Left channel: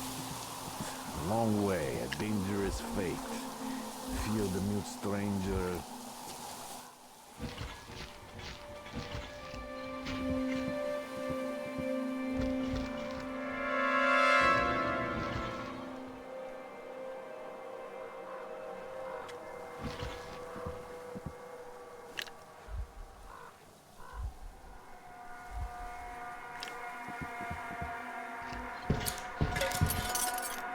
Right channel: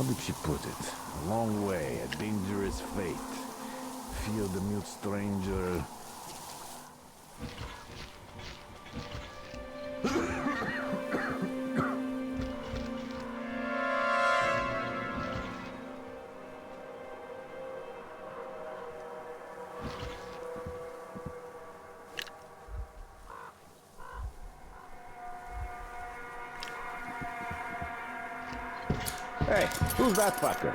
how did she put it? A long way, a dangerous fate. Fear the mute stranger. Hey, who's that fucker?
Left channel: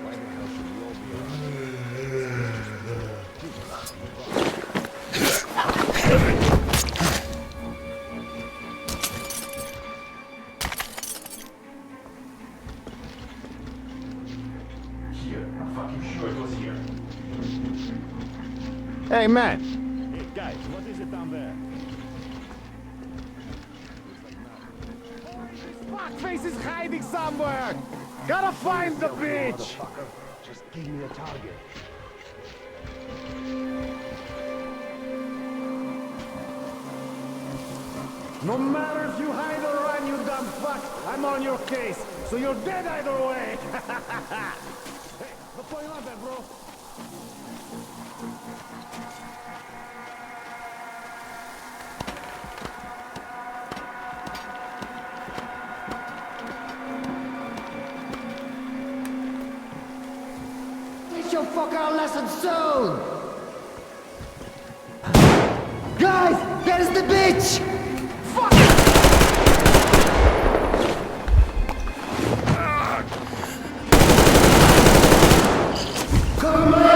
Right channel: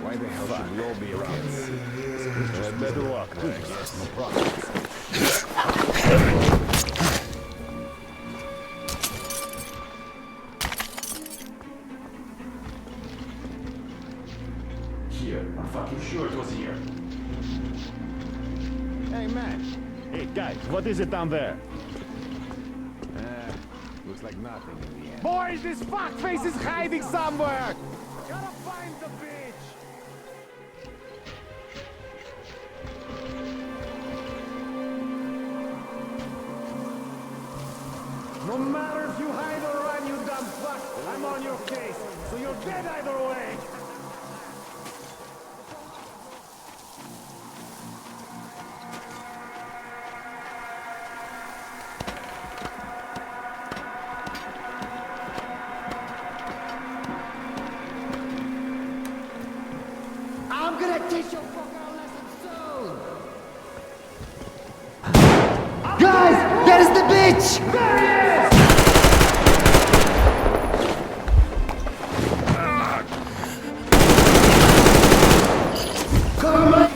Why the hell should we all be around here? Just better luck. No problem. Here. I'm fucking sure it was here. Hey, man! Hey, guys, what is it down there? Looks like nothing. Boys, this fuckface is hiding somewhere! Gotta find the bitch! Just give me a target. No matter if you hide or run, you dumb fuck! I'm on your case, so you're dead either way! Hey, what's going on there, bro? I'm gonna teach your fucker a lesson soon! Guys, there's the bitch! Come on,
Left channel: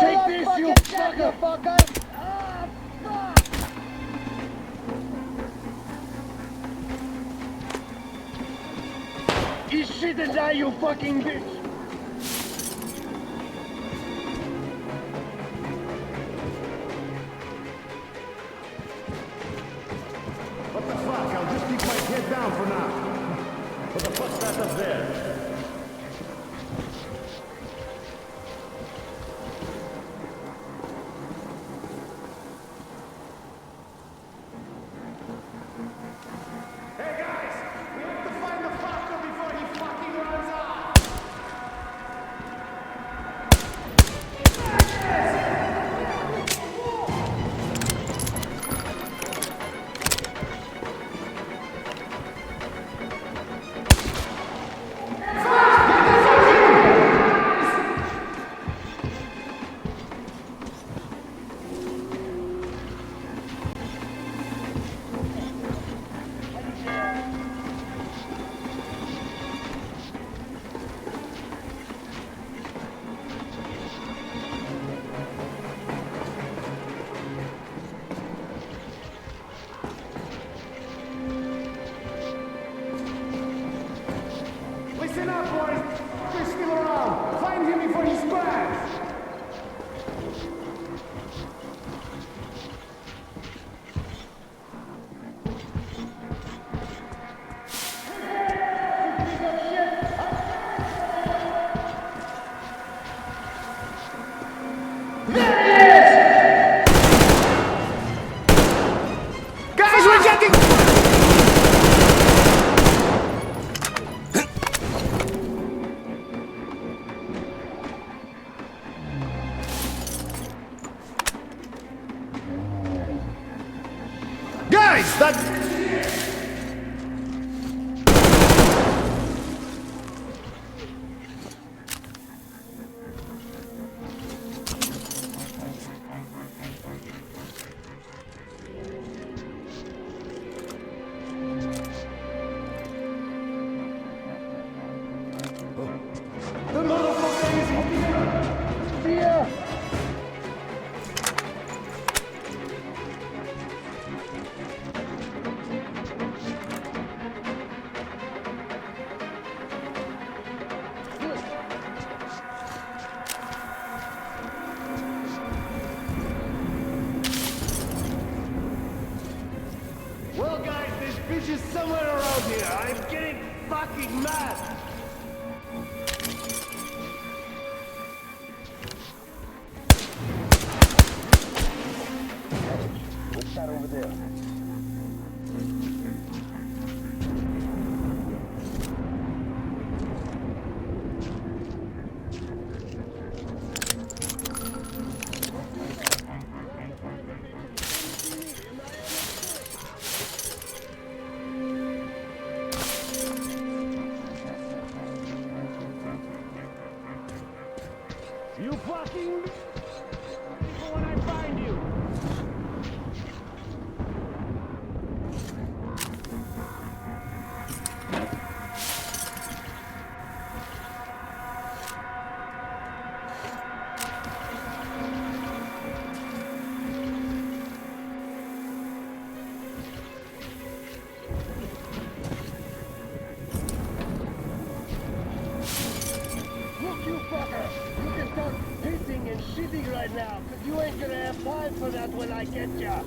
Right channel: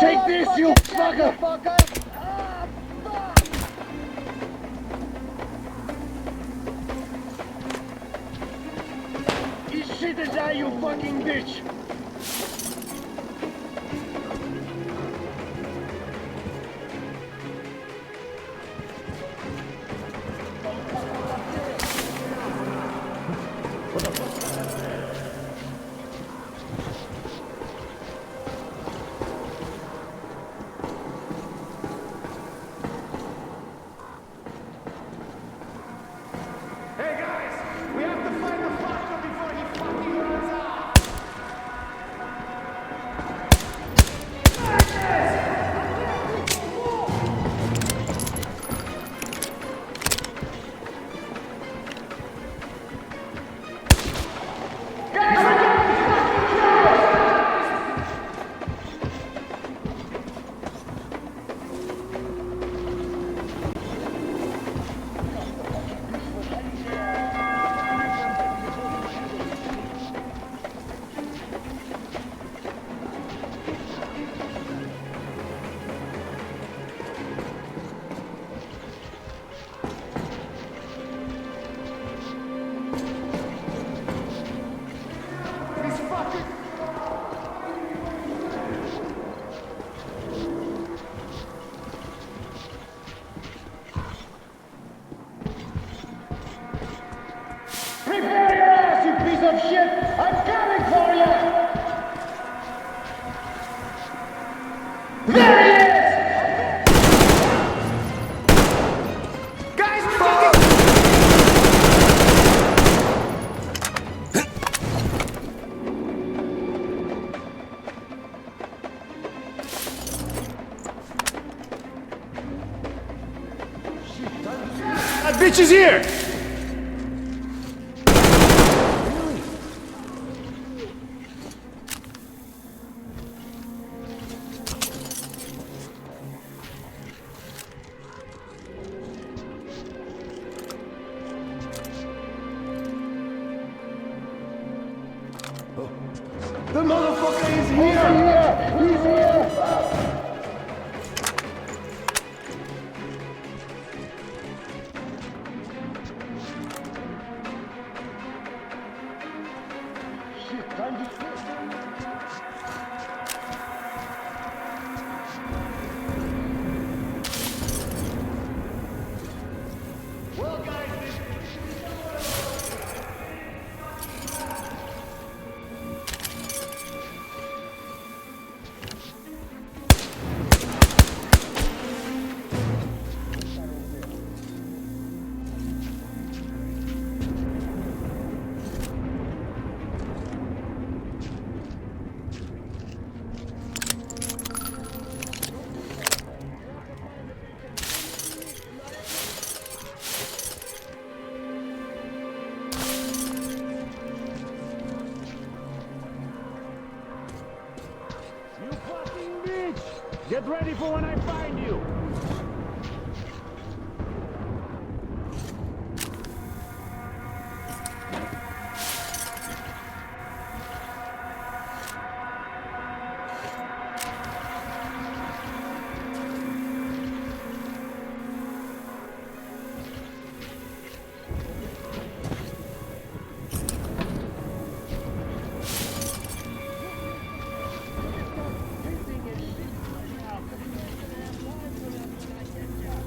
Take this, you fucker! Ah, fuck! Eat shit and die, you fucking bitch! Get down for now! What the fuck's that up there? Hey guys! We have to find the fucker before he fucking runs off! Listen up, boys! This fucker's still around! Find him before he spawns! Prepare your ass, you piece of shit! I'm coming for you! There he is! Guys, we're getting... Guys, that bitch is here! man! What's that over there? You fucking bitch! Get ready for when I find you! Look, you fucker! You can start pissing and shitting right now, cause you ain't gonna have time for that when I get ya!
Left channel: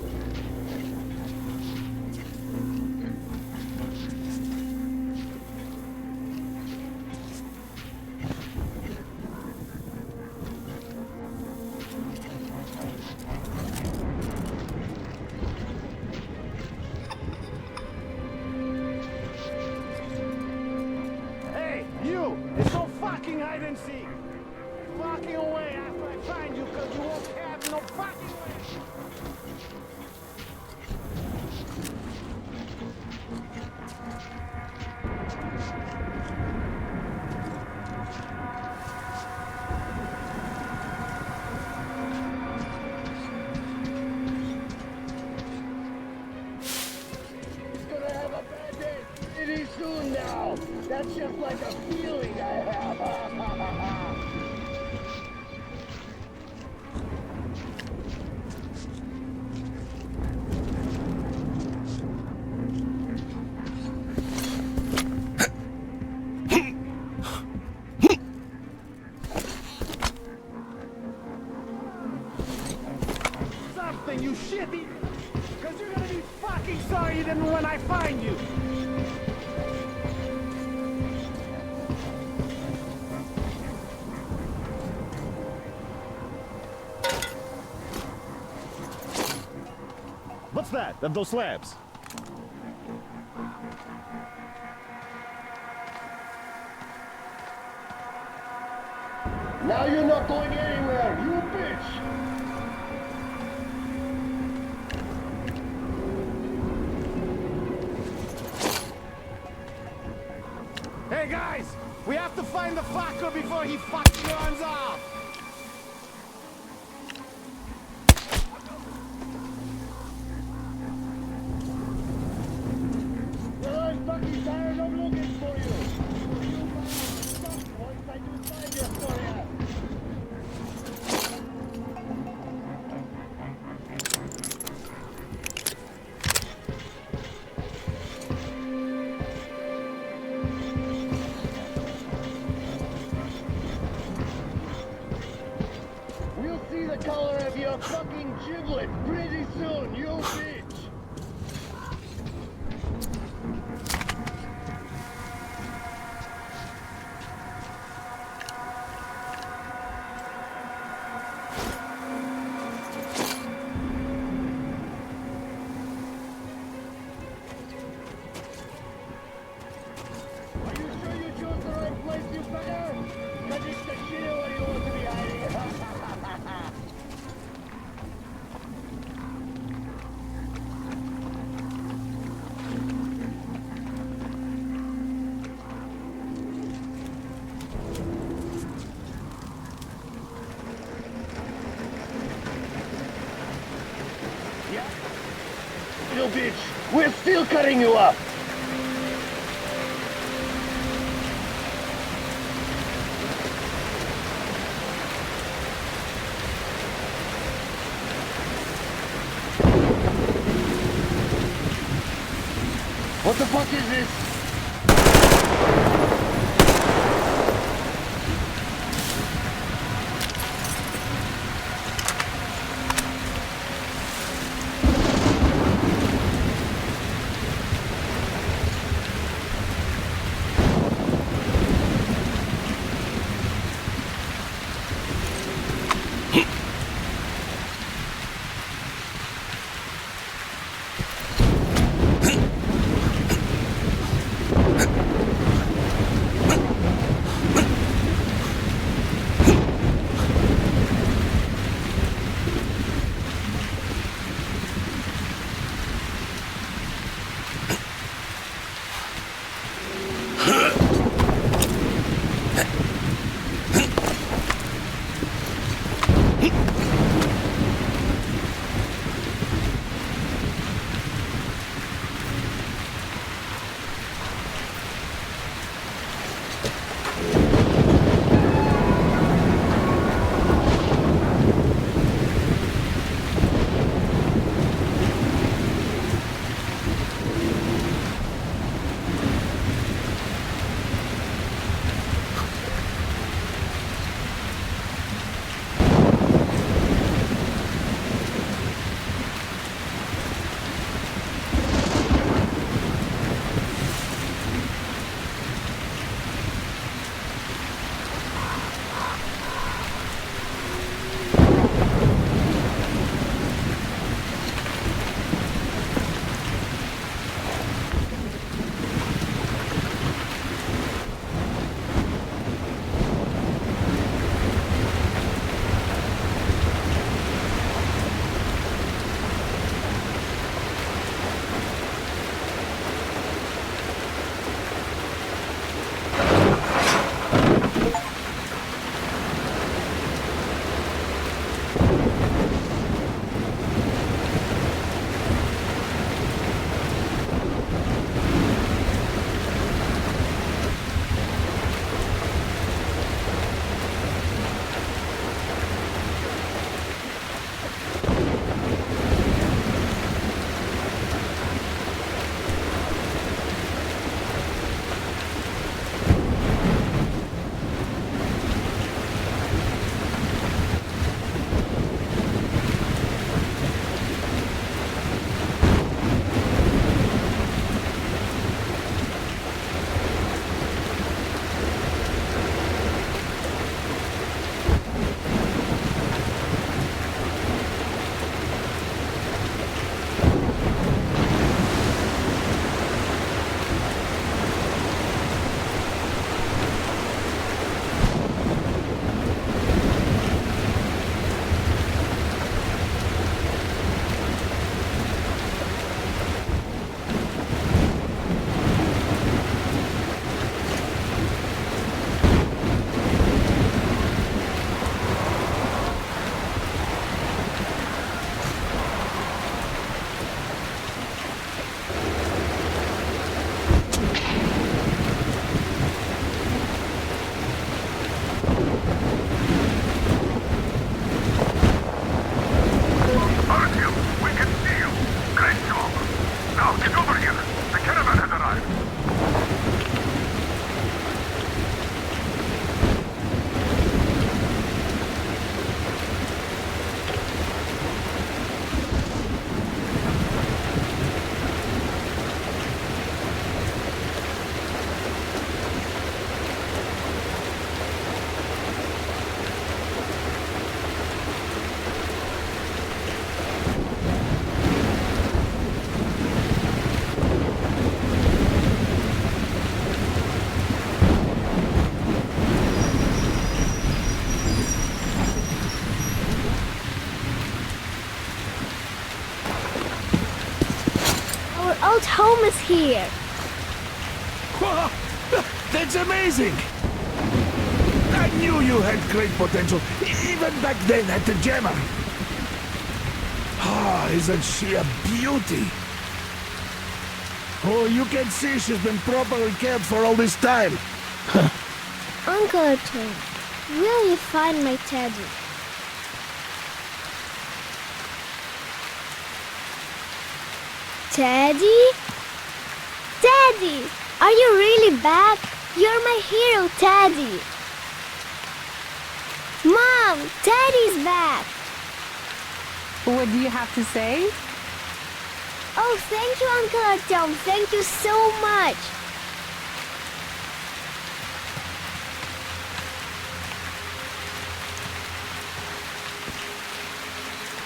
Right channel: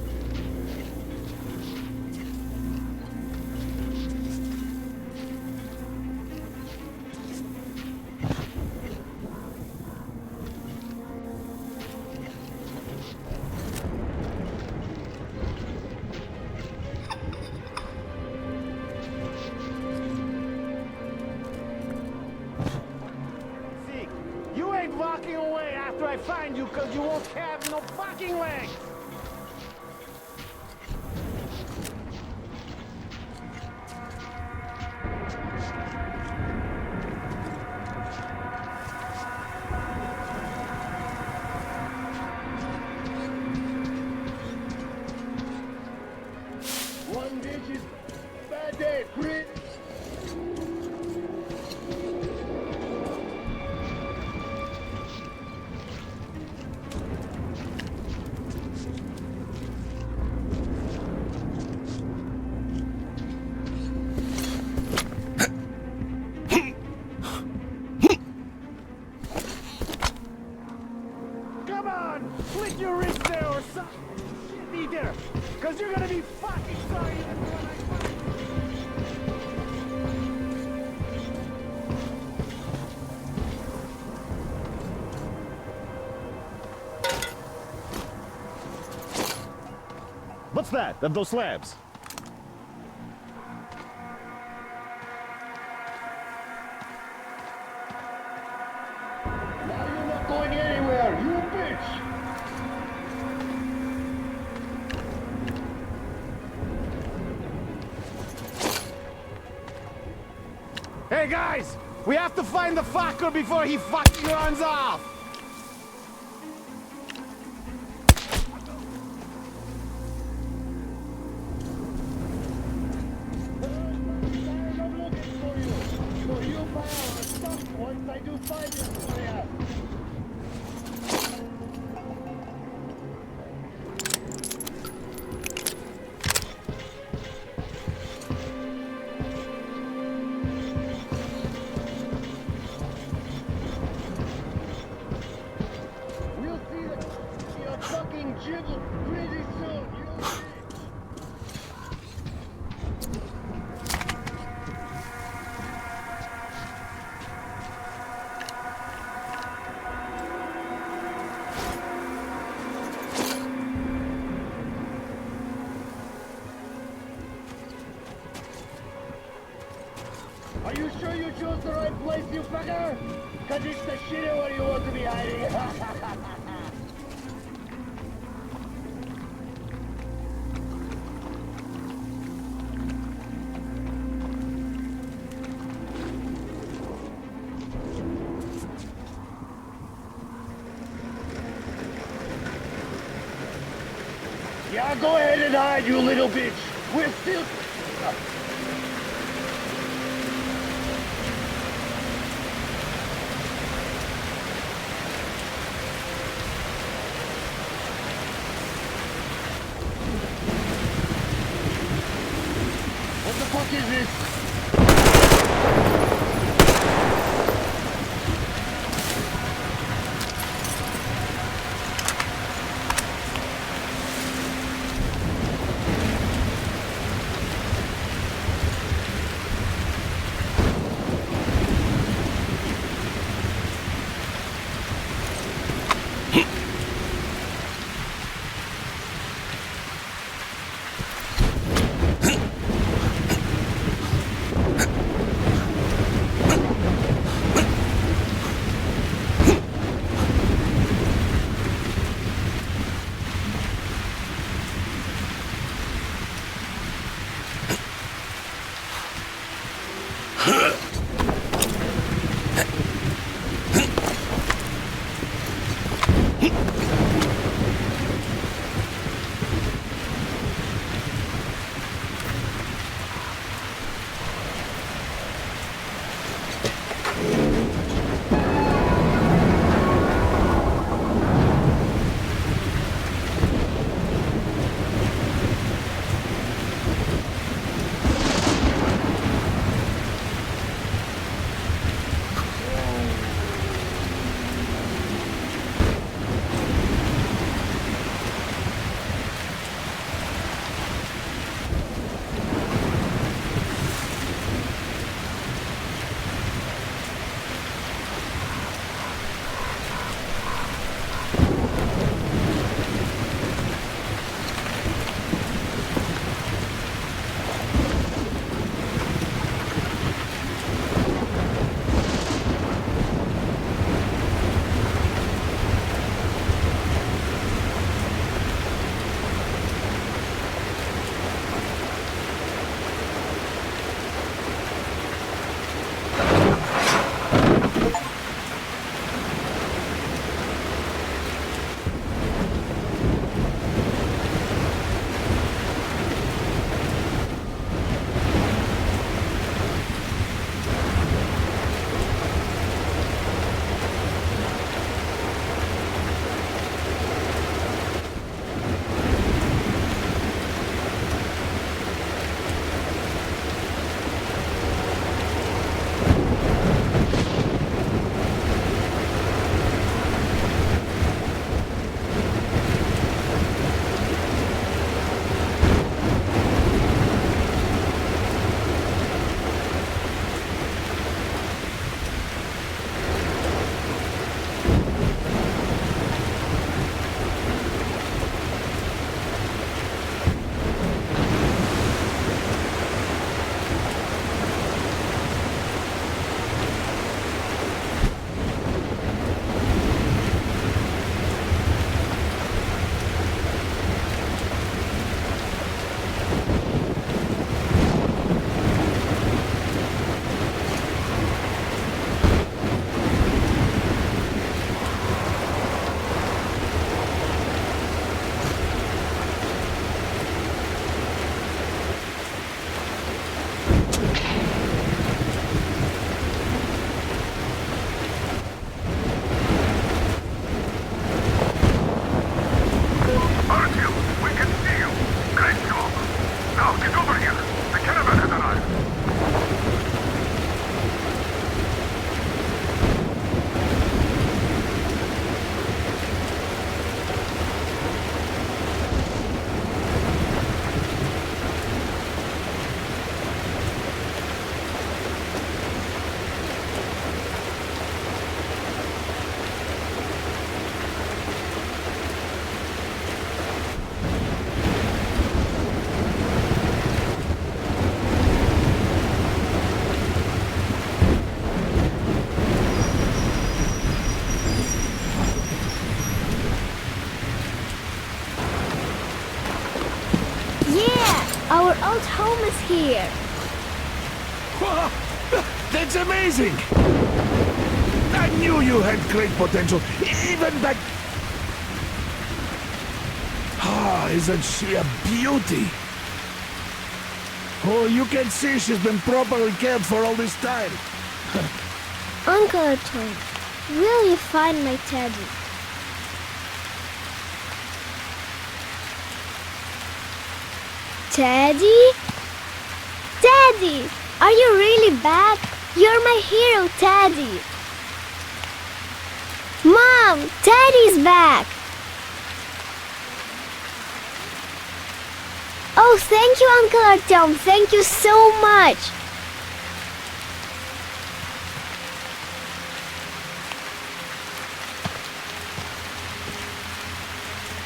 Hey, you! It's no fucking hide and seek! You ain't walking away after I find you cause you won't have no fucking leg! One bitch is gonna have a bad day pretty soon now! That's just like a feeling I have! Come on! Slit your wrist there or something, you shit eater! Cause you're gonna be fucking sorry then when I find you! What's that? Of those slabs? Now you're not going anywhere, you bitch! Hey guys! We have to find the fucker before he fucking runs off! Well, I'm fucking tired of looking for you! So you pal are stuck once I do find you for ya! We'll see the color of your fucking giblet pretty soon, you bitch! Are you sure you chose the right place, you fucker? Cause it's the shitter where you want to be hiding. Yeah, go ahead and hide, you little bitch. We're still cutting you up. What the fuck is this? our old home is here. Wow, that's amazing! I knew you had great potential, even back then at the Gemma. Ah, isn't she a beauty? Oh, you can see she's been properly cared for all this time. Uncle Artyom, will you find my teddy? Teddy? Teddy! Are you really back? You're my hero, Teddy! Mom! Teddy's back! What do you have to say? Oh, thank you, Uncle Artyom. Thank you so much.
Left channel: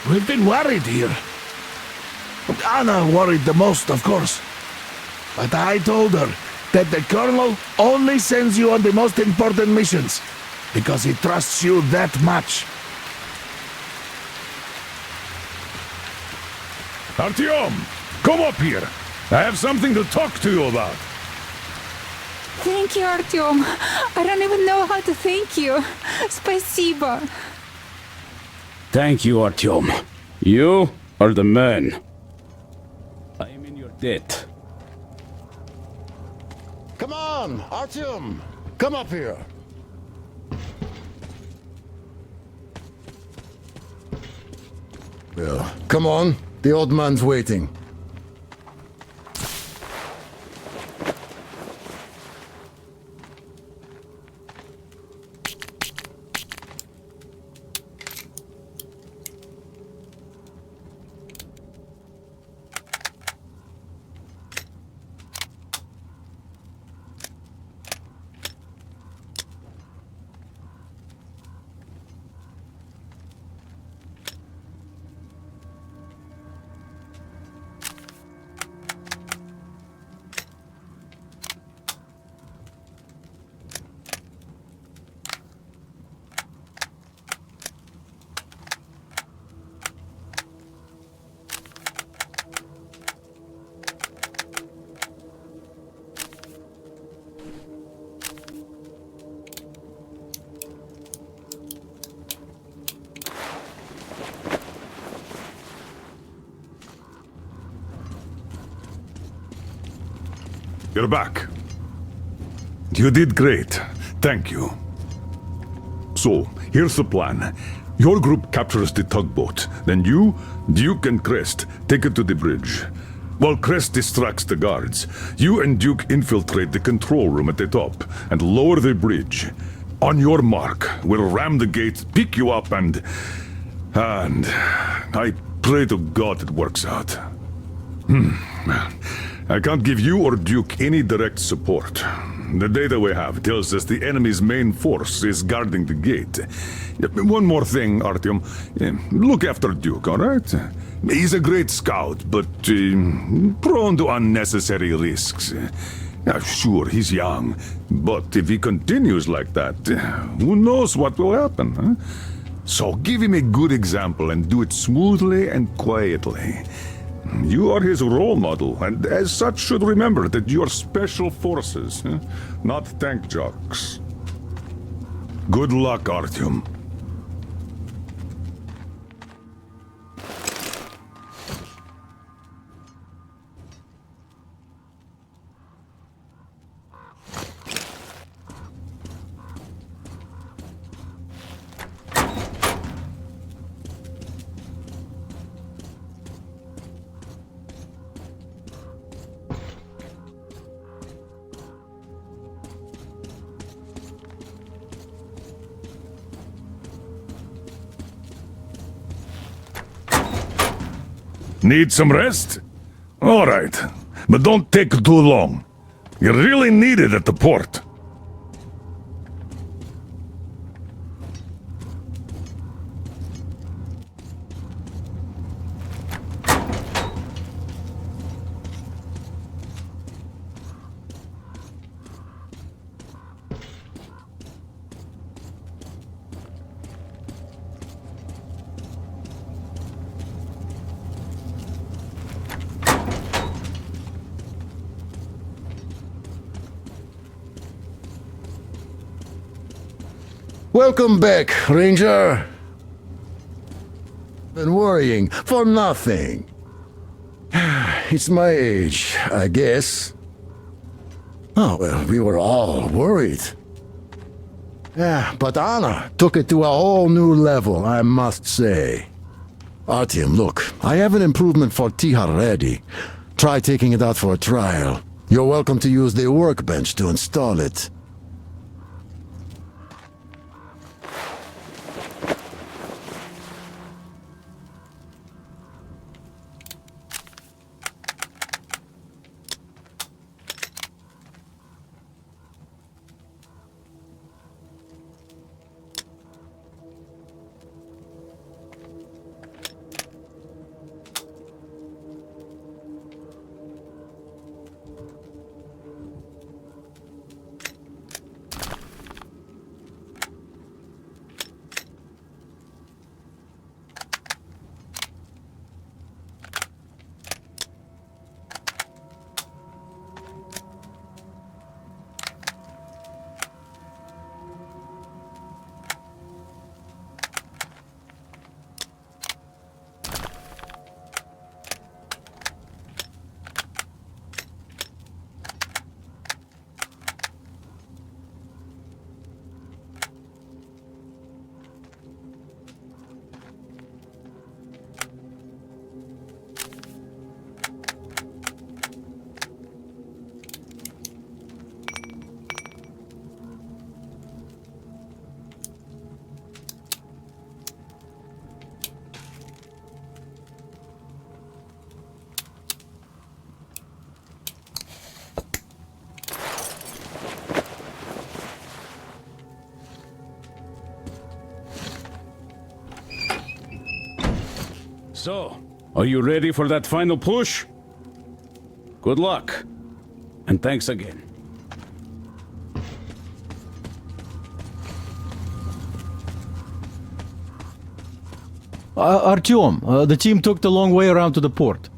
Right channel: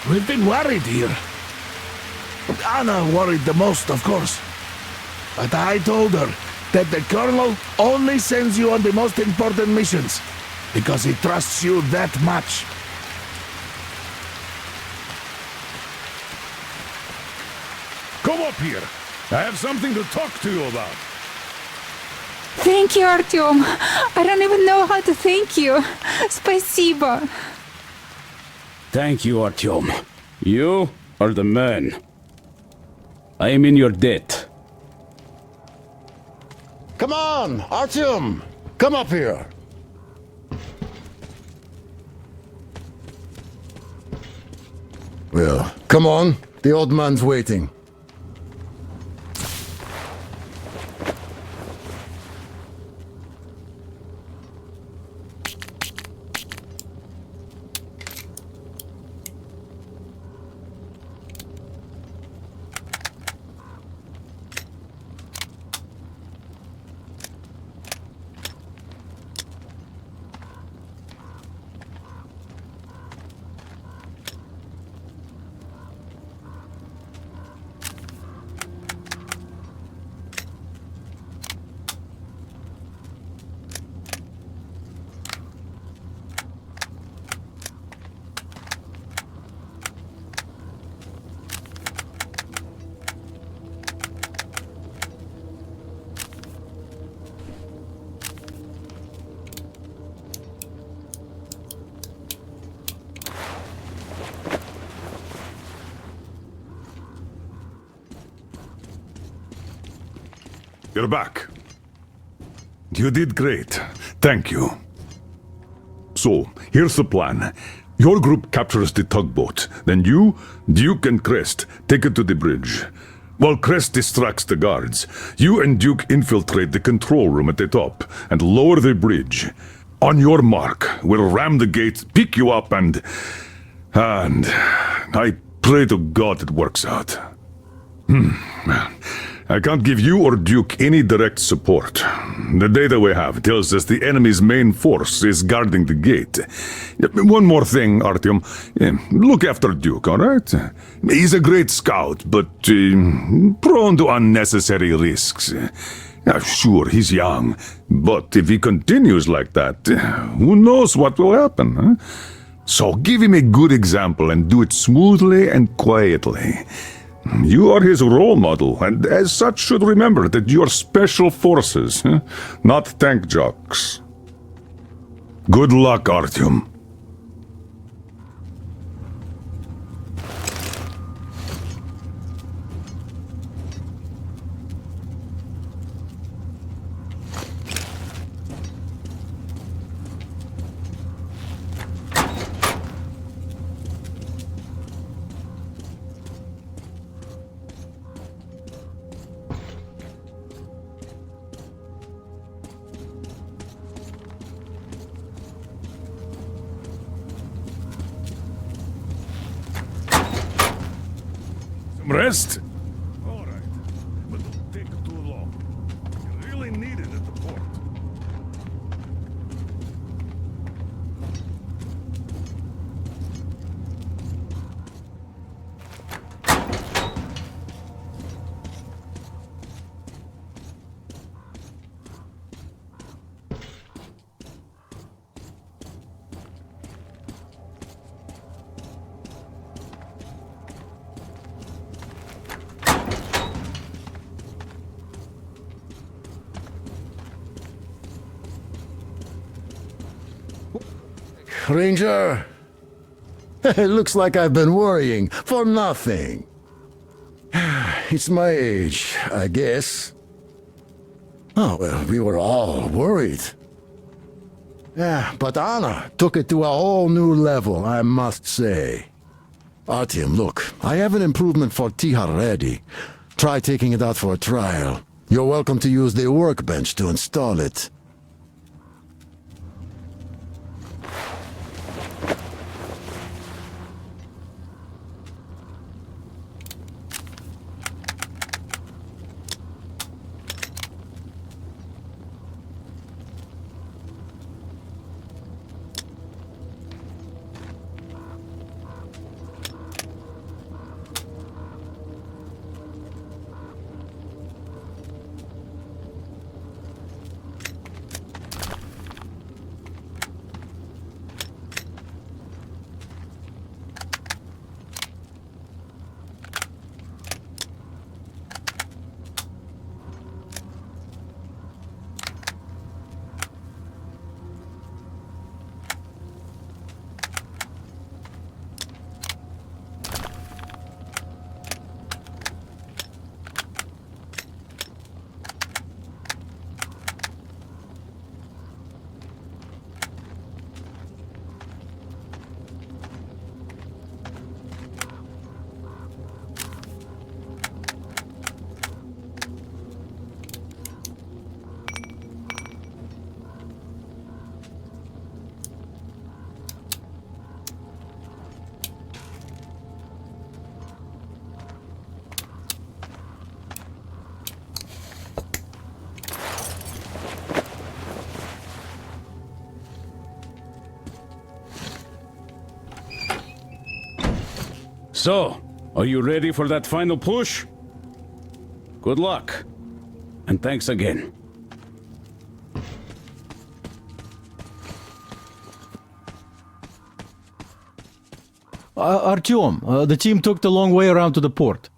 We've been worried here. Anna worried the most, of course. But I told her that the Colonel only sends you on the most important missions because he trusts you that much. Artyom, come up here. I have something to talk to you about. Thank you, Artyom. I don't even know how to thank you. Спасибо. Thank you, Artyom. You are the man. I am in your debt. Come on, Artyom! Come up here! Well, come on. The old man's waiting. You're back. You did great. Thank you. So, here's the plan. Your group captures the tugboat. Then you, Duke, and Crest take it to the bridge. While Crest distracts the guards, you and Duke infiltrate the control room at the top and lower the bridge. On your mark, we'll ram the gate, pick you up, and I pray to God it works out. I can't give you or Duke any direct support. The data we have tells us the enemy's main force is guarding the gate. One more thing, Artyom. Look after Duke, all right? He's a great scout, but prone to unnecessary risks. Sure, he's young, but if he continues like that, who knows what will happen, huh? So give him a good example and do it smoothly and quietly. You are his role model, and as such should remember that you are special forces, not tank jocks. Good luck, Artyom. Need some rest? All right, but don't take too long. You really need it at the port. Welcome back, Ranger. It looks like I've been worrying for nothing. It's my age, I guess. Oh, well, we were all worried. Yeah, but Anna took it to a whole new level, I must say. Artyom, look, I have an improvement for Tihar ready. Try taking it out for a trial. You're welcome to use the workbench to install it. So, are you ready for that final push? Good luck. And thanks again. Artyom, the team took the long way around to the port.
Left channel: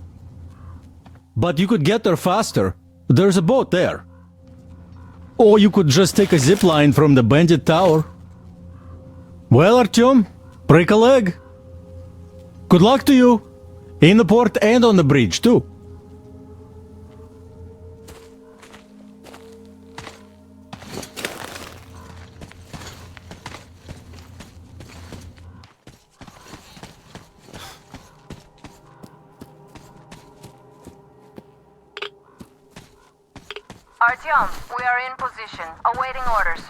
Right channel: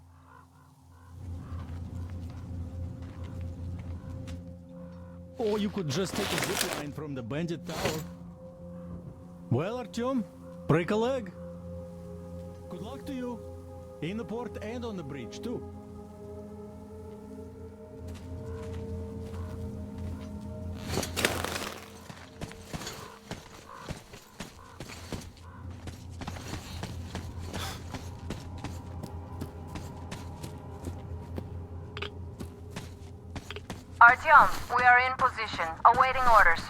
But you could get there faster. There's a boat there. Or you could just take a zip line from the bandit tower. Well, Artyom, break a leg. Good luck to you. In the port and on the bridge, too. Artyom, we are in position, awaiting orders.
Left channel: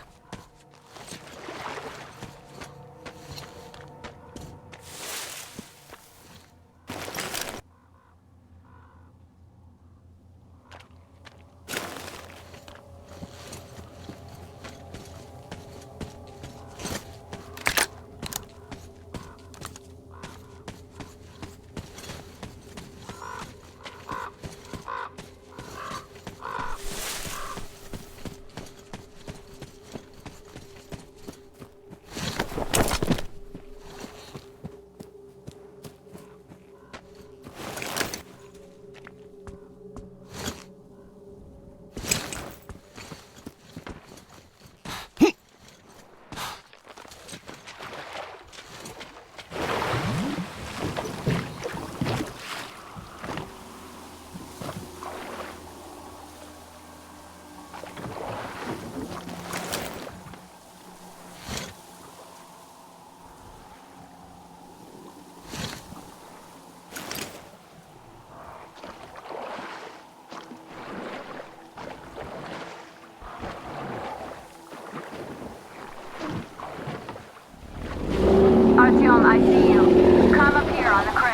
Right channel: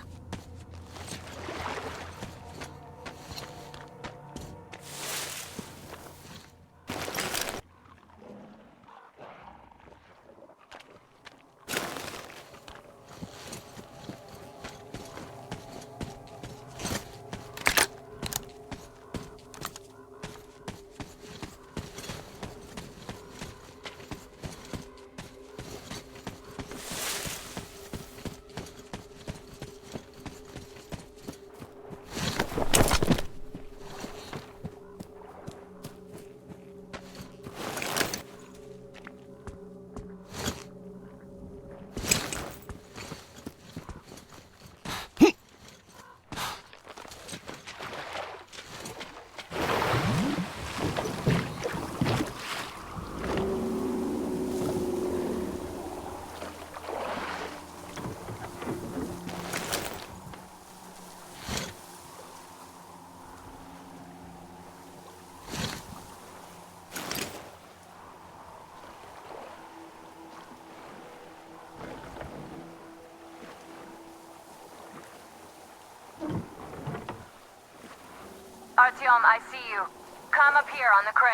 Artyom, I see you. Come up here on the crane.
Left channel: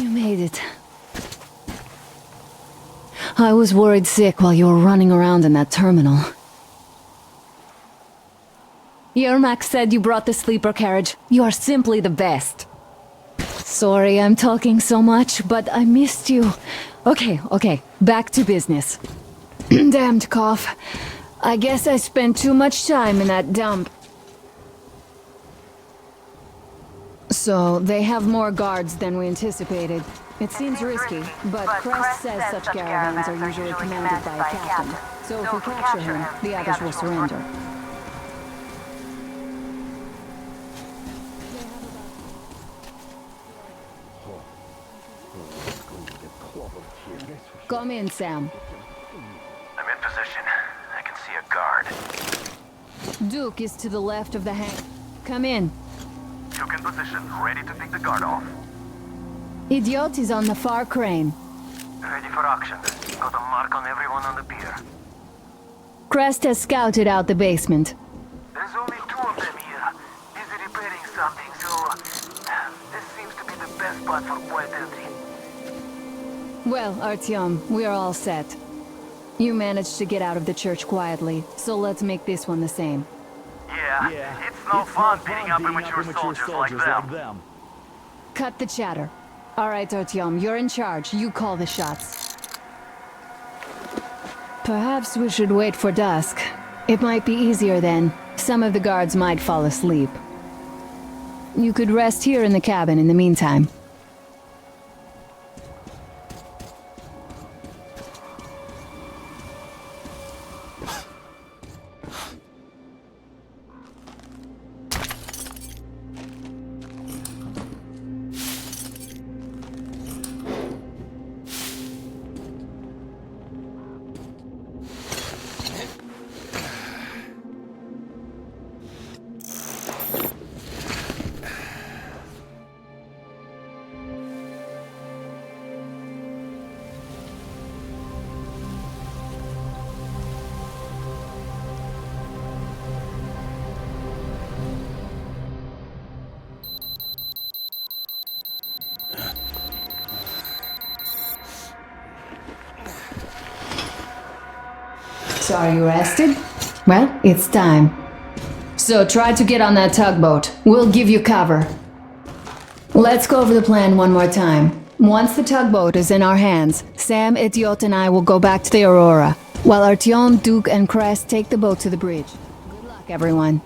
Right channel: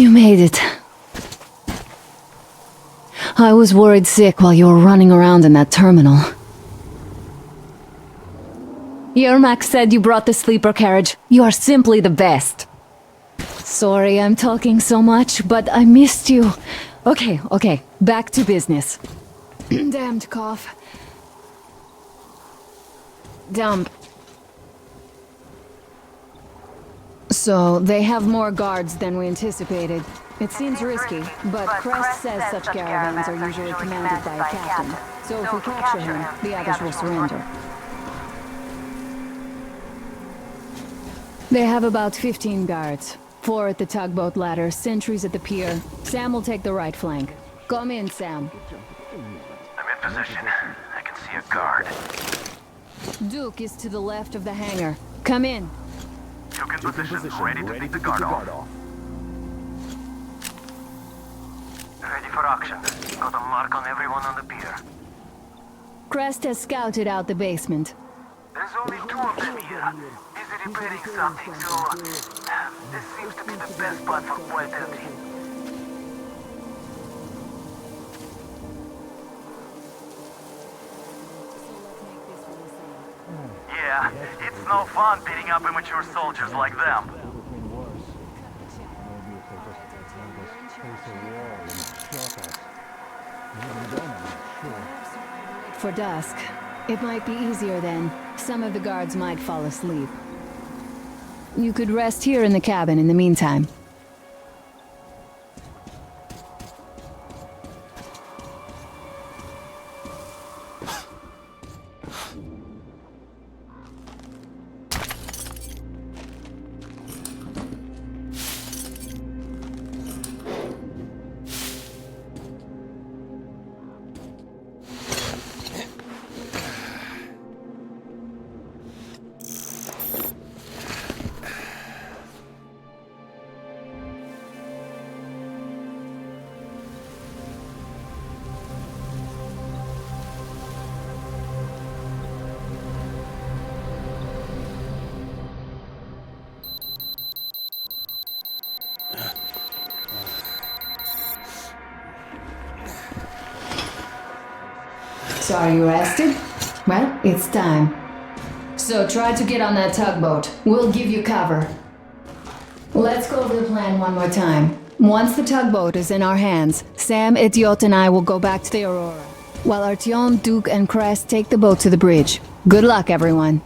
You made it. I was worried sick while you were running around in that terminal. Yermak said you brought the sleeper carriage. You are simply the best. Sorry I'm talking so much, but I missed you. Okay, back to business. Damned cough. I guess I spent too much time in that dump. So, they have more guards than we anticipated. It seems risky, but Crest says such caravans are usually commanded by a captain. So if we capture him, the others will surrender. They have about 15 guards. 4 at the tugboat ladder, sentries at the pier. Sam will take the right flank. Come in, Sam. I'm in position. I can see a guard. Duke is to the left of the hangar. Come in. Duke in position, ready to take the guard off. Idiot is on the far crane. Ready for action. Got a mark on everyone on the pier. Crest has scouted out the basement. There's only 2 of them here. Busy repairing something, so... this seems to be the best spot for quiet entry. Well, Artyom, we are all set. You managed to get out of the church quietly, so let's make this one the same. Yeah, it's no fun beating up immature soldiers like them. Cut the chatter. Alright, Artyom, you're in charge. You call the shots. Perhaps we should wait for dusk. It might be easier then. Some of the guards might fall asleep. You could rest here in the cabin in the meantime. So are you rested? Well, it's time. So try to get on that tugboat. We'll give you cover. Let's go over the plan one more time. Once the tugboat is in our hands, Sam, Idiot, and I will go back to the Aurora, while Artyom, Duke, and Crest take the boat to the bridge. Good luck, everyone.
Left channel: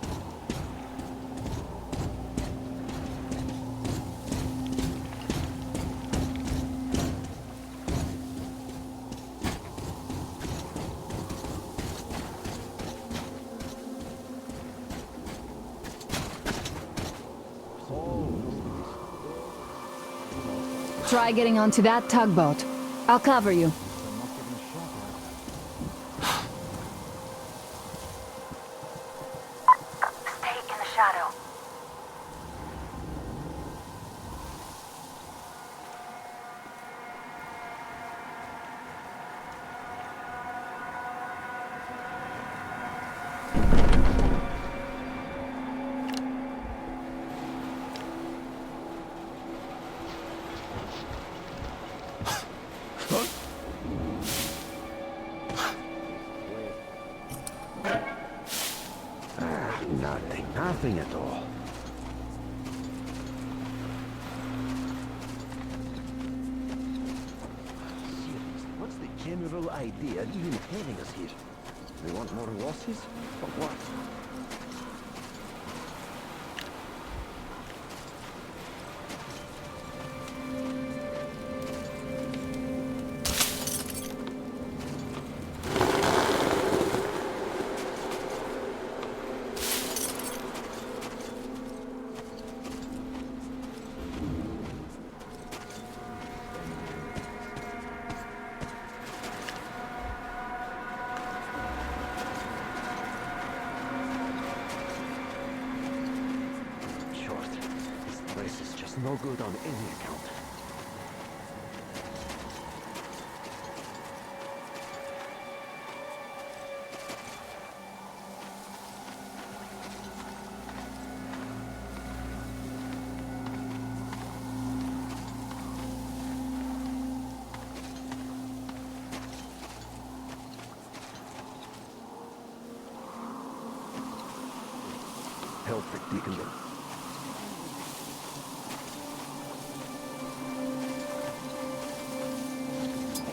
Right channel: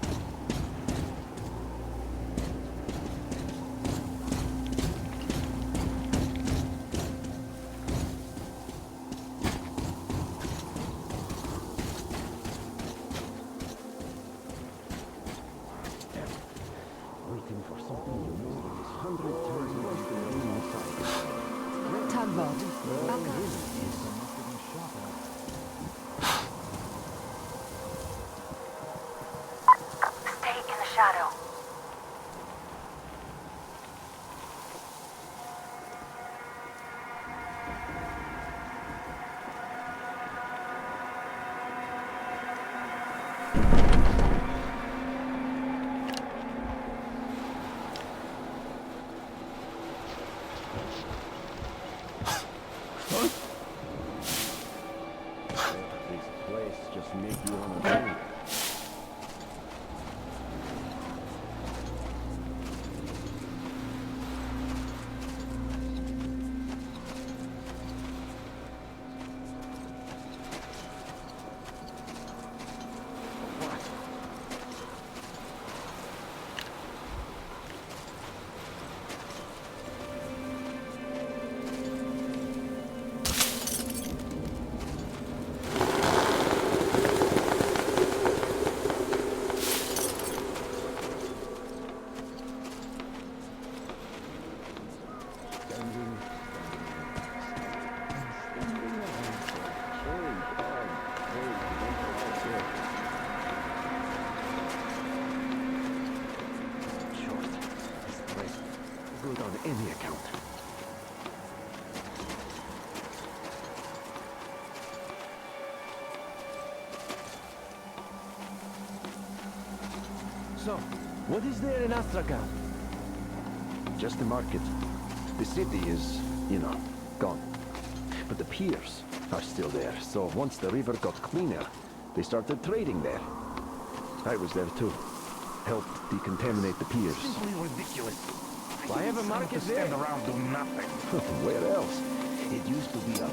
Try getting onto that tugboat. I'll cover you. Stay in the shadow. Nothing at all. What's the general idea you have here? You want more Rossis? But what? No good on any account. So, what is there in Astrakhan? Just the market. The city is you know, gone. But the piers are still there, so once the river got cleaner, they started trading there. I was there too. Helped decontaminate the piers. Simply ridiculous. I have a market there. Stand around doing nothing. Where else? It used to be a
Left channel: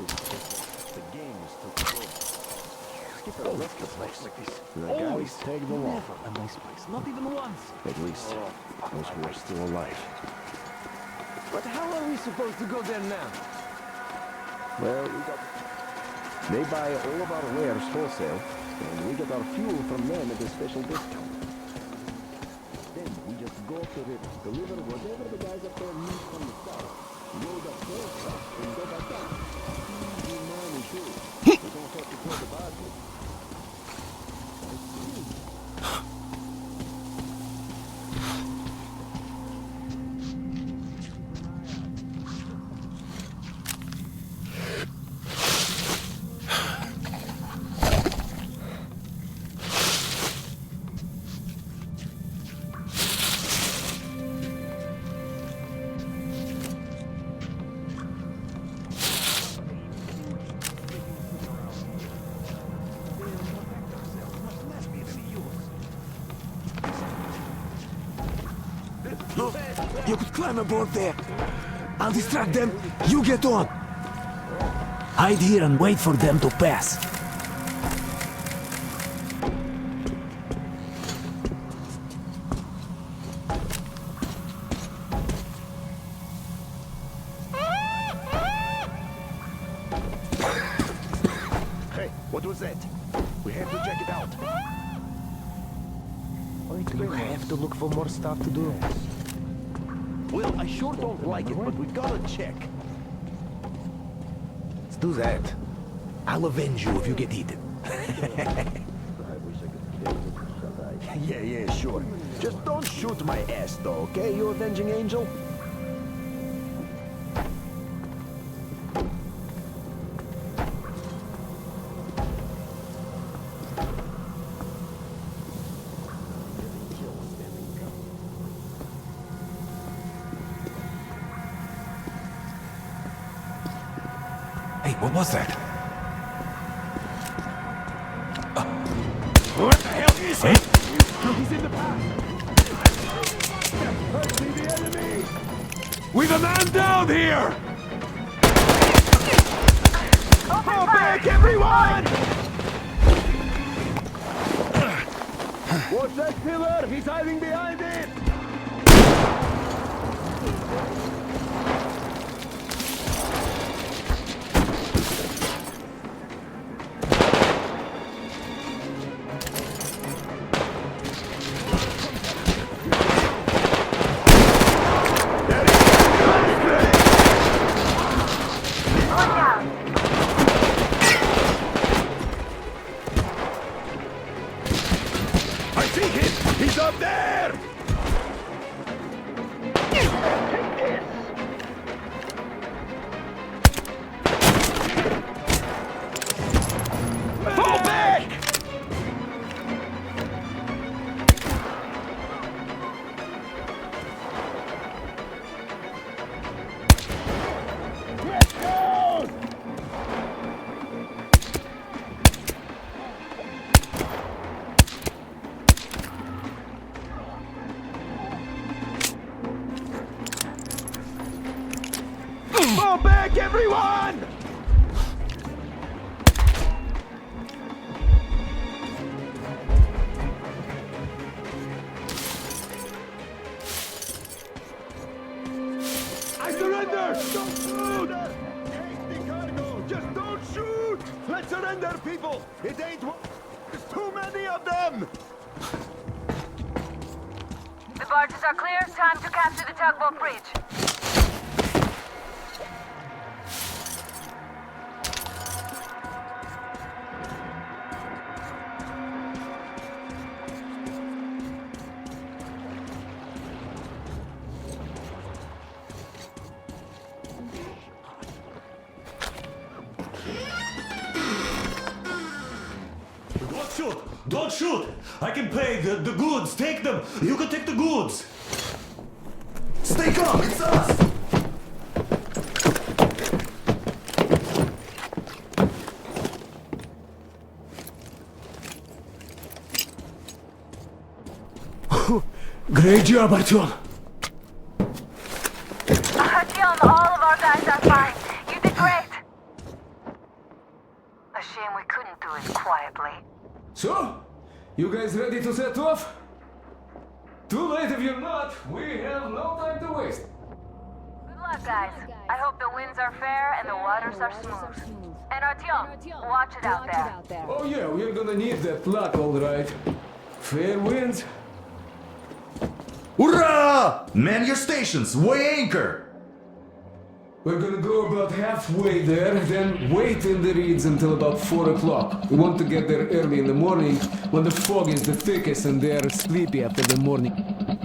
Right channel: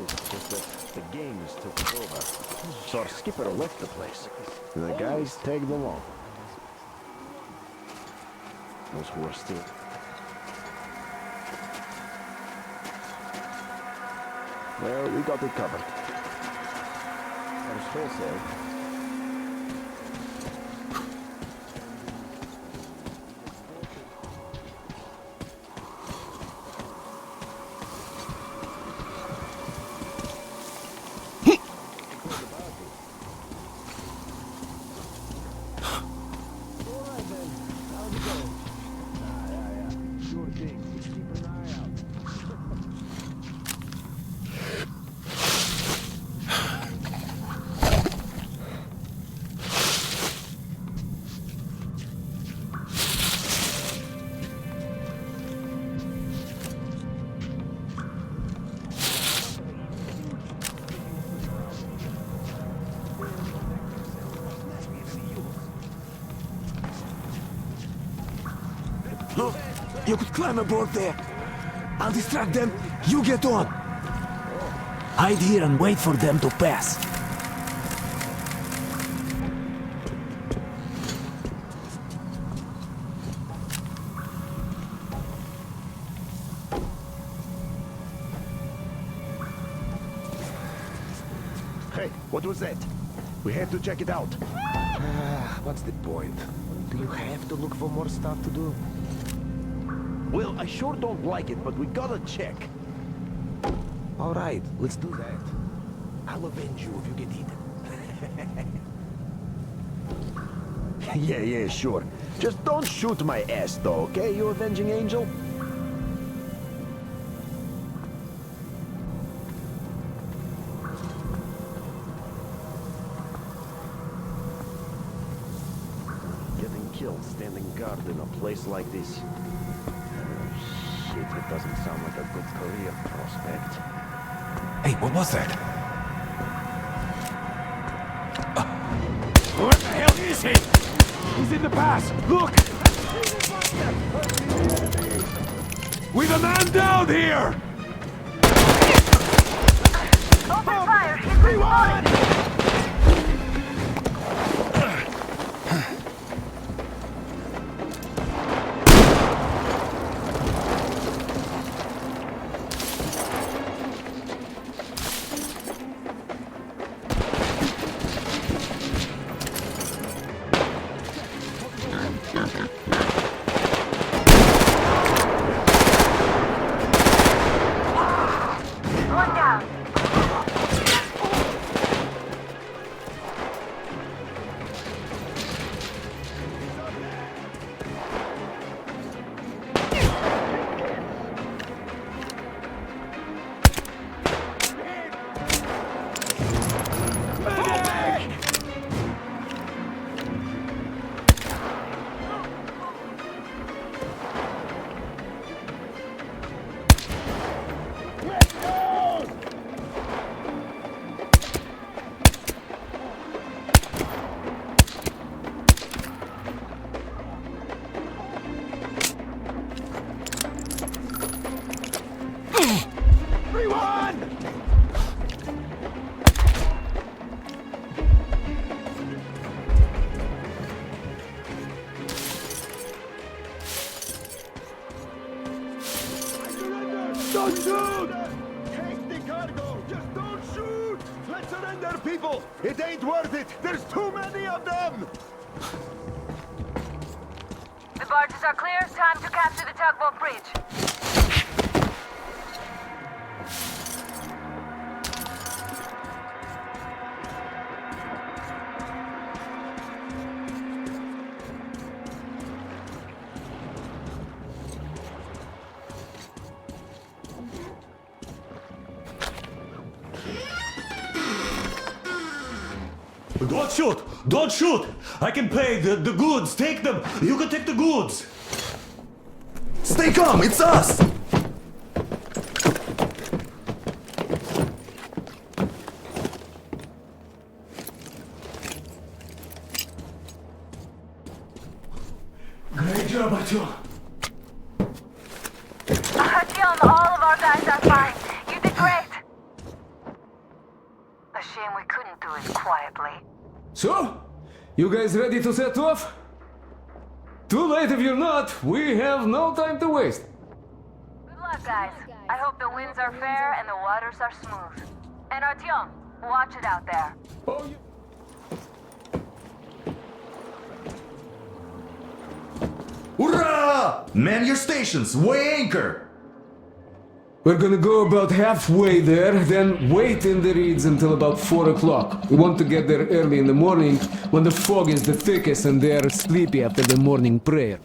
It's just that the gangs took it over. So our skipper left the place. And the guys tagged along. A nice place. Not even once. At least, those who are still alive. But how are we supposed to go there now? Well, we got it covered. They buy all of our wares wholesale, and we get our fuel from them at a special discount. Then we just go to the river, whatever the guys up there need and sell. Load up those trucks and go back down. Don't have to call the barges. Sure thing. Keep an eye out. Look, you could climb aboard there. I'll distract them. You get on. Hide here and wait for them to pass. Hey, what was that? We have to check it out. What's the point? Do you have to look for more stuff to do? Well, I sure don't like it, but we gotta check. All right, let's do that. I'll avenge you if you get eaten. Yeah, sure. Just don't shoot my ass, though, okay, you avenging angel? Getting killed standing guard in a place like this. Shit, it doesn't sound like a good career prospect. Hey, what was that? What the hell is he? He's in the pass. Look! I see the enemy! We've a man down here! Open fire! Everyone! What's that pillar? He's hiding behind it! Look out! I see him! He's up there! Fall back! Let's go! Fall back, everyone! I surrender! Don't shoot! Take the cargo! Just don't shoot! Let's surrender, people! It ain't worth it! There's too many of them! The barges are clear. Time to capture the tugboat bridge. Don't shoot! Don't shoot! I can pay the goods. Take them. You can take the goods. Stay calm, it's us! Great job, Artyom. Artyom, all of our guys are fine. You did great. A shame we couldn't do it quietly. So, you guys ready to set off? Too late if you're not. We have no time to waste. Good luck, guys. I hope the winds are fair and the waters are smooth. And Artyom, watch it out there. Oh yeah, we're gonna need that luck, all right. Fair winds. Hurrah! Man your stations, weigh anchor! We're gonna go about halfway there, then wait in the reeds until about 4 o'clock. We want to get there early in the morning when the fog is the thickest and they're sleepy after the morning prayer.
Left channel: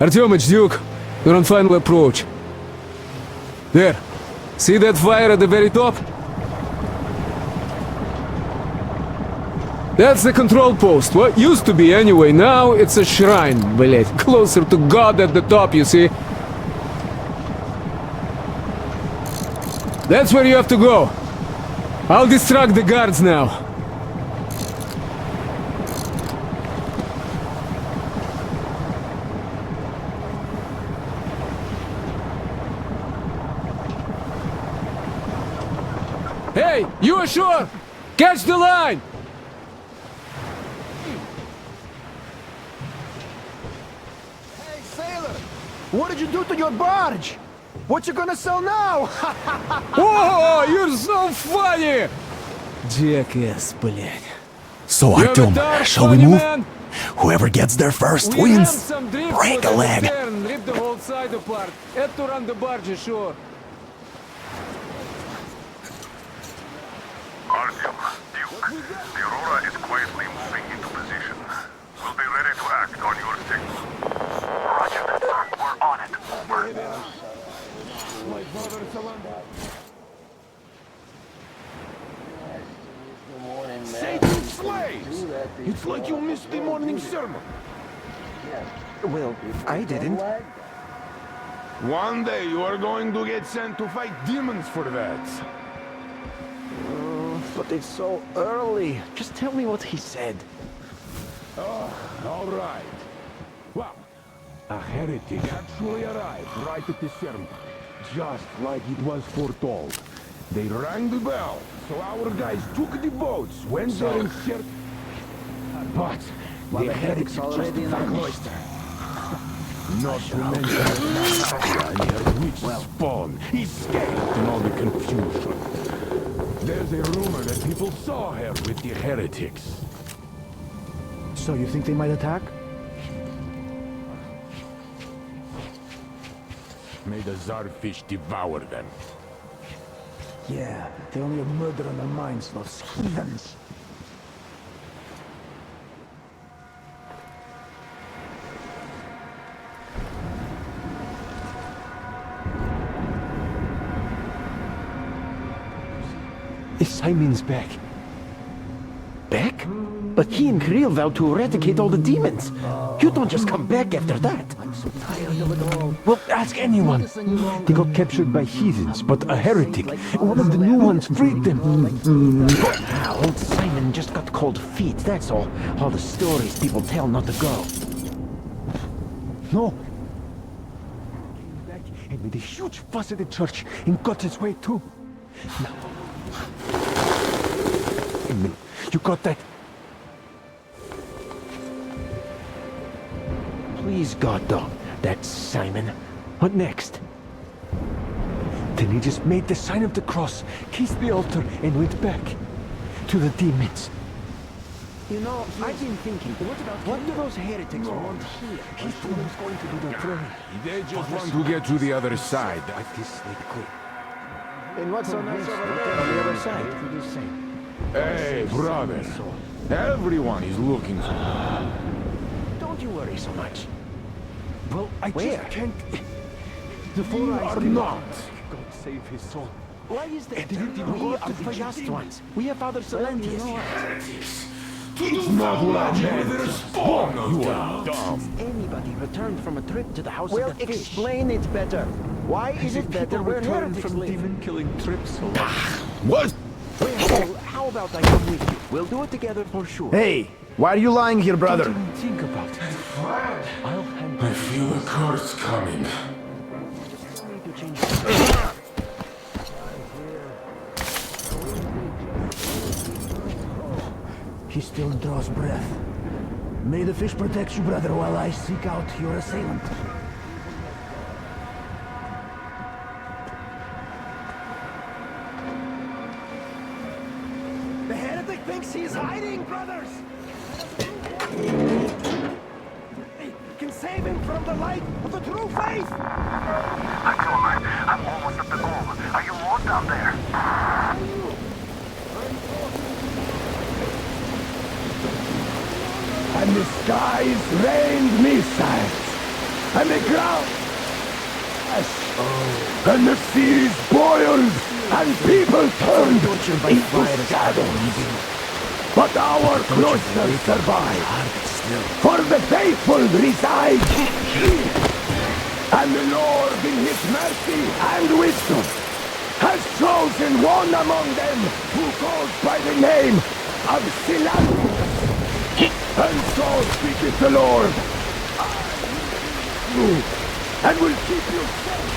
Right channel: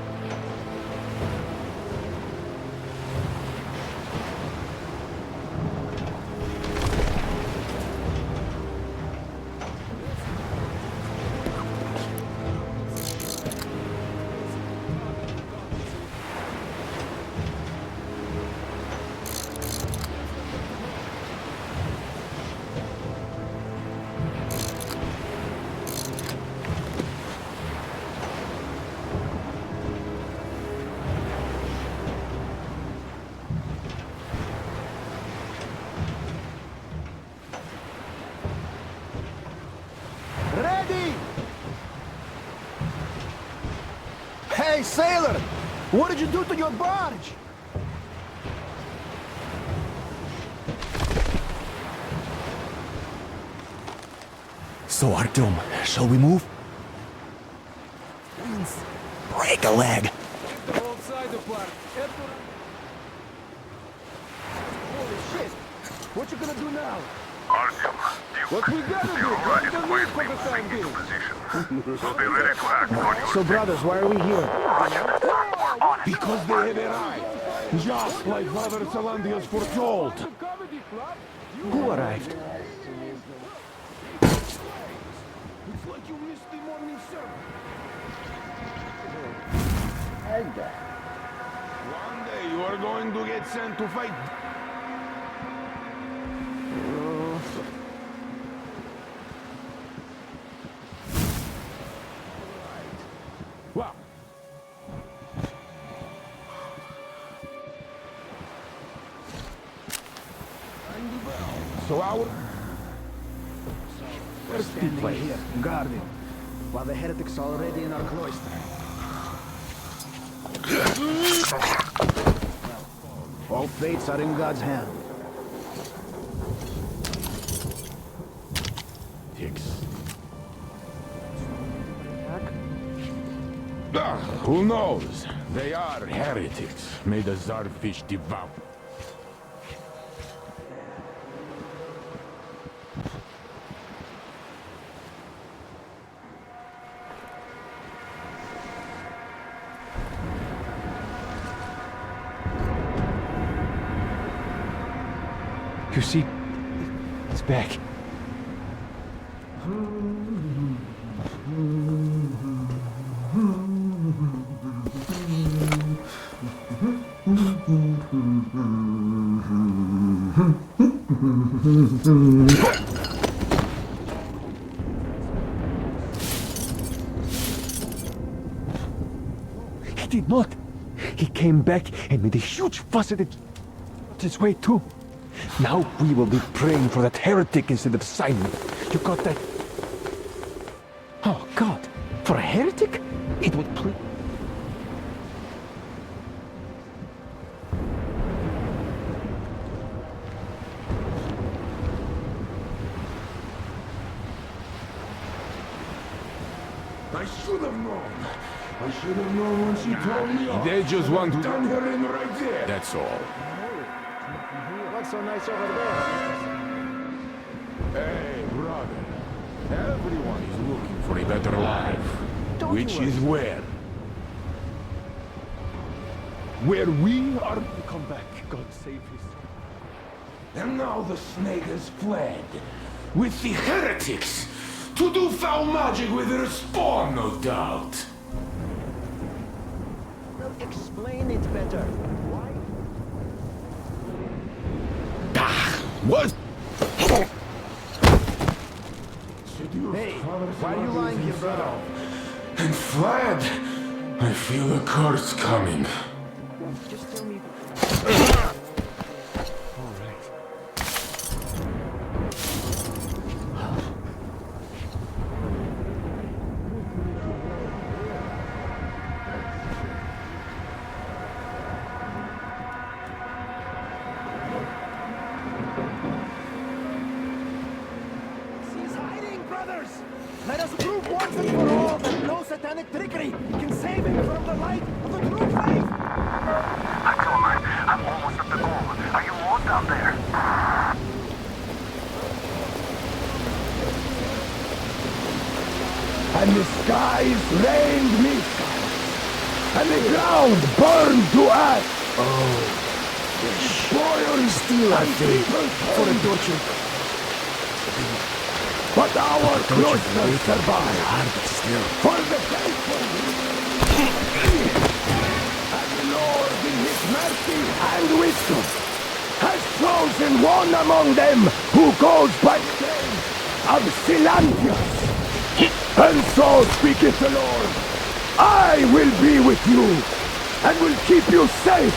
Artyom, it's Duke. We're on final approach. There. See that fire at the very top? That's the control post. What used to be anyway. Now it's a shrine, блять. Closer to God at the top, you see. That's where you have to go. I'll distract the guards now. Hey, you ashore! Catch the line! Ready! Hey, sailor! What did you do to your barge? What you gonna sell now? Oh, you're so funny! Jackass, блядь. So, Artyom, shall we move? Whoever gets there first wins. Break a leg. Rip the whole side apart. Have to run the barge ashore. What you gonna do now? Artyom, Duke, the Aurora is quietly moving into position. We'll be ready to act on your So, brothers, why are we here? Roger. We're on it. Because they have arrived. Just like Brother Salandius foretold. Who arrived? Satan's slaves! It's like you missed the morning sermon. Well, I didn't. One day you are going to get sent to fight demons for that. But it's so early. Just tell me what he said. All right. Well, a heretic actually arrived right at the sermon, just like it was foretold. They rang the bell, so our guys took the boats, went there and searched the place. But while the heretic's already in our cloister. Not to mention well, spawn. All things are in God's hands. There's a rumor that people saw her with the heretics. So you think they might attack? Who knows? They are heretics. May the Czarfish devour them. Yeah, they're only murder on the minds of those heathens. You see, Simon's back. Back? But he and Kriel vowed to eradicate all the demons. You don't just come back after that. Well, ask anyone. They got captured by heathens, but a heretic. One of the new ones freed them. Old Simon just got cold feet, that's all. All the stories people tell not to go. No, he did not. He came back and made a huge fuss at the church and got his way too. Now we will be praying for a heretic instead of Simon. You got that? Oh, God. For a heretic? It would please God, though. That's Simon. What next? Then he just made the sign of the cross, kissed the altar, and went back to the demons. You know, I've been thinking, what those heretics want? I should have known. They just want to get to the other side, that's all. And what's so nice over there on the other side? Hey, brother. Everyone is looking for a better life. Don't Which you worry is so where? much. Well, I just can't... Where we are not. Come back. God save his soul. Why is that? And now We let's play this We have Father Solange. with the heretics to do foul magic with their spawn, no doubt. Anybody returned from a trip to the house of the explain it better. Why is it better we're heretics from demon-killing trips? What? How about that? We'll do it together for sure. Hey, why are you lying here, brother? And Vlad, I feel the curse coming. Just tell me if you change. He still draws breath. May the fish protect you, brother, while I seek out your assailant. The heretic thinks he's hiding, brothers! Let us prove once and for all that no satanic trickery can save him from the light of the true faith! October, I'm almost at the goal. Are you all down there? And the skies rained missiles, and the ground burned to ash, and the sea boiled, and people turned into shadows. But our cloister survived, for the faithful reside here. And the Lord, in his mercy and wisdom, has chosen one among them who goes by the name of Silantius. And so speaketh the Lord, I will be with you, and will keep you safe,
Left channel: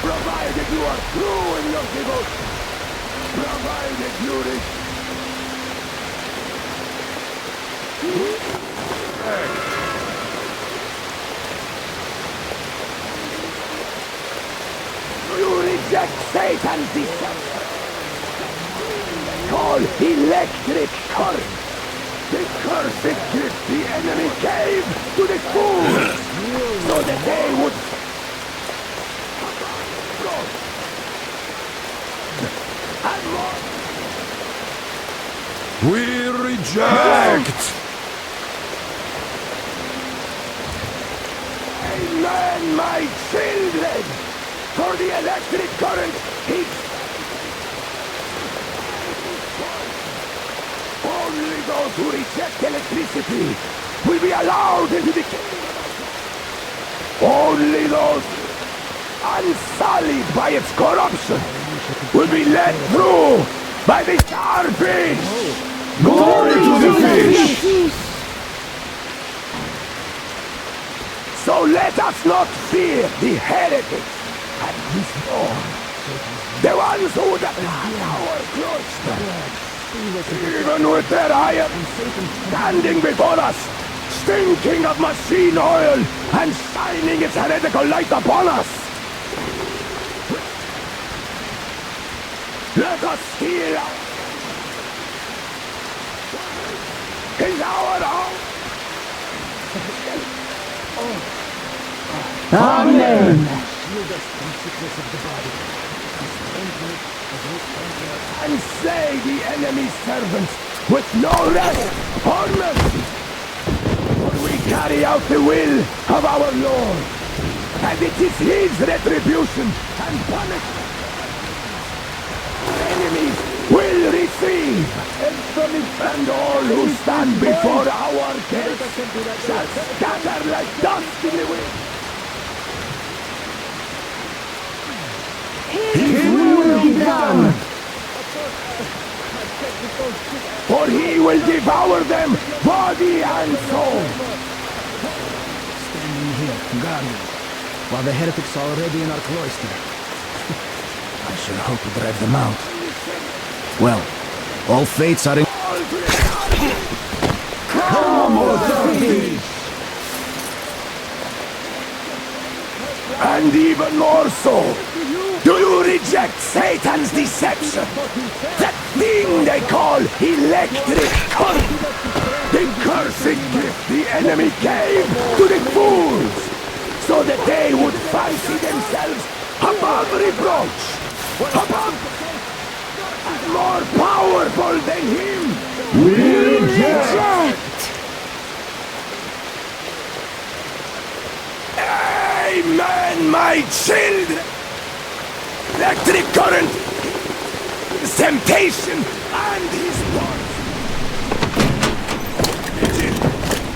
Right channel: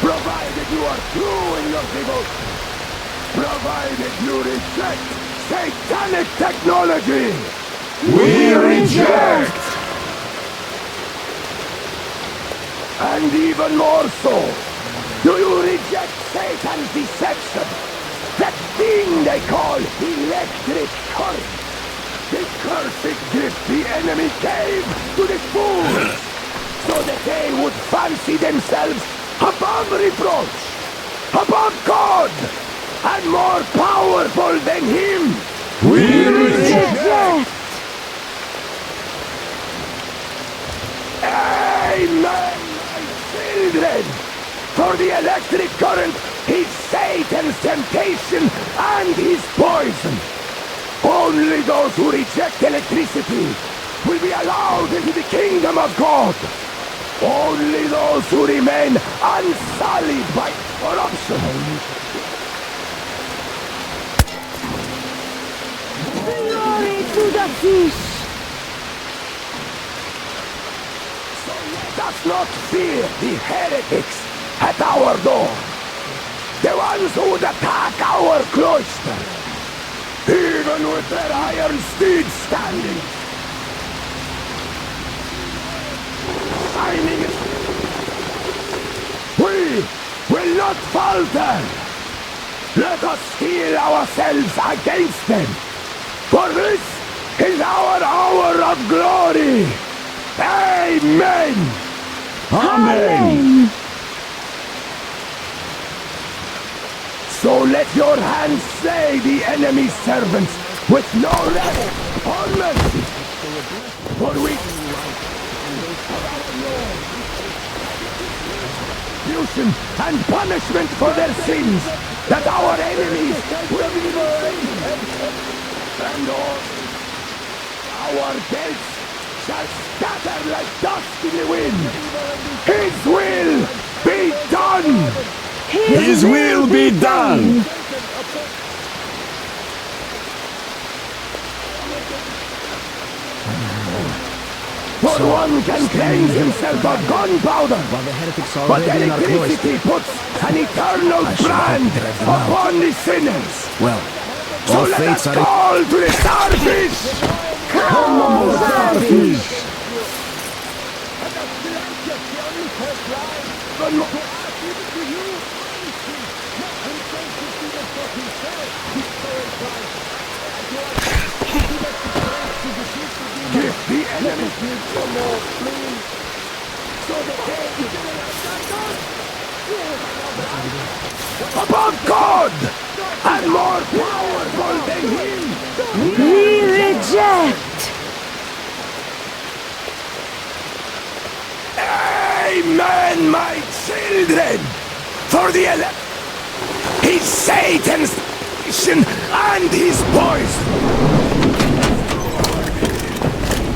provided you are true in your devotion, provided you reject satanic technology. We reject! And even more so, do you reject Satan's deception? That thing they call electric current. The cursed gift the enemy gave to the fools, so that they would fancy themselves above reproach, above God, and more powerful than Him. We reject! Amen, my children! For the electric current is Satan's temptation and his poison. Only those who reject electricity will be allowed into the kingdom of God. Only those who remain unsullied by its corruption will be led through by the starfish. Glory to the fish! So let us not fear the heretics at our door. The ones who would attack our cloister. Even with their iron steeds standing before us, stinking of machine oil and shining its heretical light upon us, we will not falter. Let us steel ourselves against them, for this is our hour of glory. Amen. Amen. So let your hands slay the enemy's servants with no rest or mercy. For we carry out the will of our Lord, and it is His retribution and punishment for their sins that our enemies will receive. And all who stand before our gates shall scatter like dust in the wind. His will be done! His will be done! For He will devour them body and soul. For one can claim himself a gunpowder, While the heretics are already in our cloister, an eternal I should hope brand to drive them out. upon the sinners. Well, all fates are in... All to the starfish! Come, O starfish! And even more so, do you reject Satan's deception? That thing they call electric current? The cursed gift the enemy gave to the fools, so that they would fancy themselves above reproach, above God, and more powerful than him. We reject! Amen, my children! For the electric current is Satan's temptation and his poison.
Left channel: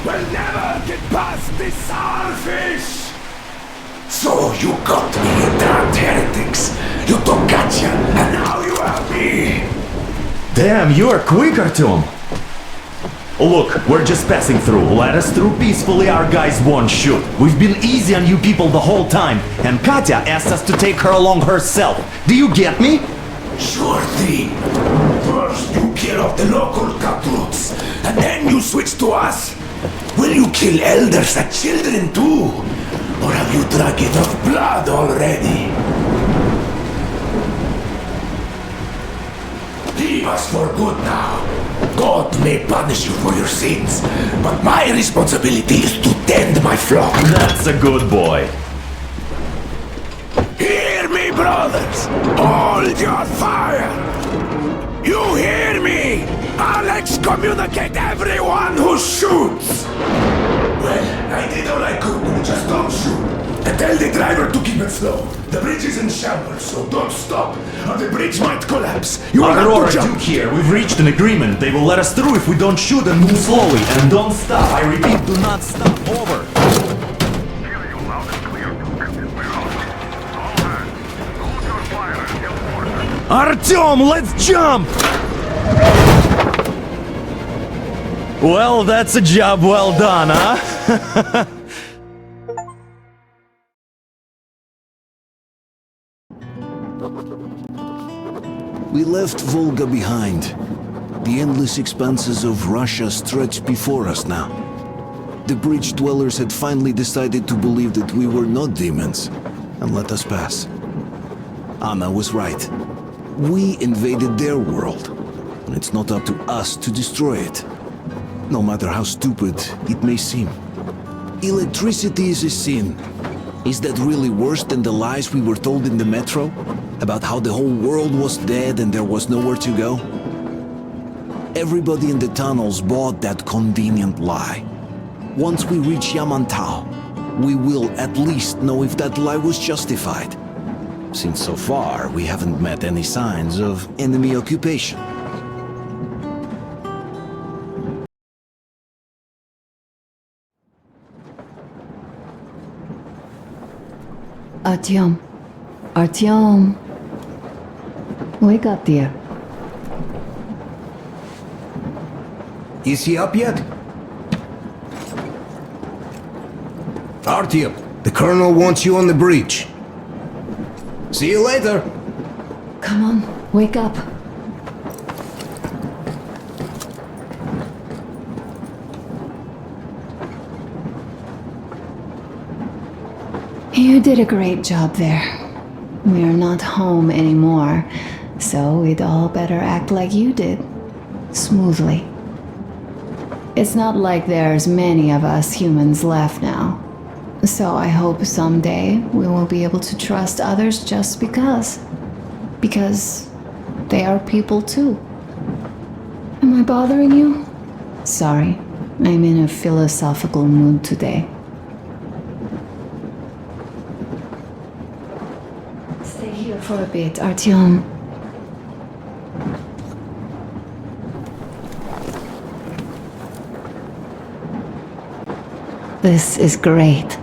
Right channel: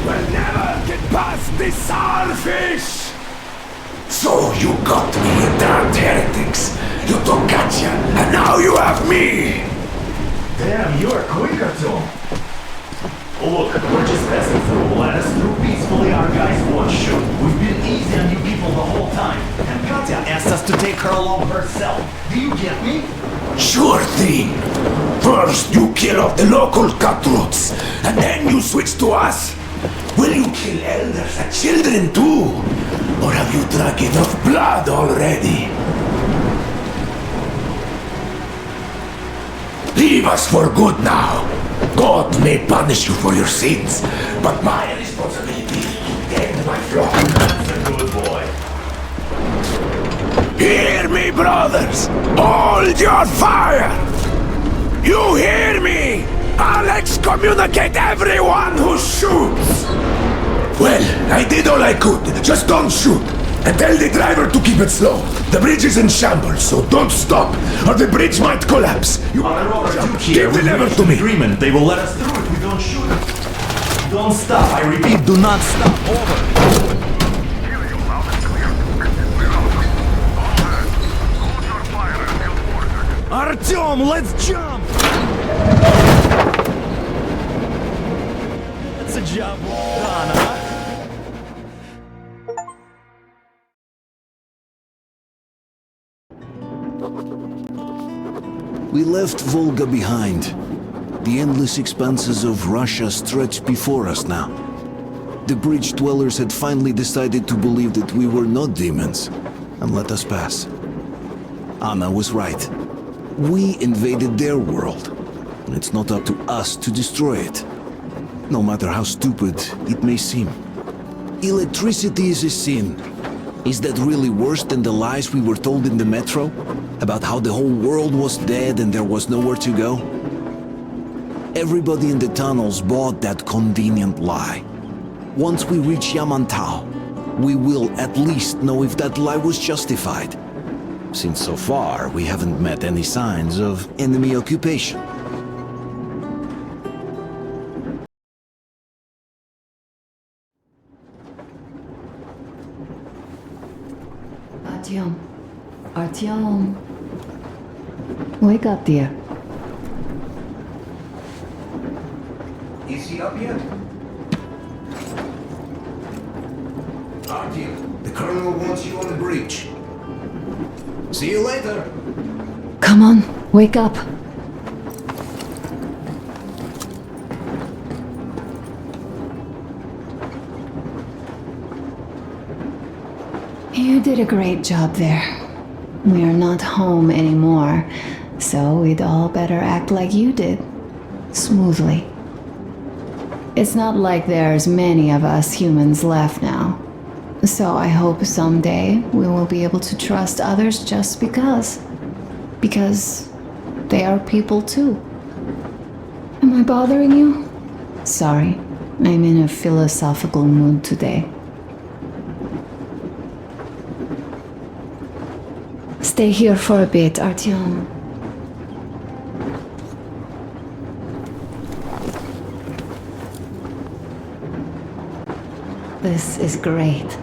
We'll never get past this starfish! So you got me, you damned heretics! You took Katya, and now you have me! Damn, you are quick, Artyom! Look, we're just passing through. Let us through peacefully, our guys won't shoot. We've been easy on you people the whole time, and Katya asked us to take her along herself. Do you get me? Sure thing. First you kill off the local cutthroats, and then you switch to us. Will you kill elders and children too? Or have you drunk enough blood already? Leave us for good now. God may punish you for your sins, but my responsibility is to tend my flock. That's a good boy. Hear me, brothers! Hold your fire! You hear me? I'll excommunicate everyone who shoots! Well, I did all I could. Just don't shoot. And tell the driver to keep it slow. The bridge is in shambles, so don't stop, or the bridge might collapse. You will have to jump. Duke here. We've reached an agreement. They will let us through if we don't shoot and move slowly. And don't stop. I repeat, do not stop. Over. Artyom, let's jump! Well, that's a job well done, huh? We left Volga behind. The endless expanses of Russia stretched before us now. The bridge dwellers had finally decided to believe that we were not demons, and let us pass. Anna was right. We invaded their world, and it's not up to us to destroy it. No matter how stupid it may seem. Electricity is a sin. Is that really worse than the lies we were told in the metro? About how the whole world was dead and there was nowhere to go? Everybody in the tunnels bought that convenient lie. Once we reach Yamantau, we will at least know if that lie was justified. Since so far, we haven't met any signs of enemy occupation. Artyom. Artyom. Wake up, dear. Is he up yet? Artyom, the Colonel wants you on the breach. See you later. Come on, wake up. You did a great job there. We are not home anymore, so we'd all better act like you did. Smoothly. It's not like there's many of us humans left now. So I hope someday we will be able to trust others just because. Because they are people too. Am I bothering you? Sorry, I'm in a philosophical mood today. Stay here for a bit, Artyom. This is great.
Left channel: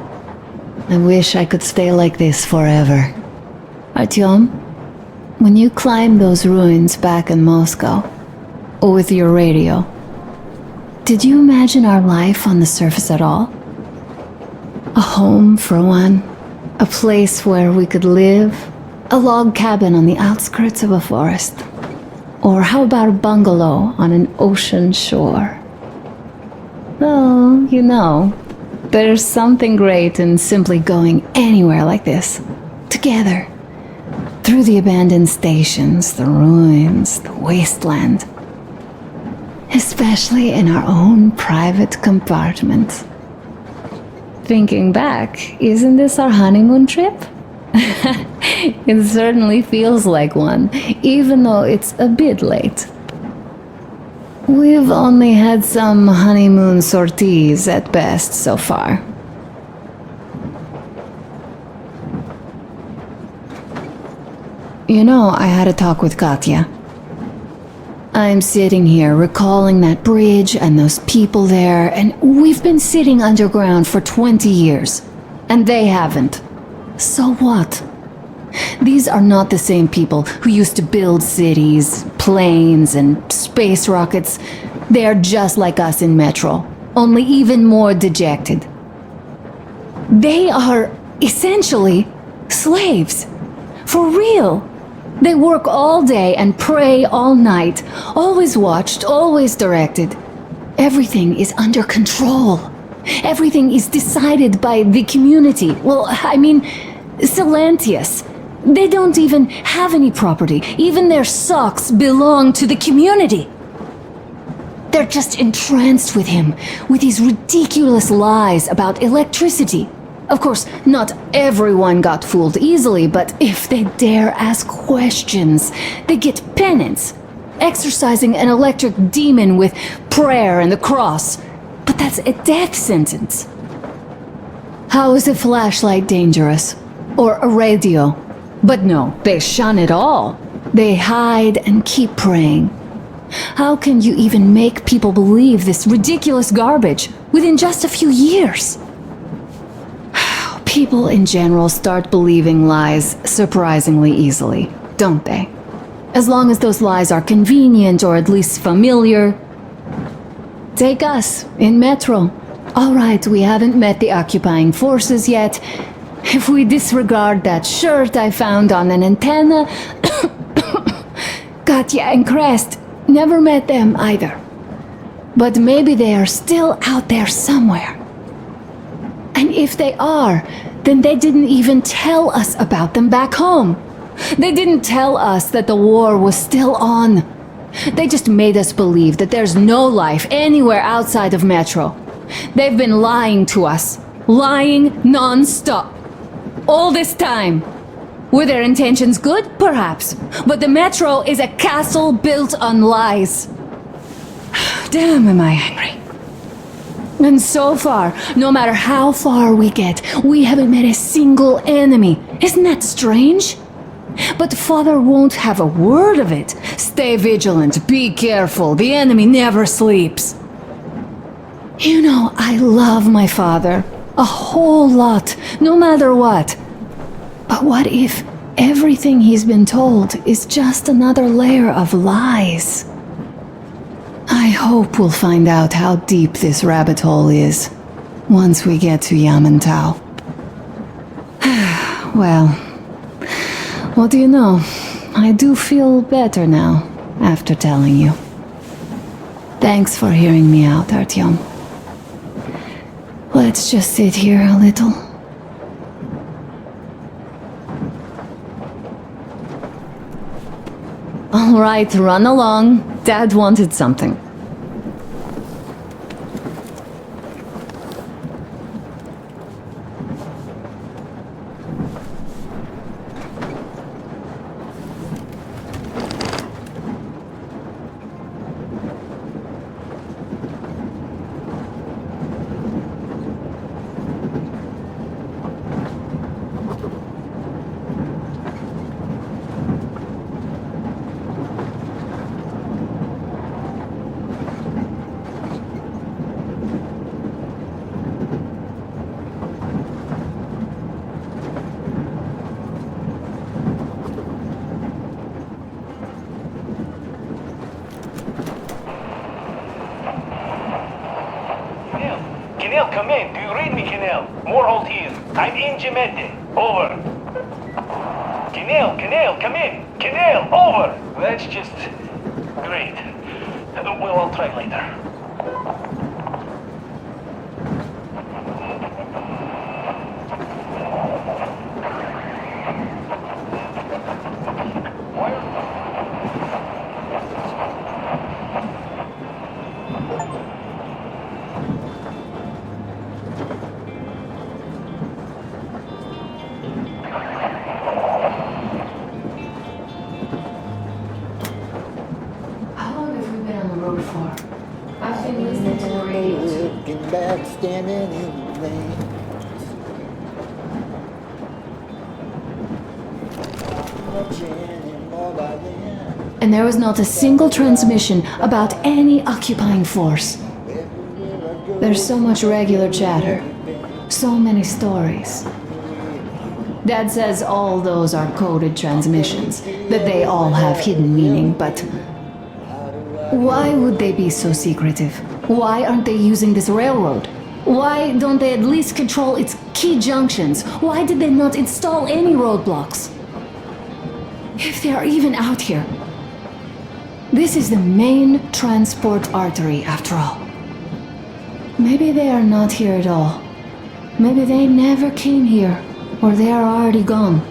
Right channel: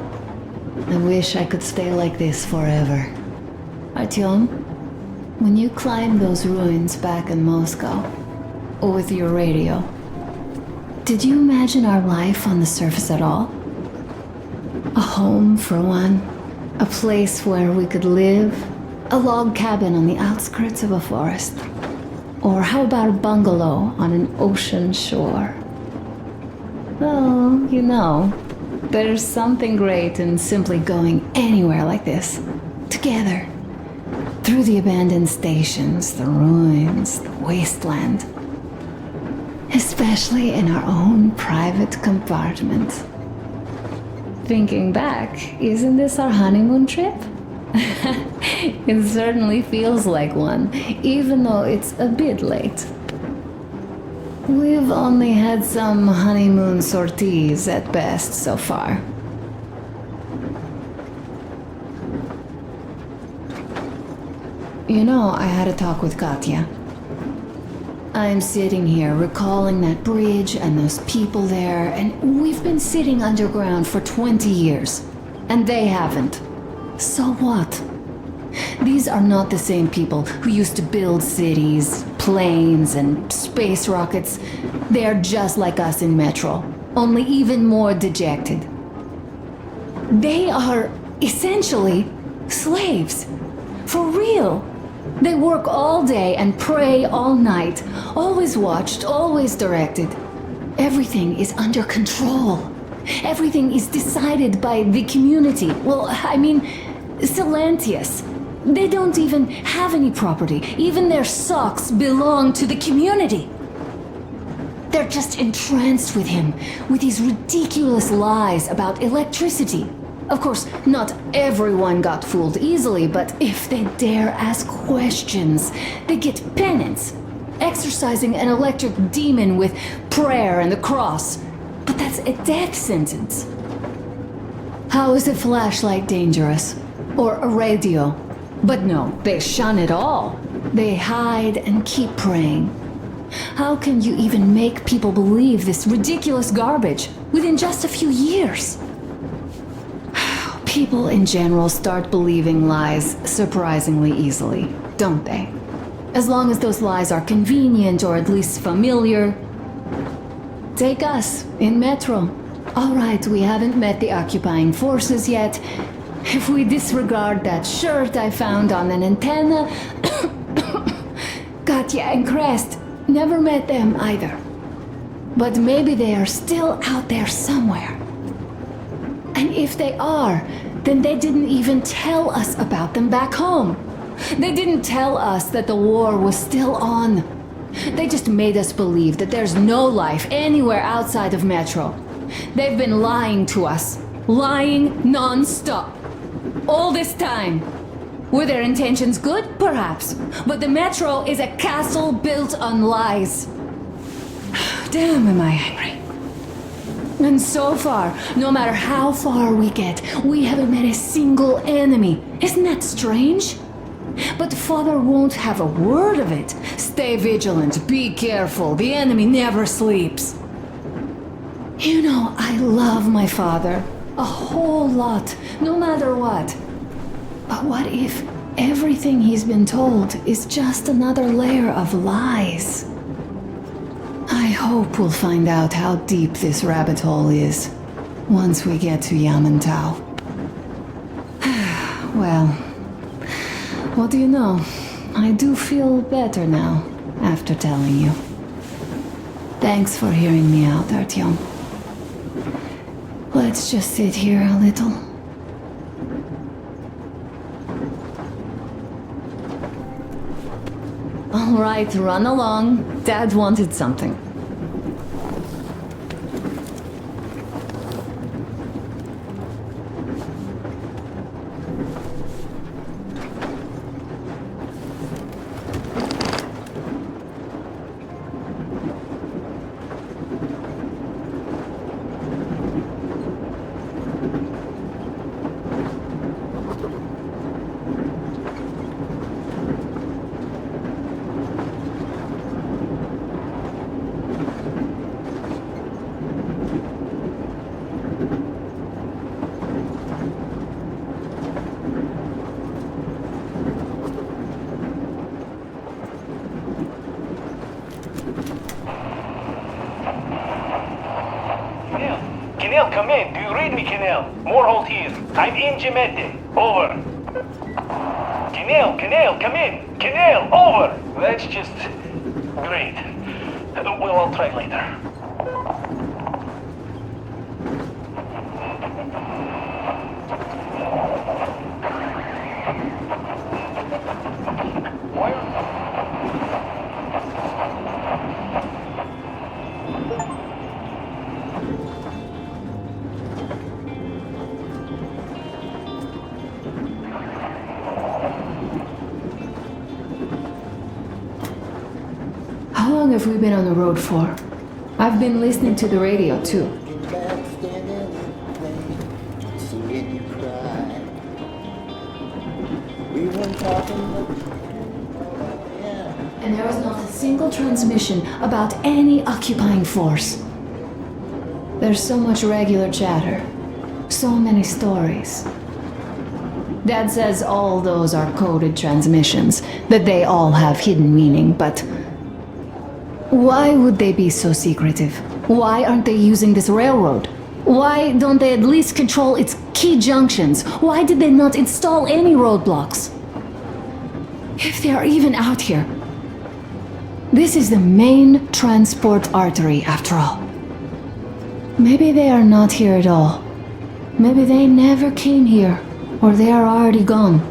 I wish I could stay like this forever. Artyom, when you climbed those ruins back in Moscow, with your radio, did you imagine our life on the surface at all? A home for one, a place where we could live, a log cabin on the outskirts of a forest. Or how about a bungalow on an ocean shore? Well, you know, there's something great in simply going anywhere like this, together, through the abandoned stations, the ruins, the wasteland. Especially in our own private compartment. Thinking back, isn't this our honeymoon trip? It certainly feels like one, even though it's a bit late. We've only had some honeymoon sorties at best so far. You know, I had a talk with Katya. I'm sitting here recalling that bridge and those people there, and we've been sitting underground for 20 years, and they haven't. So what? These are not the same people who used to build cities, planes, and space rockets. They are just like us in Metro, only even more dejected. They are essentially slaves. For real. They work all day and pray all night, always watched, always directed. Everything is under control. Everything is decided by the community. Well, I mean, Silantius. They don't even have any property. Even their socks belong to the community. They're just entranced with him, with these ridiculous lies about electricity. Of course, not everyone got fooled easily, but if they dare ask questions, they get penance, exorcising an electric demon with prayer and the cross. But that's a death sentence. How is a flashlight dangerous? Or a radio? But no, they shun it all. They hide and keep praying. How can you even make people believe this ridiculous garbage within just a few years? People in general start believing lies surprisingly easily, don't they? As long as those lies are convenient or at least familiar. Take us, in Metro. All right, we haven't met the occupying forces yet. If we disregard that shirt I found on an antenna... Katya and Crest, never met them either. But maybe they are still out there somewhere. And if they are, then they didn't even tell us about them back home. They didn't tell us that the war was still on. They just made us believe that there's no life anywhere outside of Metro. They've been lying to us. Lying non-stop. All this time. Were their intentions good? Perhaps. But the Metro is a castle built on lies. Damn, am I angry. And so far, no matter how far we get, we haven't met a single enemy. Isn't that strange? But Father won't have a word of it. Stay vigilant, be careful, the enemy never sleeps. You know, I love my father. A whole lot, no matter what. But what if everything he's been told is just another layer of lies? I hope we'll find out how deep this rabbit hole is once we get to Yamantau. Well, what do you know? I do feel better now after telling you. Thanks for hearing me out, Artyom. Let's just sit here a little. All right, run along. Dad wanted something. Kenel, come in. Do you read me, Kenel? Morholt here. I'm in Gemete. Over. Kenel, come in. Kenel, over. That's just... great. Well, I'll try later. have we been on the road for? I've been listening to the radio too. And there was not a single transmission about any occupying force. There's so much regular chatter, so many stories. Dad says all those are coded transmissions, that they all have hidden meaning, but why would they be so secretive? Why aren't they using this railroad? Why don't they at least control its key junctions? Why did they not install any roadblocks? If they are even out here. This is the main transport artery, after all. Maybe they are not here at all. Maybe they never came here, or they are already gone.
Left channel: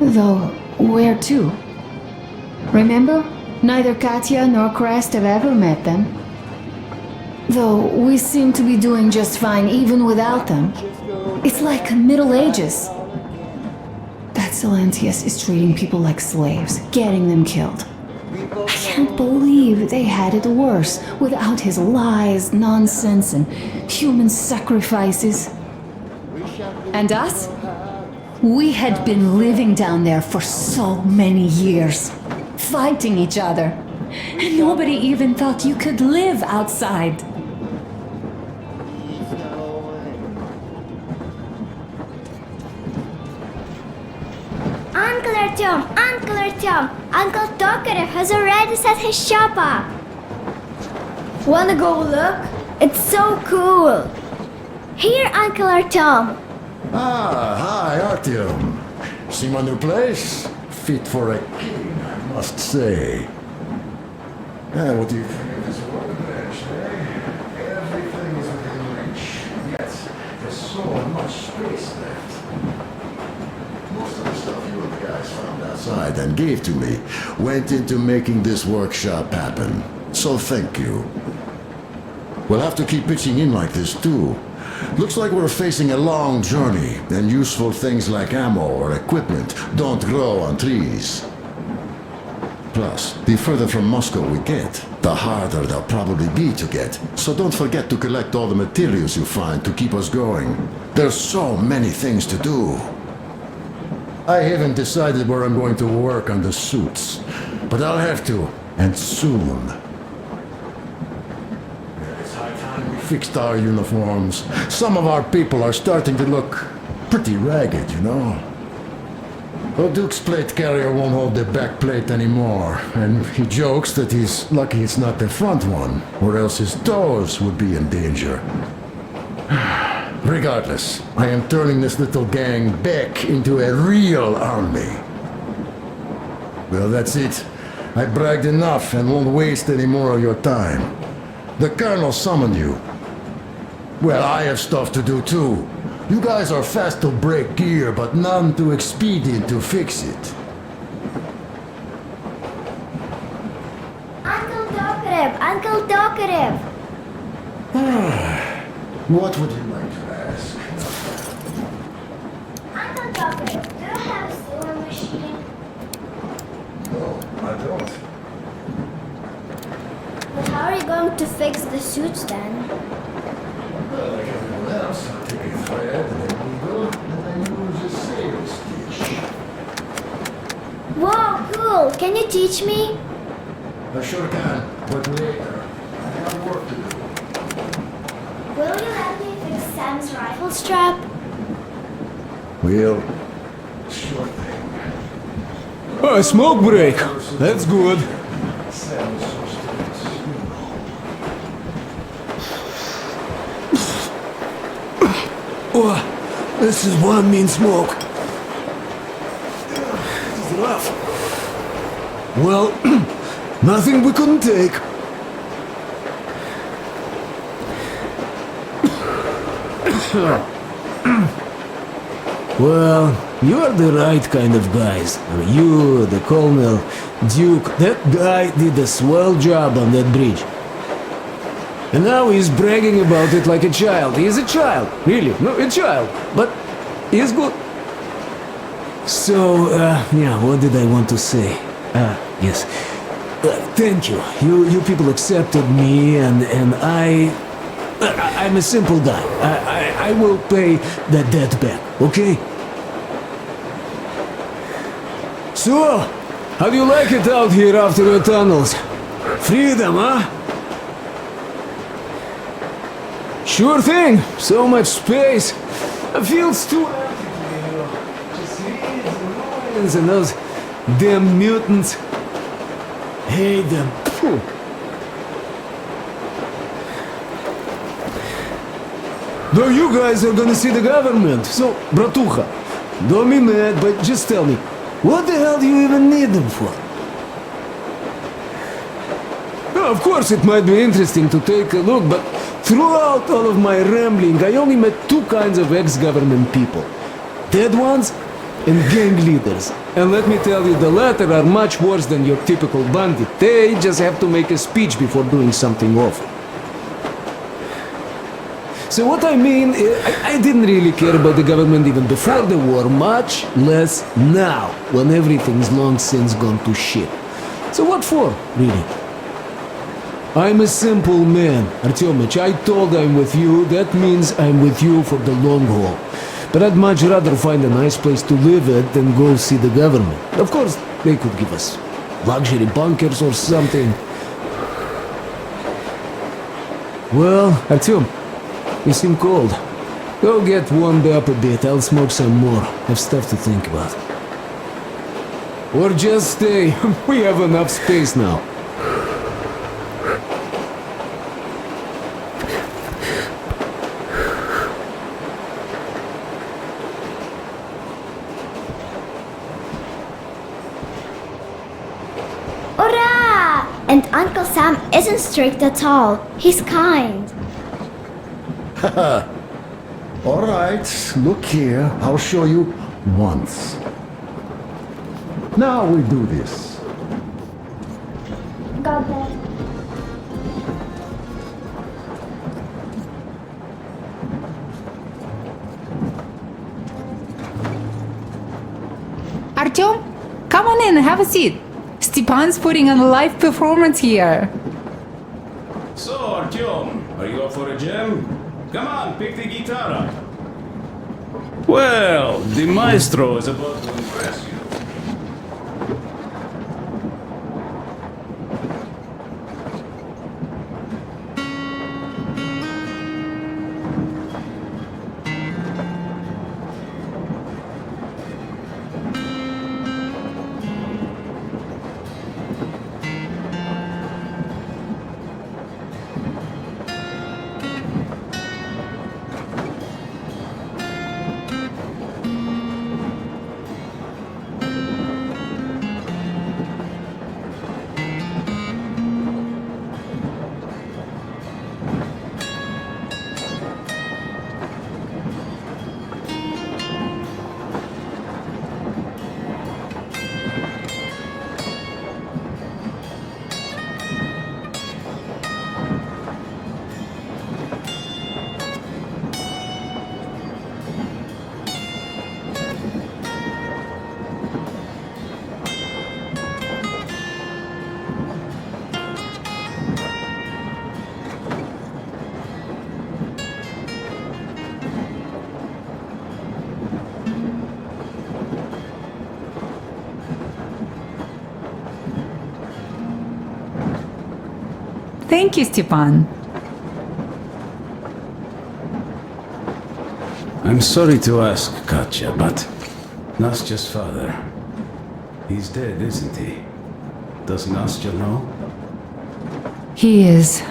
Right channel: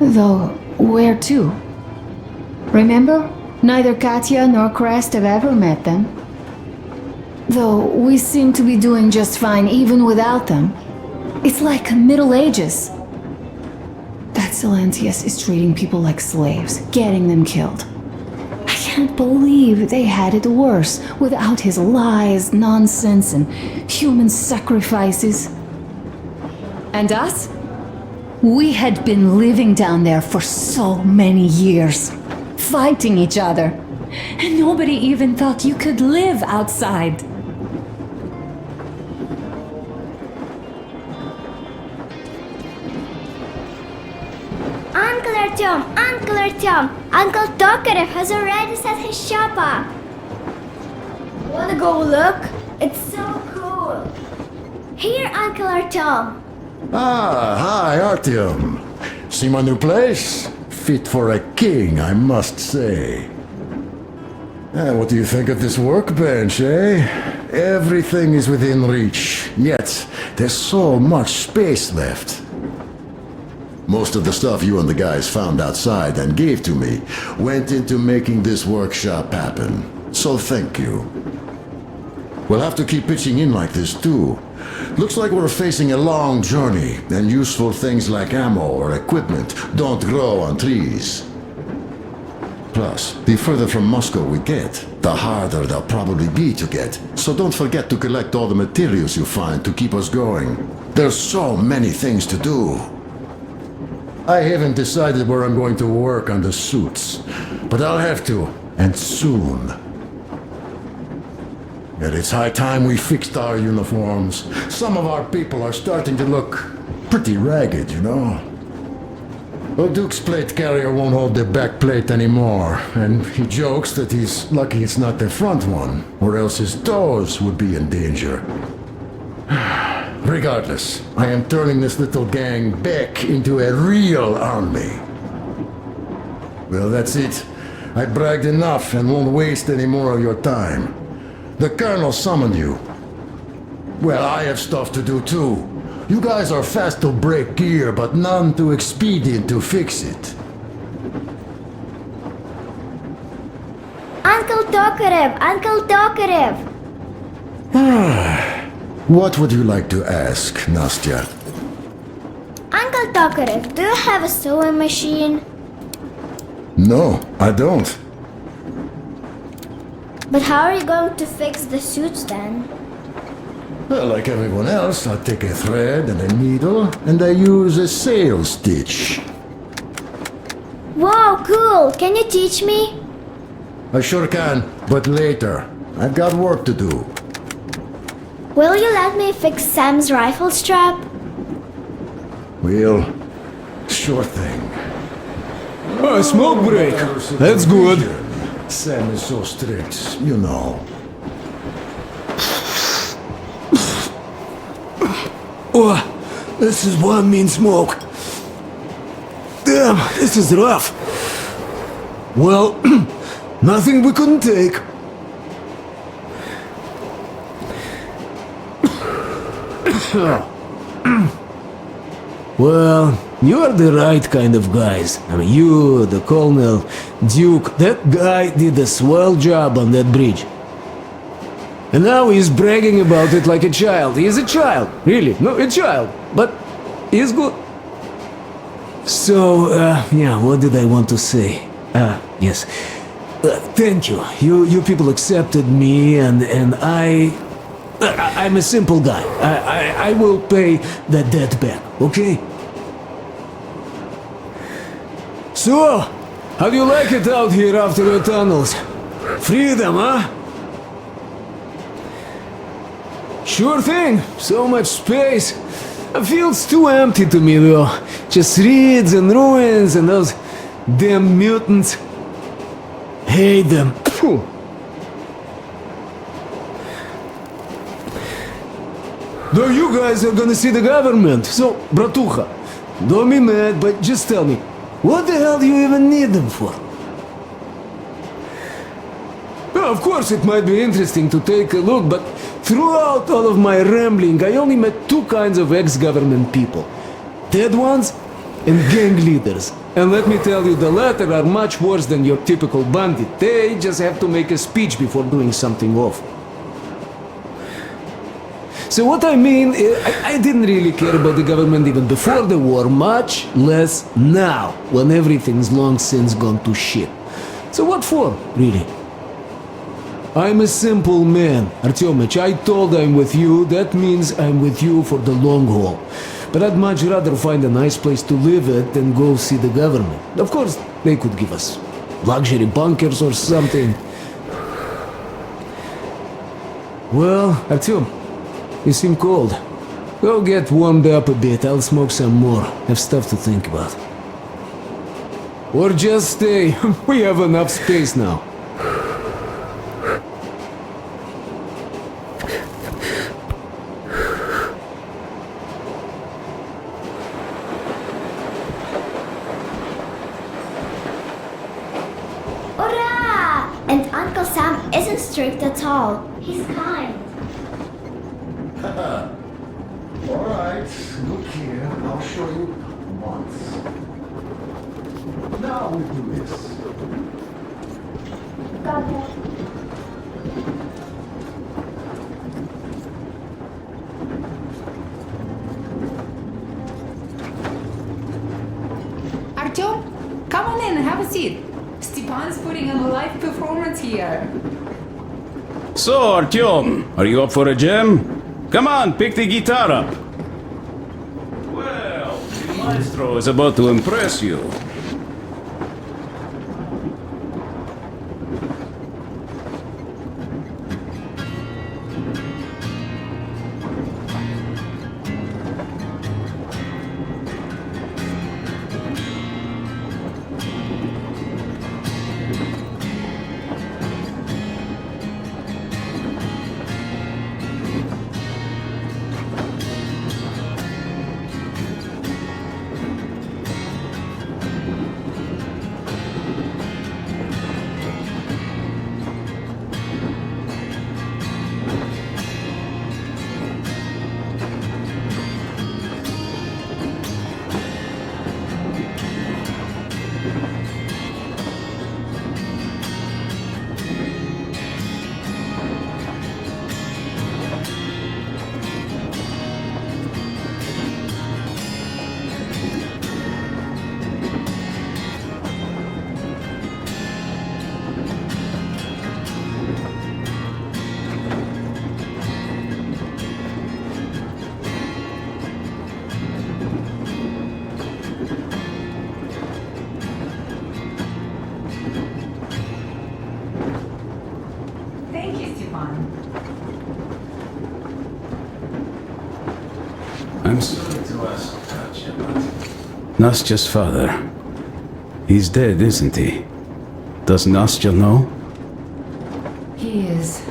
Though, where to? Remember? Neither Katya nor Crest have ever met them. Though we seem to be doing just fine even without them. It's like Middle Ages. That Silentius is treating people like slaves, getting them killed. I can't believe they had it worse without his lies, nonsense, and human sacrifices. And us? We had been living down there for so many years, fighting each other. And nobody even thought you could live outside. Uncle Artyom! Uncle Tokarev has already set his shop up. Wanna go look? It's so cool. Here, Uncle Artyom. Ah, hi, Artyom. See my new place? Fit for a king, I must say. What do you think of this workbench, eh? Everything is within reach, yet there's so much space left. Most of the stuff you and the guys found outside and gave to me went into making this workshop happen. So thank you. We'll have to keep pitching in like this too. Looks like we're facing a long journey, and useful things like ammo or equipment don't grow on trees. Plus, the further from Moscow we get, the harder they'll probably be to get. So don't forget to collect all the materials you find to keep us going. There's so many things to do. I haven't decided where I'm going to work on the suits, but I'll have to, and soon. And it's high time we fixed our uniforms. Some of our people are starting to look pretty ragged, you know. Duke's plate carrier won't hold the back plate anymore, and he jokes that he's lucky it's not the front one, or else his toes would be in danger. Regardless, I am turning this little gang back into a real army. Well, that's it. I bragged enough and won't waste any more of your time. The Colonel summoned you. Well, I have stuff to do too. You guys are fast to break gear, but none too expedient to fix it. Uncle Tokarev! Uncle Tokarev! What would you like to ask, Nastya? Uncle Tokarev, do you have a sewing machine? No, I don't. But how are you going to fix the suits then? Well, like everyone else, I take a thread and a needle, and I use a sail stitch. Wow, cool! Can you teach me? I sure can, but later. I've got work to do. Will you let me fix Sam's rifle strap? Well, sure thing. Oh, smoke break. That's good. Sam is so strict, you know. Oh, this is one mean smoke. Damn, this is rough. Well, nothing we couldn't take. Well, you are the right kind of guys. I mean, you, the Colonel, Duke, that guy did a swell job on that bridge. And now he's bragging about it like a child. He is a child, really. No, a child. But he's good. So, yeah, what did I want to say? Yes. Thank you. You people accepted me, and I'm a simple guy. I will pay that debt back, okay? So, how do you like it out here after the tunnels? Freedom, huh? Sure thing. So much space. It feels too empty to me, though. Just reeds and ruins and those damn mutants. Hate them. Phew. Though you guys are gonna see the government, so, bratucha, don't be mad, but just tell me, what the hell do you even need them for? Well, of course, it might be interesting to take a look, but throughout all of my rambling, I only met two kinds of ex-government people. Dead ones and gang leaders. And let me tell you, the latter are much worse than your typical bandit. They just have to make a speech before doing something awful. So what I mean, I didn't really care about the government even before the war, much less now, when everything's long since gone to shit. So what for, really? I'm a simple man, Artyomich. I told I'm with you, that means I'm with you for the long haul. But I'd much rather find a nice place to live at than go see the government. Of course, they could give us luxury bunkers or something. Well, Artyom, you seem cold. Go get warmed up a bit, I'll smoke some more. Have stuff to think about. Or just stay. We have enough space now. Hurrah! And Uncle Sam isn't strict at all. He's kind. All right, look here. I'll show you once. Now we do this. Got that. Artyom, come on in and have a seat. Stepan's putting on a live performance here. So, Artyom, are you up for a jam? Come on, pick the guitar up. Well, the maestro is about to impress you. Thank you, Stepan. I'm sorry to ask, Katya, but Nastya's father, he's dead, isn't he? Does Nastya know? He is.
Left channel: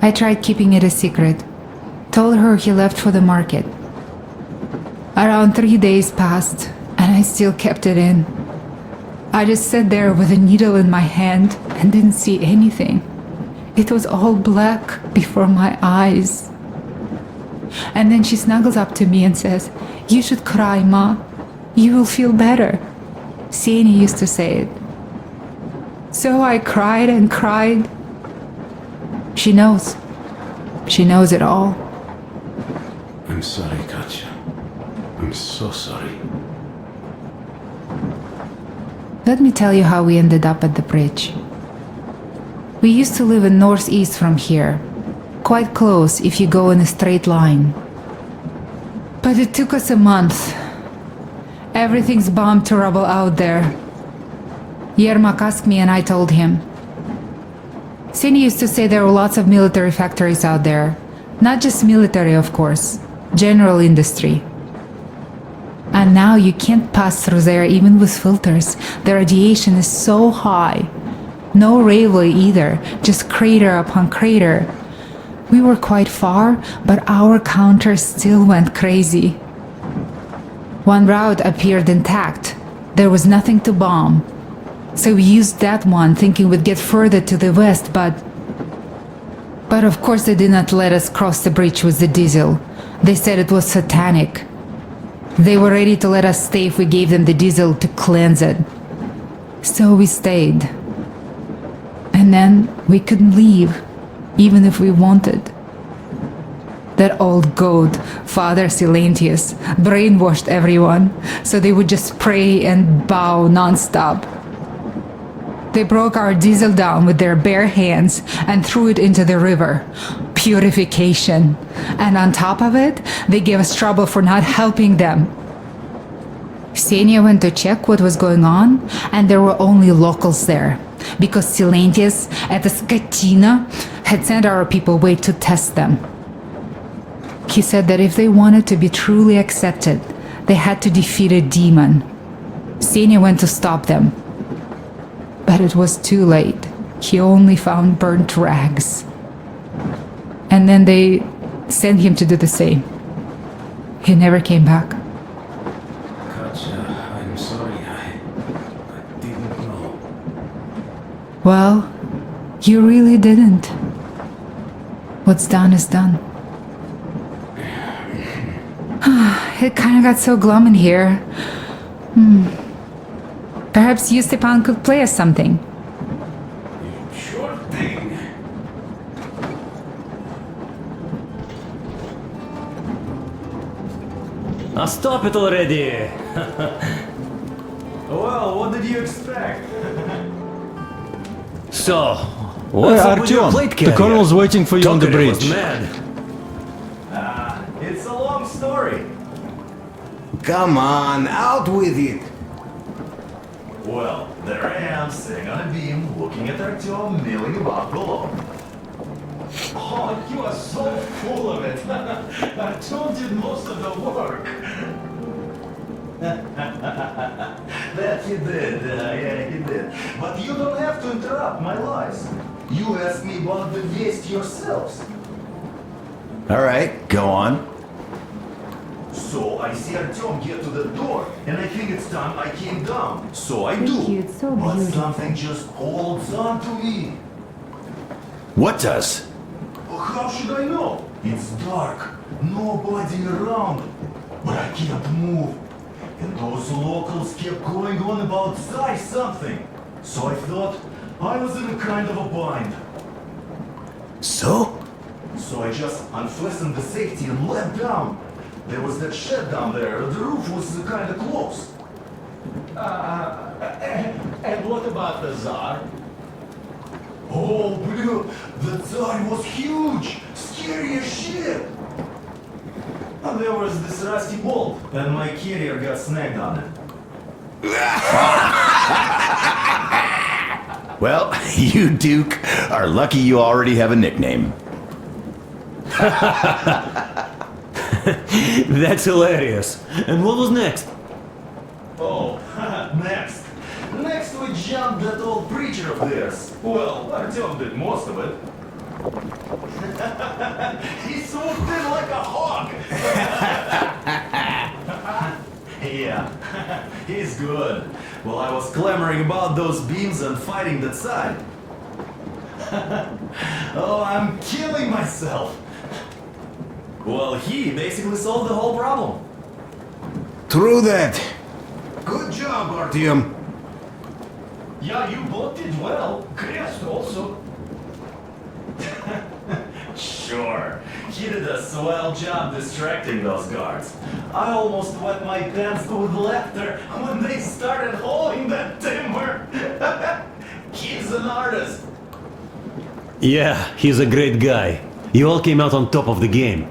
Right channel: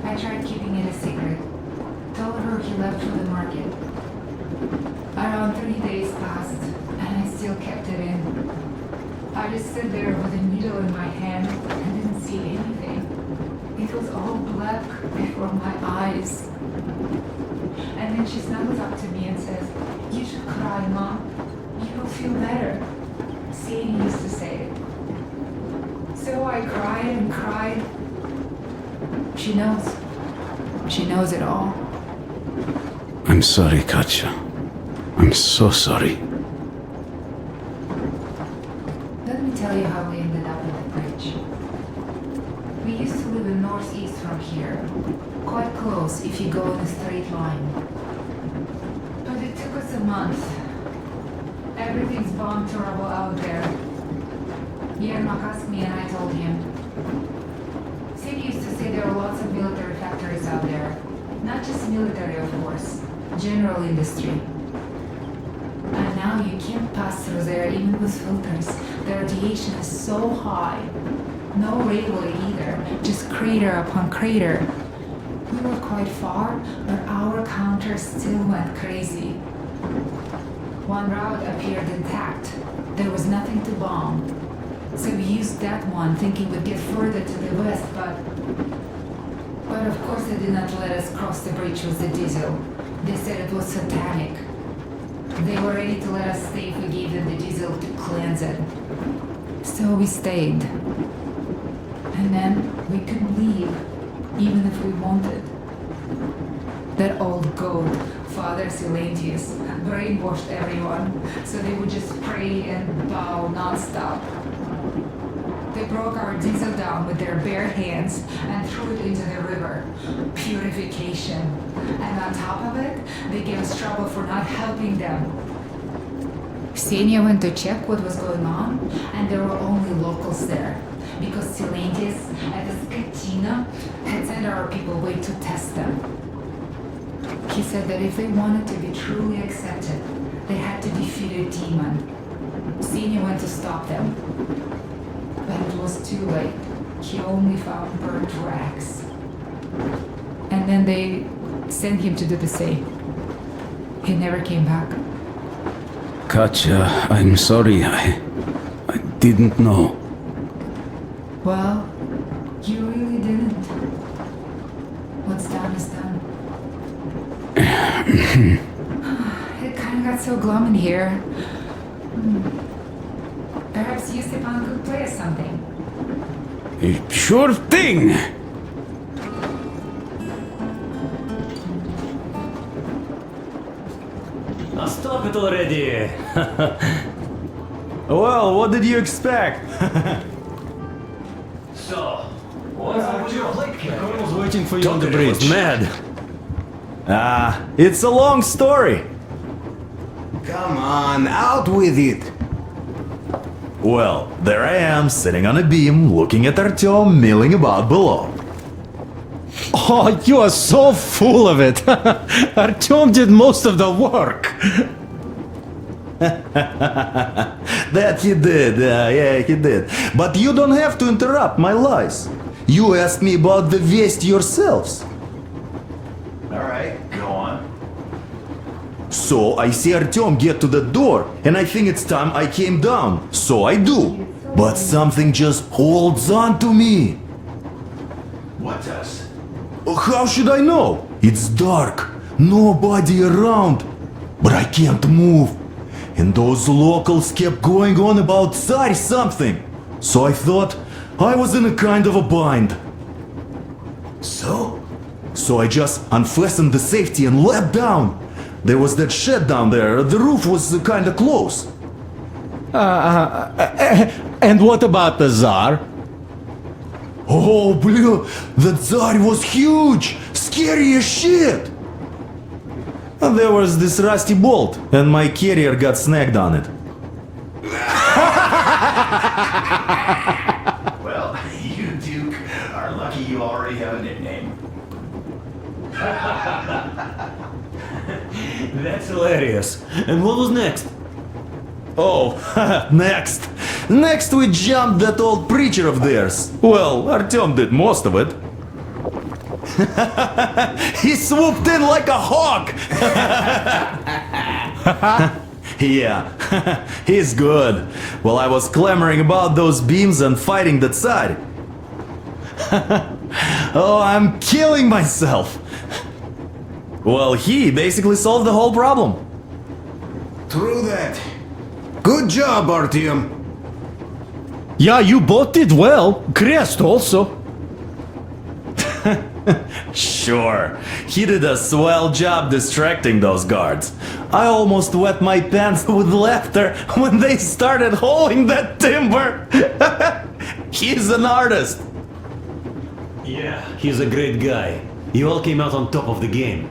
I tried keeping it a secret. Told her he left for the market. Around 3 days passed, and I still kept it in. I just sat there with a needle in my hand and didn't see anything. It was all black before my eyes. And then she snuggles up to me and says, "You should cry, Ma. You will feel better." Sieni used to say it. So I cried and cried. She knows. She knows it all. I'm sorry, Katya. I'm so sorry. Let me tell you how we ended up at the bridge. We used to live in northeast from here. Quite close if you go in a straight line. But it took us a month. Everything's bombed to rubble out there. Yermak asked me and I told him. Sini used to say there were lots of military factories out there. Not just military, of course. General industry. And now you can't pass through there even with filters. The radiation is so high. No railway either, just crater upon crater. We were quite far, but our counter still went crazy. One route appeared intact. There was nothing to bomb. So we used that one, thinking we'd get further to the west, but of course they did not let us cross the bridge with the diesel. They said it was satanic. They were ready to let us stay if we gave them the diesel to cleanse it. So we stayed. And then we couldn't leave, even if we wanted. That old goat, Father Silentius, brainwashed everyone, so they would just pray and bow non-stop. They broke our diesel down with their bare hands and threw it into the river. Purification. And on top of it, they gave us trouble for not helping them. Ksenia went to check what was going on, and there were only locals there, because Silentius at the Skatina had sent our people away to test them. He said that if they wanted to be truly accepted, they had to defeat a demon. Ksenia went to stop them. But it was too late. He only found burnt rags. And then they sent him to do the same. He never came back. Katya, I'm sorry. I didn't know. Well, you really didn't. What's done is done. It kind of got so glum in here. Perhaps you, Stepan, could play us something. Sure thing! Stop it already! Well, what did you expect? So, what's up with your Artyom, plate the carrier? colonel's waiting for you on the Tokarev bridge. was mad. It's a long story. Come on, out with it! Well, there I am, sitting on a beam, looking at Artyom milling about below. Oh, you are so full of it. Artyom did most of the work. That he did, yeah, he did. But you don't have to interrupt my lies. You asked me about the Vest yourselves. Alright, go on. So I see Artyom get to the door, and I think it's time I came down. So I do. But something just holds on to me. What does? How should I know? It's dark, nobody around. But I can't move. And those locals kept going on about Tsar something. So I thought I was in a kind of a bind. So I just unfastened the safety and leapt down. There was that shed down there. The roof was kind of close. And what about the Tsar? Oh, bleh, the Tsar was huge, scary as shit. And there was this rusty bolt, and my carrier got snagged on it. Well, you, Duke, are lucky you already have a nickname. That's hilarious. And what was next? Oh, next. Next we jumped that old preacher of theirs. Well, Artyom did most of it. He swooped in like a hawk. Yeah, he's good. Well, I was clamoring about those beams and fighting that side. Oh, I'm killing myself. Well, he basically solved the whole problem. True that. Good job, Artyom. Yeah, you both did well. Krest also. Sure, he did a swell job distracting those guards. I almost wet my pants with laughter when they started hauling that timber. He's an artist. Yeah, he's a great guy. You all came out on top of the game.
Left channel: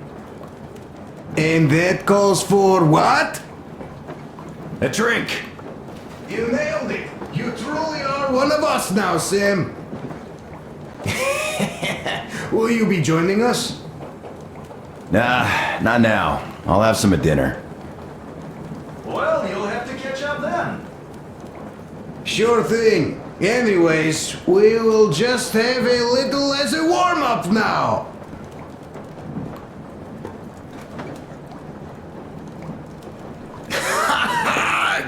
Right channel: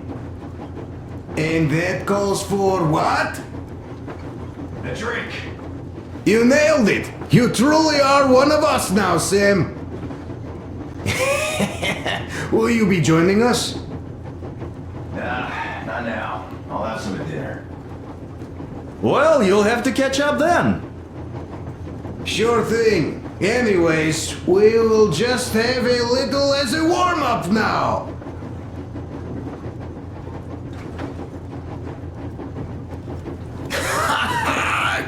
And that calls for what? A drink. You nailed it! You truly are one of us now, Sam! Will you be joining us? Nah, not now. I'll have some at dinner. Well, you'll have to catch up then. Sure thing. Anyways, we will just have a little as a warm-up now.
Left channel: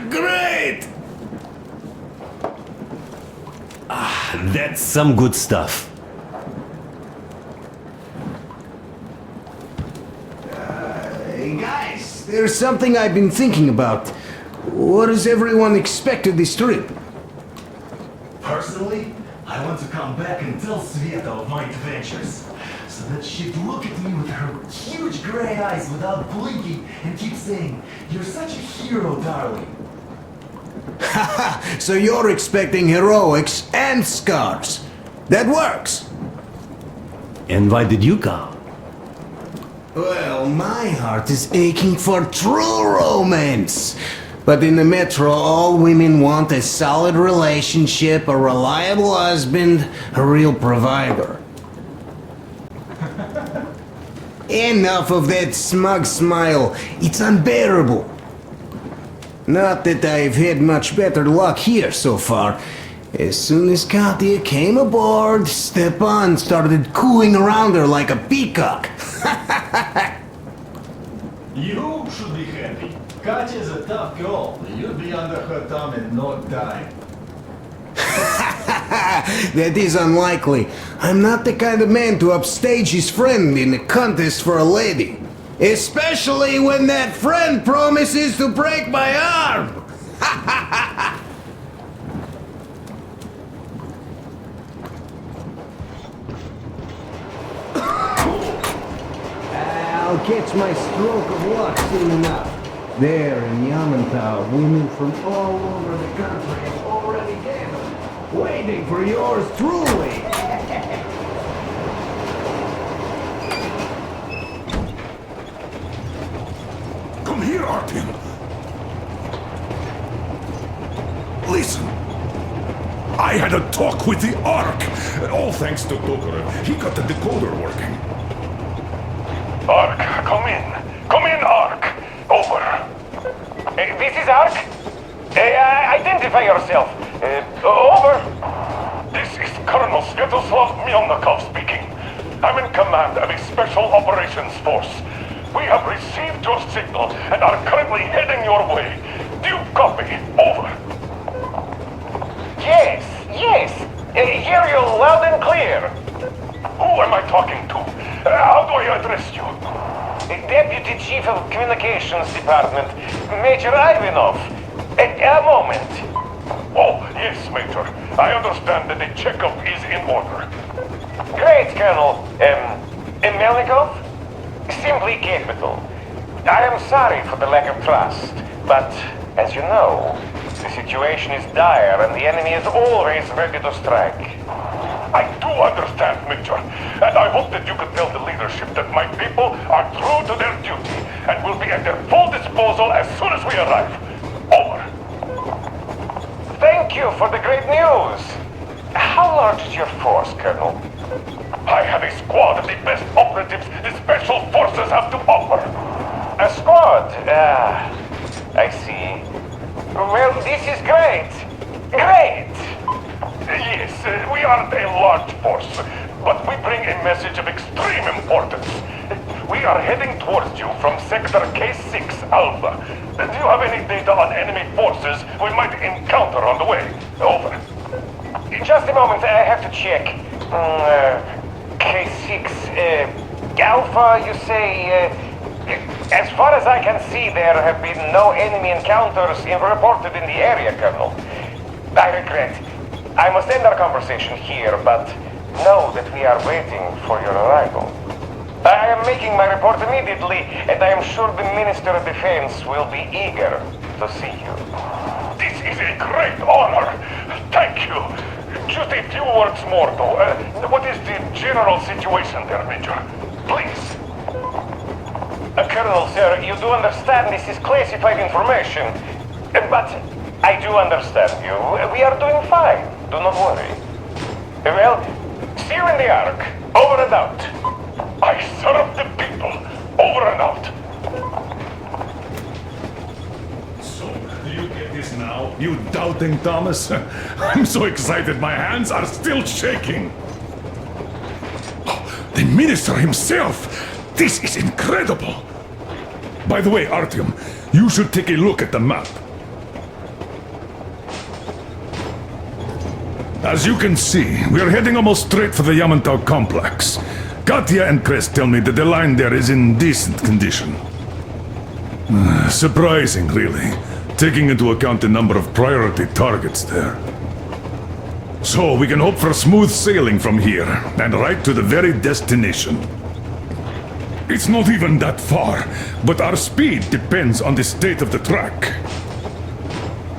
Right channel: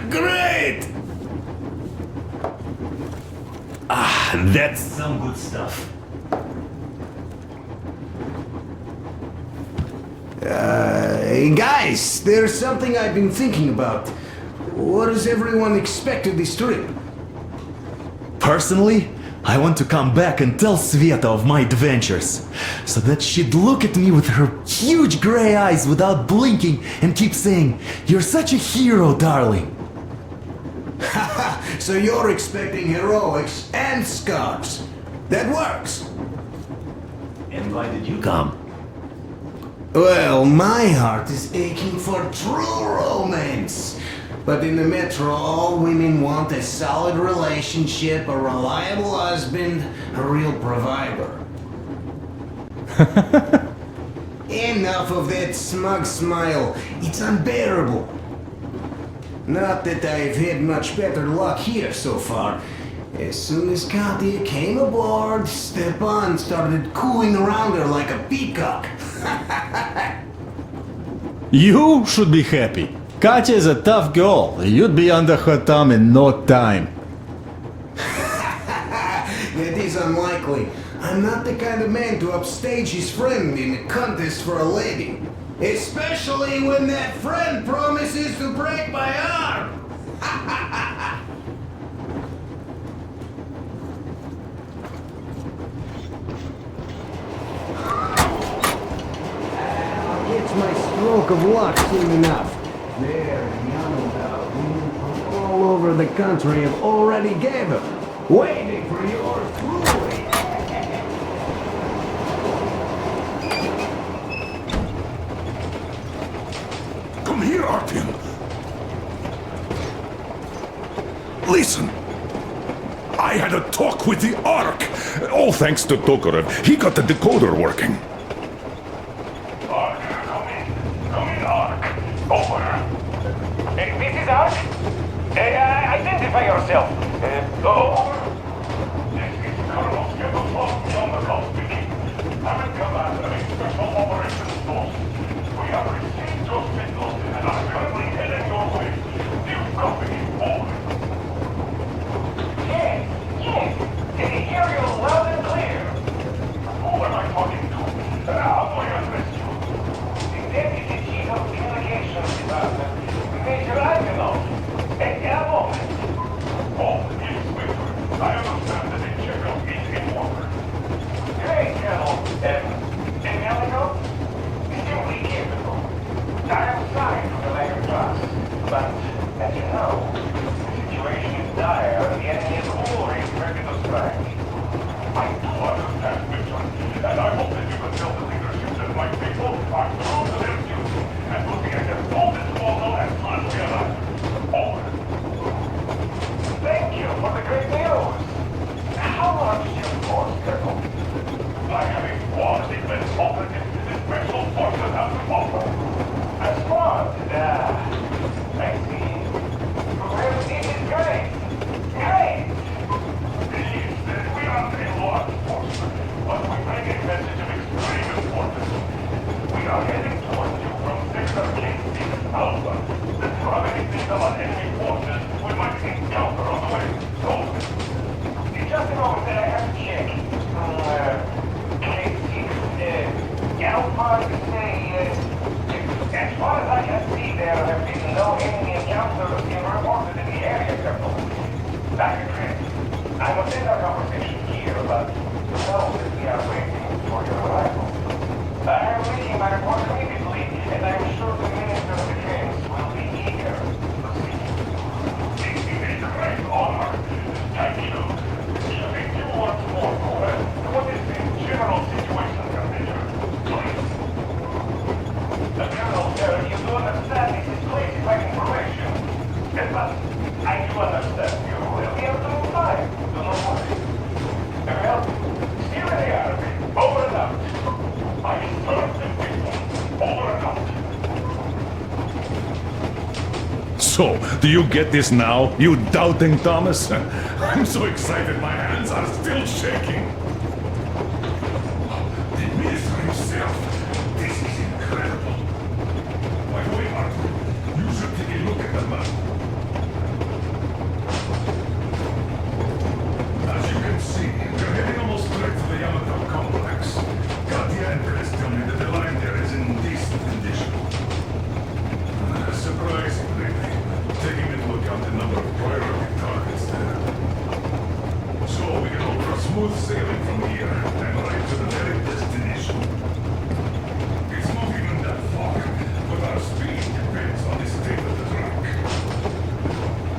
Great! That's some good stuff. Hey guys, there's something I've been thinking about. What does everyone expect of this trip? Personally, I want to come back and tell Sveta of my adventures, so that she'd look at me with her huge gray eyes without blinking and keep saying, "You're such a hero, darling." So you're expecting heroics and scars. That works. And why did you come? Well, my heart is aching for true romance. But in the metro, all women want a solid relationship, a reliable husband, a real provider. Enough of that smug smile. It's unbearable. Not that I've had much better luck here so far. As soon as Katya came aboard, Stepan started cooing around her like a peacock. You should be happy. Katya is a tough girl. You'd be under her thumb in no time. That is unlikely. I'm not the kind of man to upstage his friend in a contest for a lady. Especially when that friend promises to break my arm! I'll catch my stroke of luck soon enough. There in Yamantau, women from all over the country have already gathered, waiting for yours truly. Come here, Artyom. Listen. I had a talk with the Ark. All thanks to Tokarev. He got the decoder working. Ark, come in. Come in, Ark. Over. This is Ark. Identify yourself. Over. This is Colonel Svetoslav Melnikov speaking. I'm in command of a special operations force. We have received your signal and are currently heading your way. Do you copy? Over. Yes. Hear you loud and clear. Who am I talking to? How do I address you? The Deputy Chief of Communications Department, Major Ivanov. A moment. Oh, yes, Major. I understand that the checkup is in order. Great, Colonel. Melnikov? Simply capital. I am sorry for the lack of trust, but as you know, the situation is dire and the enemy is always ready to strike. I do understand, Major, and I hope that you can tell the leadership that my people are true to their duty and will be at their full disposal as soon as we arrive. Over. Thank you for the great news. How large is your force, Colonel? I have a squad of the best operatives the Special Forces have to offer. A squad? I see. Well, this is great. Great! Yes, we aren't a large force, but we bring a message of extreme importance. We are heading towards you from Sector K6 Alpha. Do you have any data on enemy forces we might encounter on the way? Over. Just a moment, I have to check. K6, Alpha, you say? As far as I can see, there have been no enemy encounters reported in the area, Colonel. I regret. I must end our conversation here, but know that we are waiting for your arrival. I am making my report immediately, and I am sure the Minister of Defense will be eager to see you. This is a great honor. Thank you. Just a few words more, though. What is the But I do understand you. We are doing fine. Do not worry. Well, see you in the Ark. Over and out. I serve the people. Over and out. So, do you get this now, you doubting Thomas? I'm so excited my hands are still shaking. The minister himself! This is incredible! By the way, Artyom, you should take a look at the map. As you can see, we're heading almost straight for the Yamantau complex. Katya and Crest tell me that the line there is in decent condition. Surprising, really, taking into account the number of priority targets there. So we can hope for smooth sailing from here, and right to the very destination. It's not even that far, but our speed depends on the state of the track.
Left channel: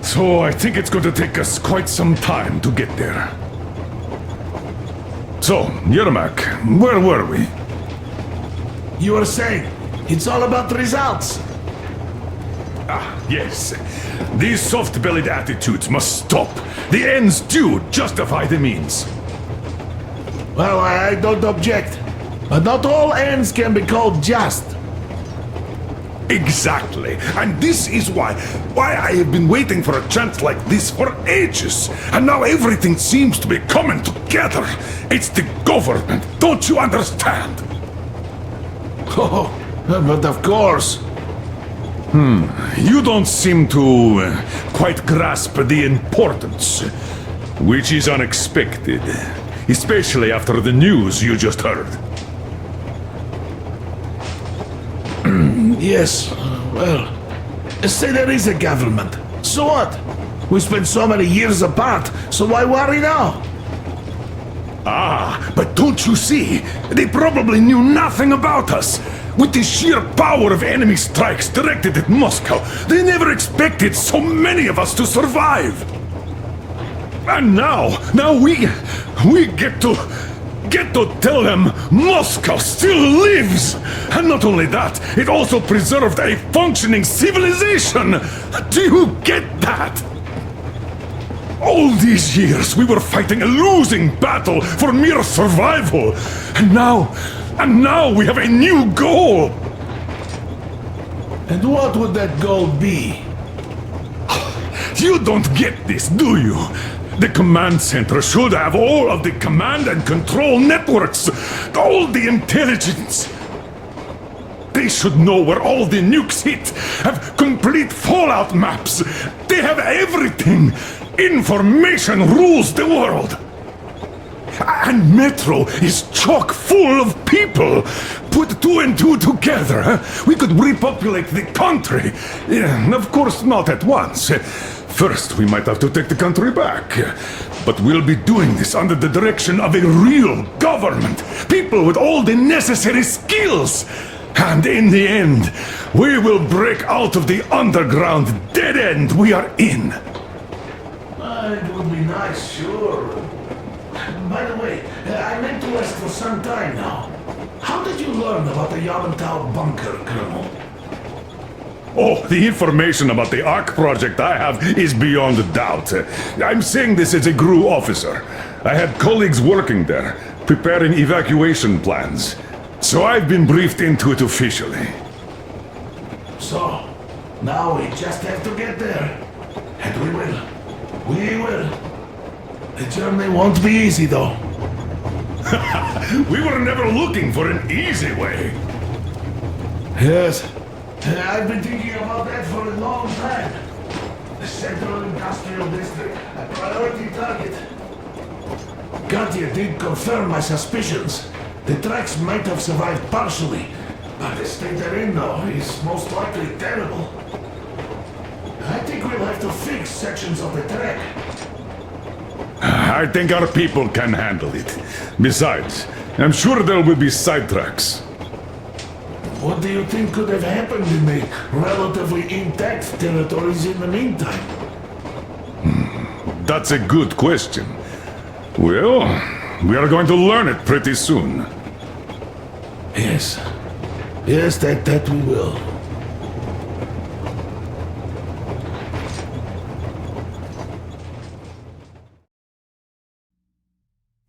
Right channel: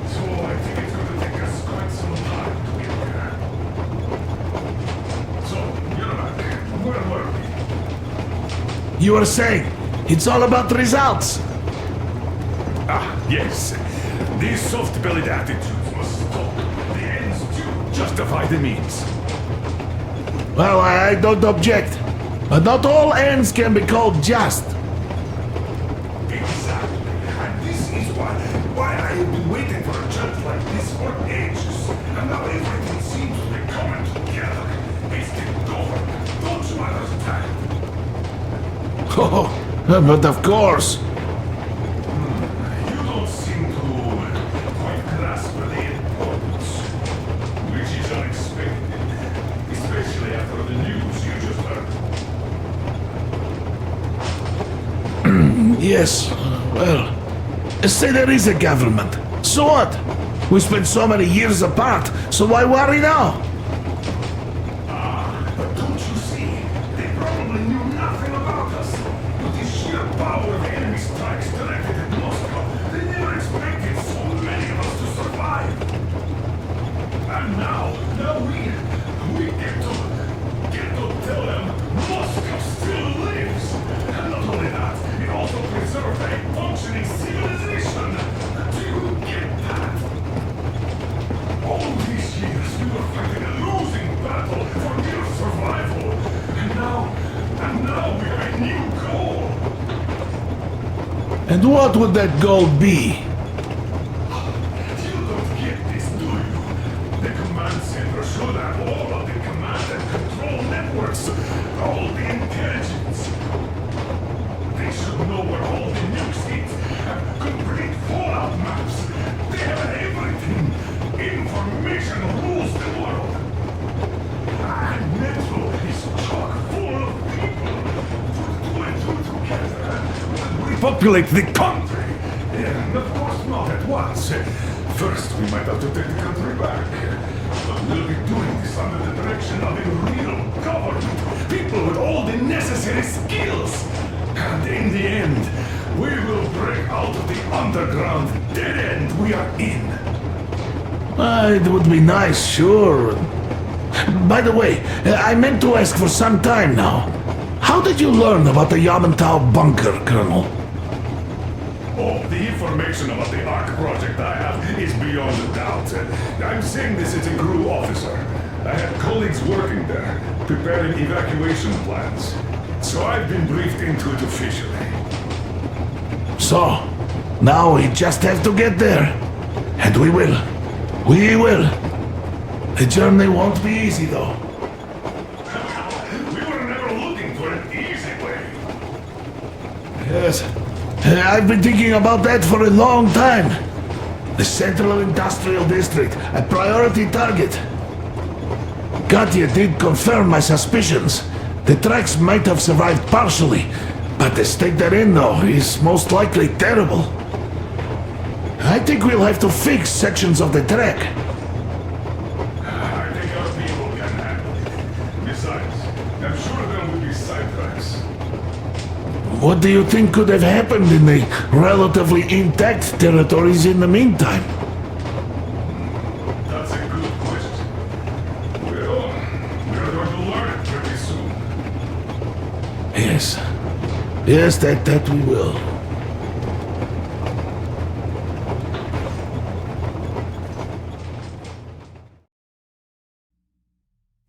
So I think it's going to take us quite some time to get there. So, Yermak, where were we? You were saying, it's all about results. Ah, yes. These soft-bellied attitudes must stop. The ends do justify the means. Well, I don't object. But not all ends can be called just. Exactly. And this is why I have been waiting for a chance like this for ages. And now everything seems to be coming together. It's the government. Don't you understand? Oh, but of course. You don't seem to quite grasp the importance, which is unexpected, especially after the news you just heard. Yes, well, say there is a government. So what? We spent so many years apart, so why worry now? Ah, but don't you see? They probably knew nothing about us. With the sheer power of enemy strikes directed at Moscow, they never expected so many of us to survive. And now we get to tell them Moscow still lives. And not only that, it also preserved a functioning civilization. Do you get that? All these years we were fighting a losing battle for mere survival. And now we have a new goal! And what would that goal be? You don't get this, do you? The command center should have all of the command and control networks, all the intelligence. They should know where all the nukes hit, have complete fallout maps. They have everything. Information rules the world. And Metro is chock full of people. Put two and two together, we could repopulate the country. Yeah, of course, not at once. First, we might have to take the country back. But we'll be doing this under the direction of a real government. People with all the necessary skills. And in the end, we will break out of the underground dead end we are in. It would be nice, sure. By the way, I meant to ask for some time now. How did you learn about the Yamantau bunker, Colonel? Oh, the information about the Ark project I have is beyond a doubt. I'm saying this as a GRU officer. I had colleagues working there, preparing evacuation plans. So I've been briefed into it officially. So, now we just have to get there. And we will. We will. The journey won't be easy, though. We were never looking for an easy way. Yes. I've been thinking about that for a long time. The Central Industrial District, a priority target. Katya did confirm my suspicions. The tracks might have survived partially, but the state they're in, though, is most likely terrible. I think we'll have to fix sections of the track. I think our people can handle it. Besides, I'm sure there will be sidetracks. What do you think could have happened in the relatively intact territories in the meantime? That's a good question. Well, we are going to learn it pretty soon. Yes. Yes, that we will.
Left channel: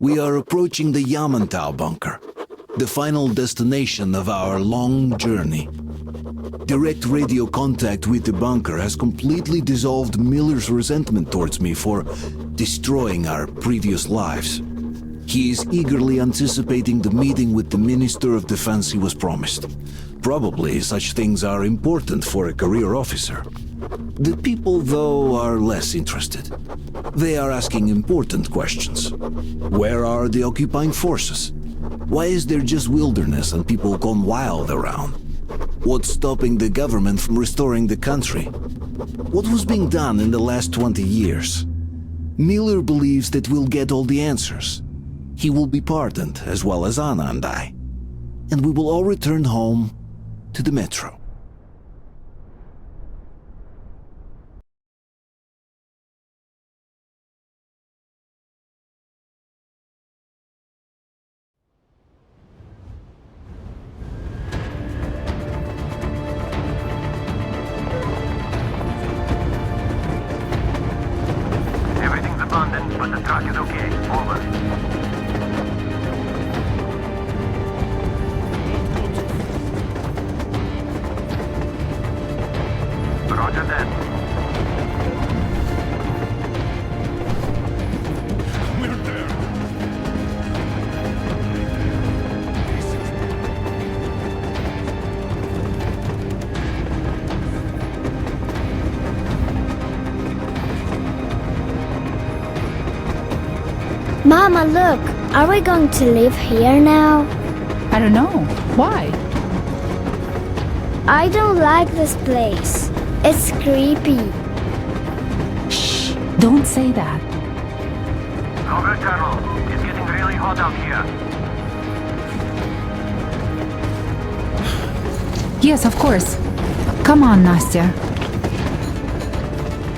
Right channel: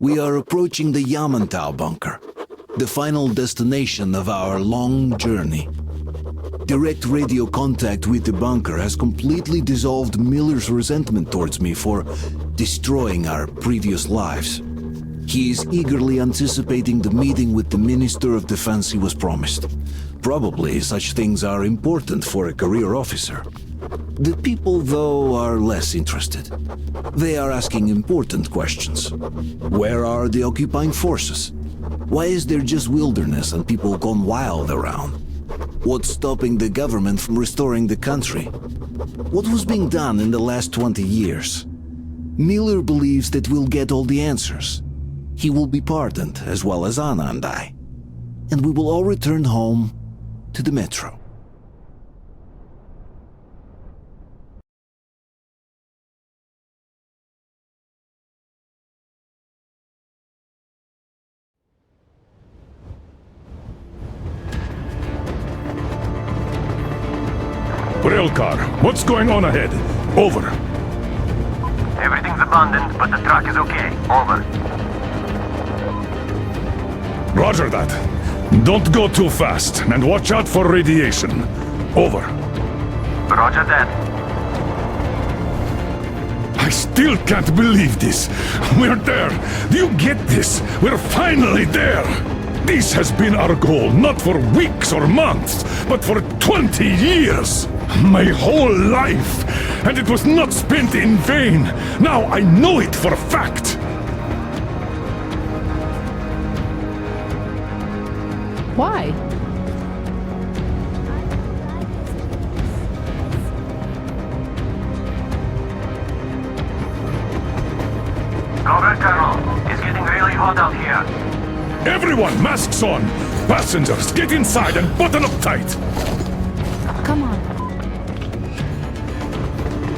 We are approaching the Yamantau bunker, the final destination of our long journey. Direct radio contact with the bunker has completely dissolved Miller's resentment towards me for destroying our previous lives. He is eagerly anticipating the meeting with the Minister of Defense he was promised. Probably such things are important for a career officer. The people, though, are less interested. They are asking important questions. Where are the occupying forces? Why is there just wilderness and people gone wild around? What's stopping the government from restoring the country? What was being done in the last 20 years? Miller believes that we'll get all the answers. He will be pardoned, as well as Anna and I. And we will all return home to the metro. Railcar, what's going on ahead? Over. Everything's abandoned, but the truck is okay. Over. Roger that. Don't go too fast, and watch out for radiation. Over. Roger that. I still can't believe this. We're there. Do you get this? We're finally there. This has been our goal, not for weeks or months, but for 20 years. My whole life. And it was not spent in vain. Now I know it for a fact. Mama, look. Are we going to live here now? I don't know. Why? I don't like this place. It's creepy. Shh. Don't say that. Over, Colonel. It's getting really hot out here. Everyone, masks on! Passengers, get inside and button up tight! Yes, of course. Come on, Nastya.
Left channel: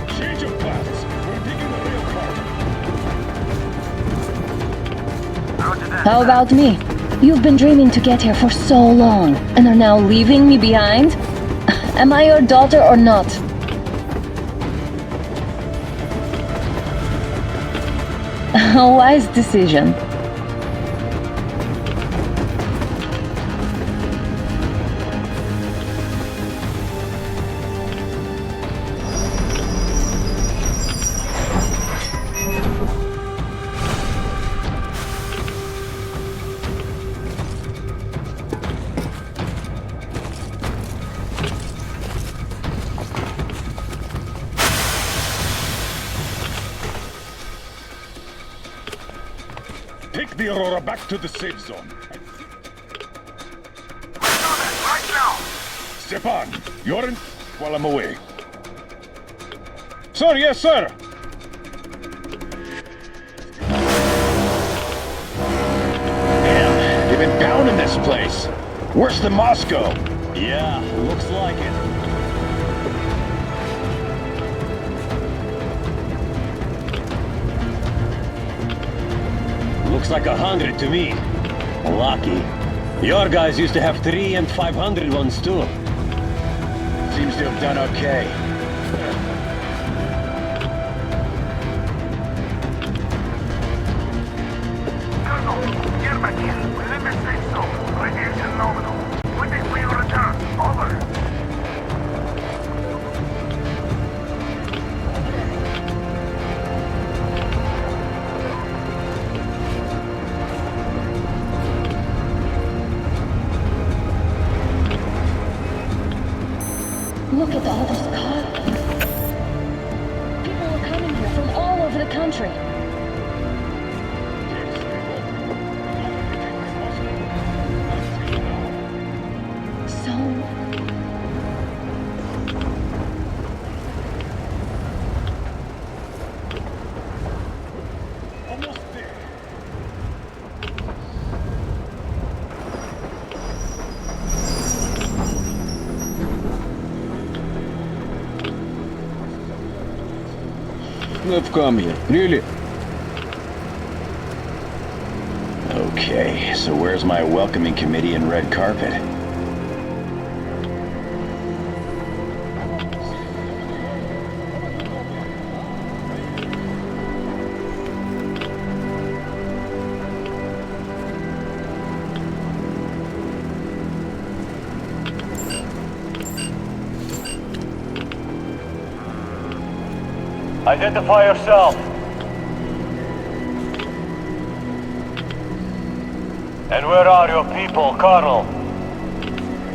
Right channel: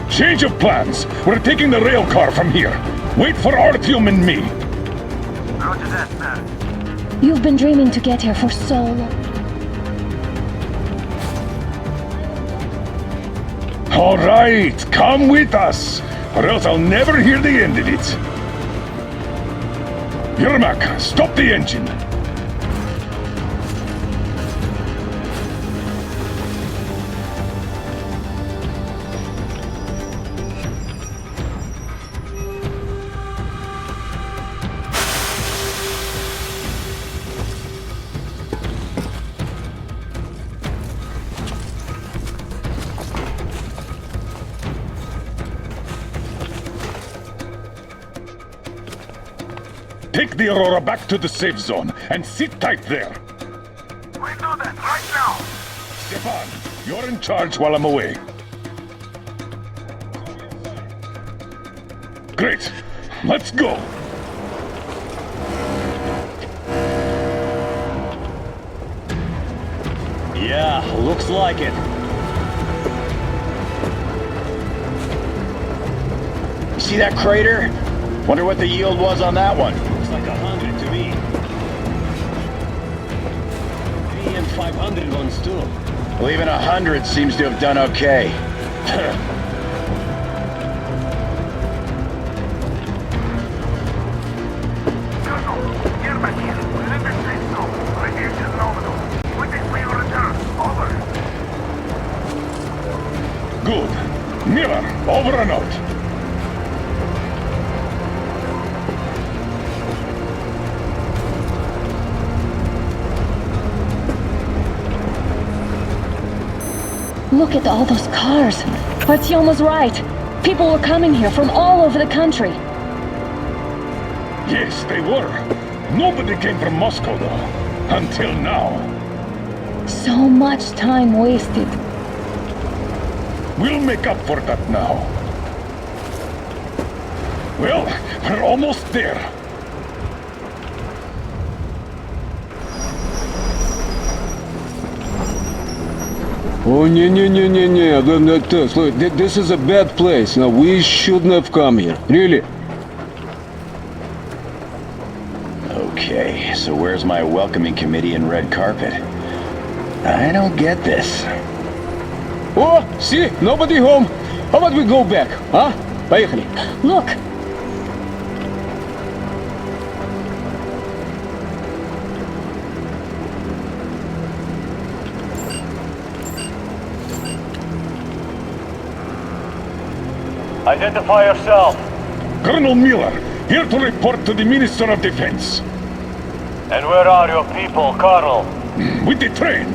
Change of plans! We're taking the rail car from here. Wait for Artyom and me. How about me? You've been dreaming to get here for so long, and are now leaving me behind? Am I your daughter or not? All right, come with us, or else I'll never hear the end of it. A wise decision. Yermak, stop the engine. Take the Aurora back to the safe zone and sit tight there. We'll do that right now. Stepan, you're in charge while I'm away. Sir, yes, sir. Great. Let's go. Damn, they've been pounding this place. Worse than Moscow. Yeah, looks like it. See that crater? Wonder what the yield was on that one. Looks like 100 to me. Lucky. Your guys used to have 300 and 500 ones too. Well, even 100 seems to have done okay. Colonel, get back in. We're in the safe zone. Radiation nominal. We think we will return. Over. Good. Miller, over and out. Look at all those cars. Artyom was right. People were coming here from all over the country. Yes, they were. Nobody came from Moscow, though. Until now. So much time wasted. We'll make up for that now. Well, we're almost there. Oh, look, this is a bad place. Now, we shouldn't have come here. Really? Okay, so where's my welcoming committee and red carpet? I don't get this. Oh, see? Nobody home. How about we go back, huh? Поехали. Look. Identify yourself. Colonel Miller, here to report to the Minister of Defense. And where are your people, Colonel? With the train.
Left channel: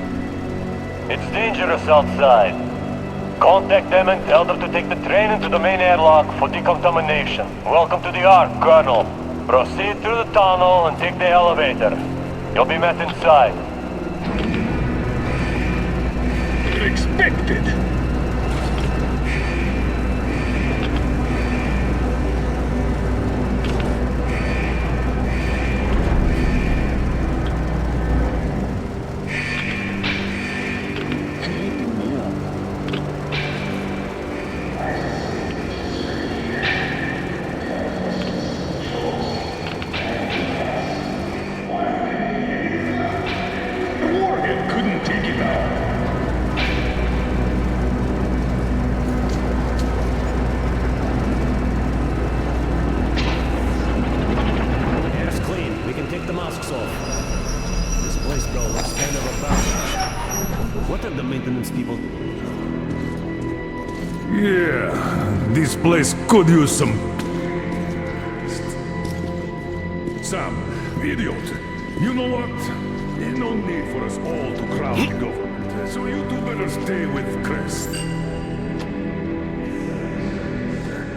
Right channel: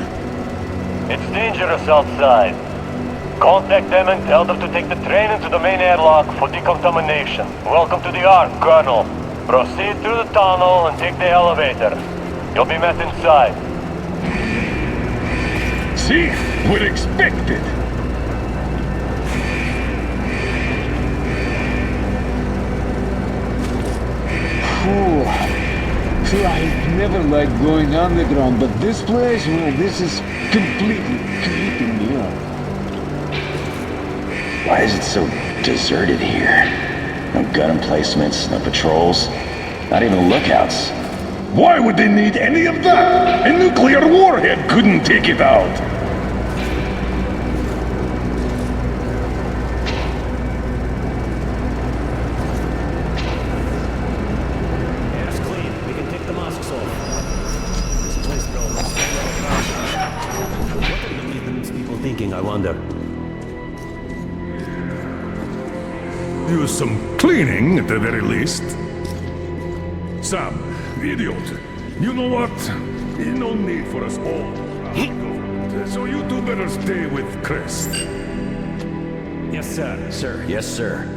It's dangerous outside. Contact them and tell them to take the train into the main airlock for decontamination. Welcome to the Ark, Colonel. Proceed through the tunnel and take the elevator. You'll be met inside. See? We're expected. See, I never liked going underground, but this place, well, this is completely creeping me out. Why is it so deserted here? No gun emplacements, no patrols, not even lookouts. Why would they need any of that? A nuclear warhead couldn't take it out. Air's clean. We can take the masks off. This place, bro, looks kind of a crash. What are the maintenance people thinking, I wonder? Yeah, this place could use some cleaning at the very least. Sam, idiot, you know what? There's no need for us all to crowd the government, so you two better stay with Crest. Yes, sir. Sir. Yes, sir.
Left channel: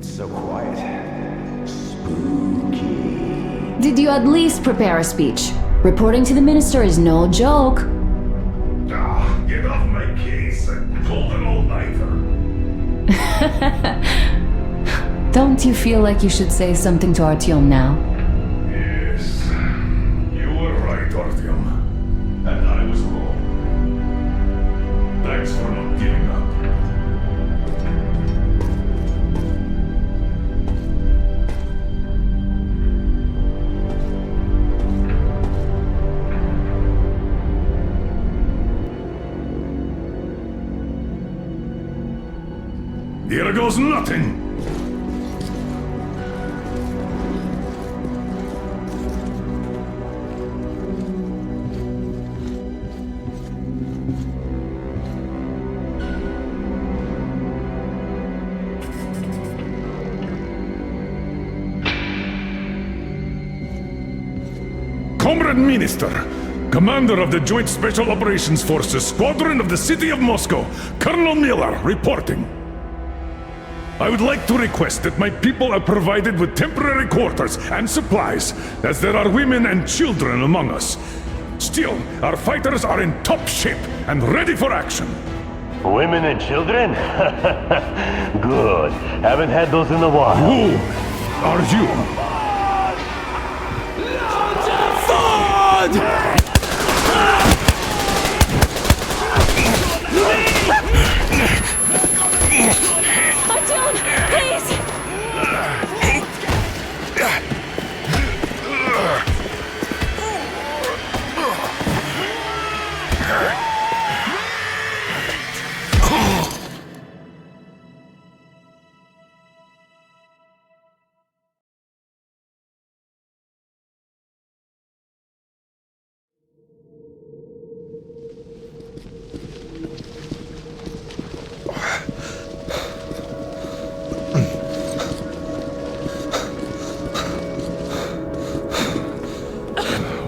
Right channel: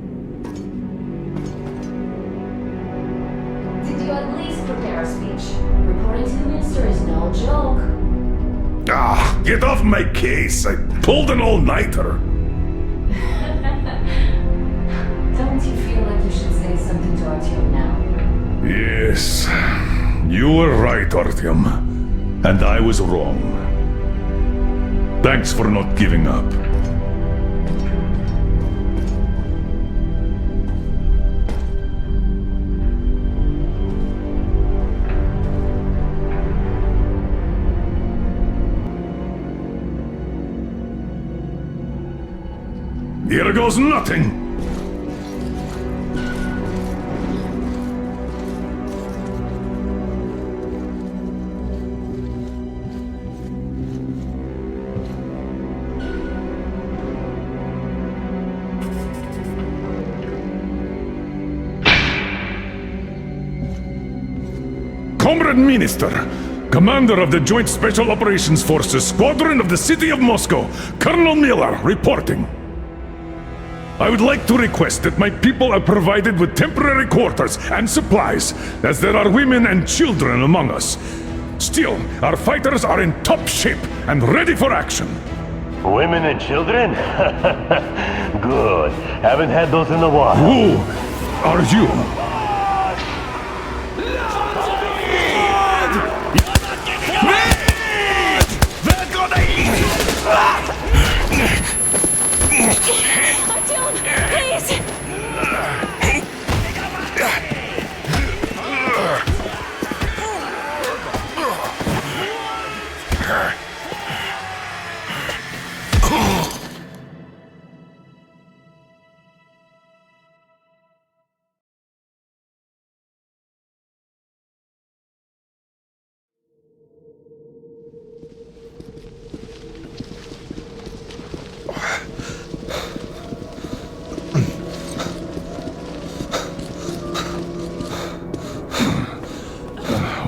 So quiet. Did you at least prepare a speech? Reporting to the minister is no joke. Ah, get off my case. I pulled an all-nighter. Don't you feel like you should say something to Artyom now? Yes, you were right, Artyom. And I was wrong. Thanks for not giving up. Here goes nothing! Comrade Minister, Commander of the Joint Special Operations Forces, Squadron of the City of Moscow, Colonel Miller, reporting. I would like to request that my people are provided with temporary quarters and supplies, as there are women and children among us. Still, our fighters are in top shape and ready for action. Women and children? Good. Haven't had those in a while. Who are you?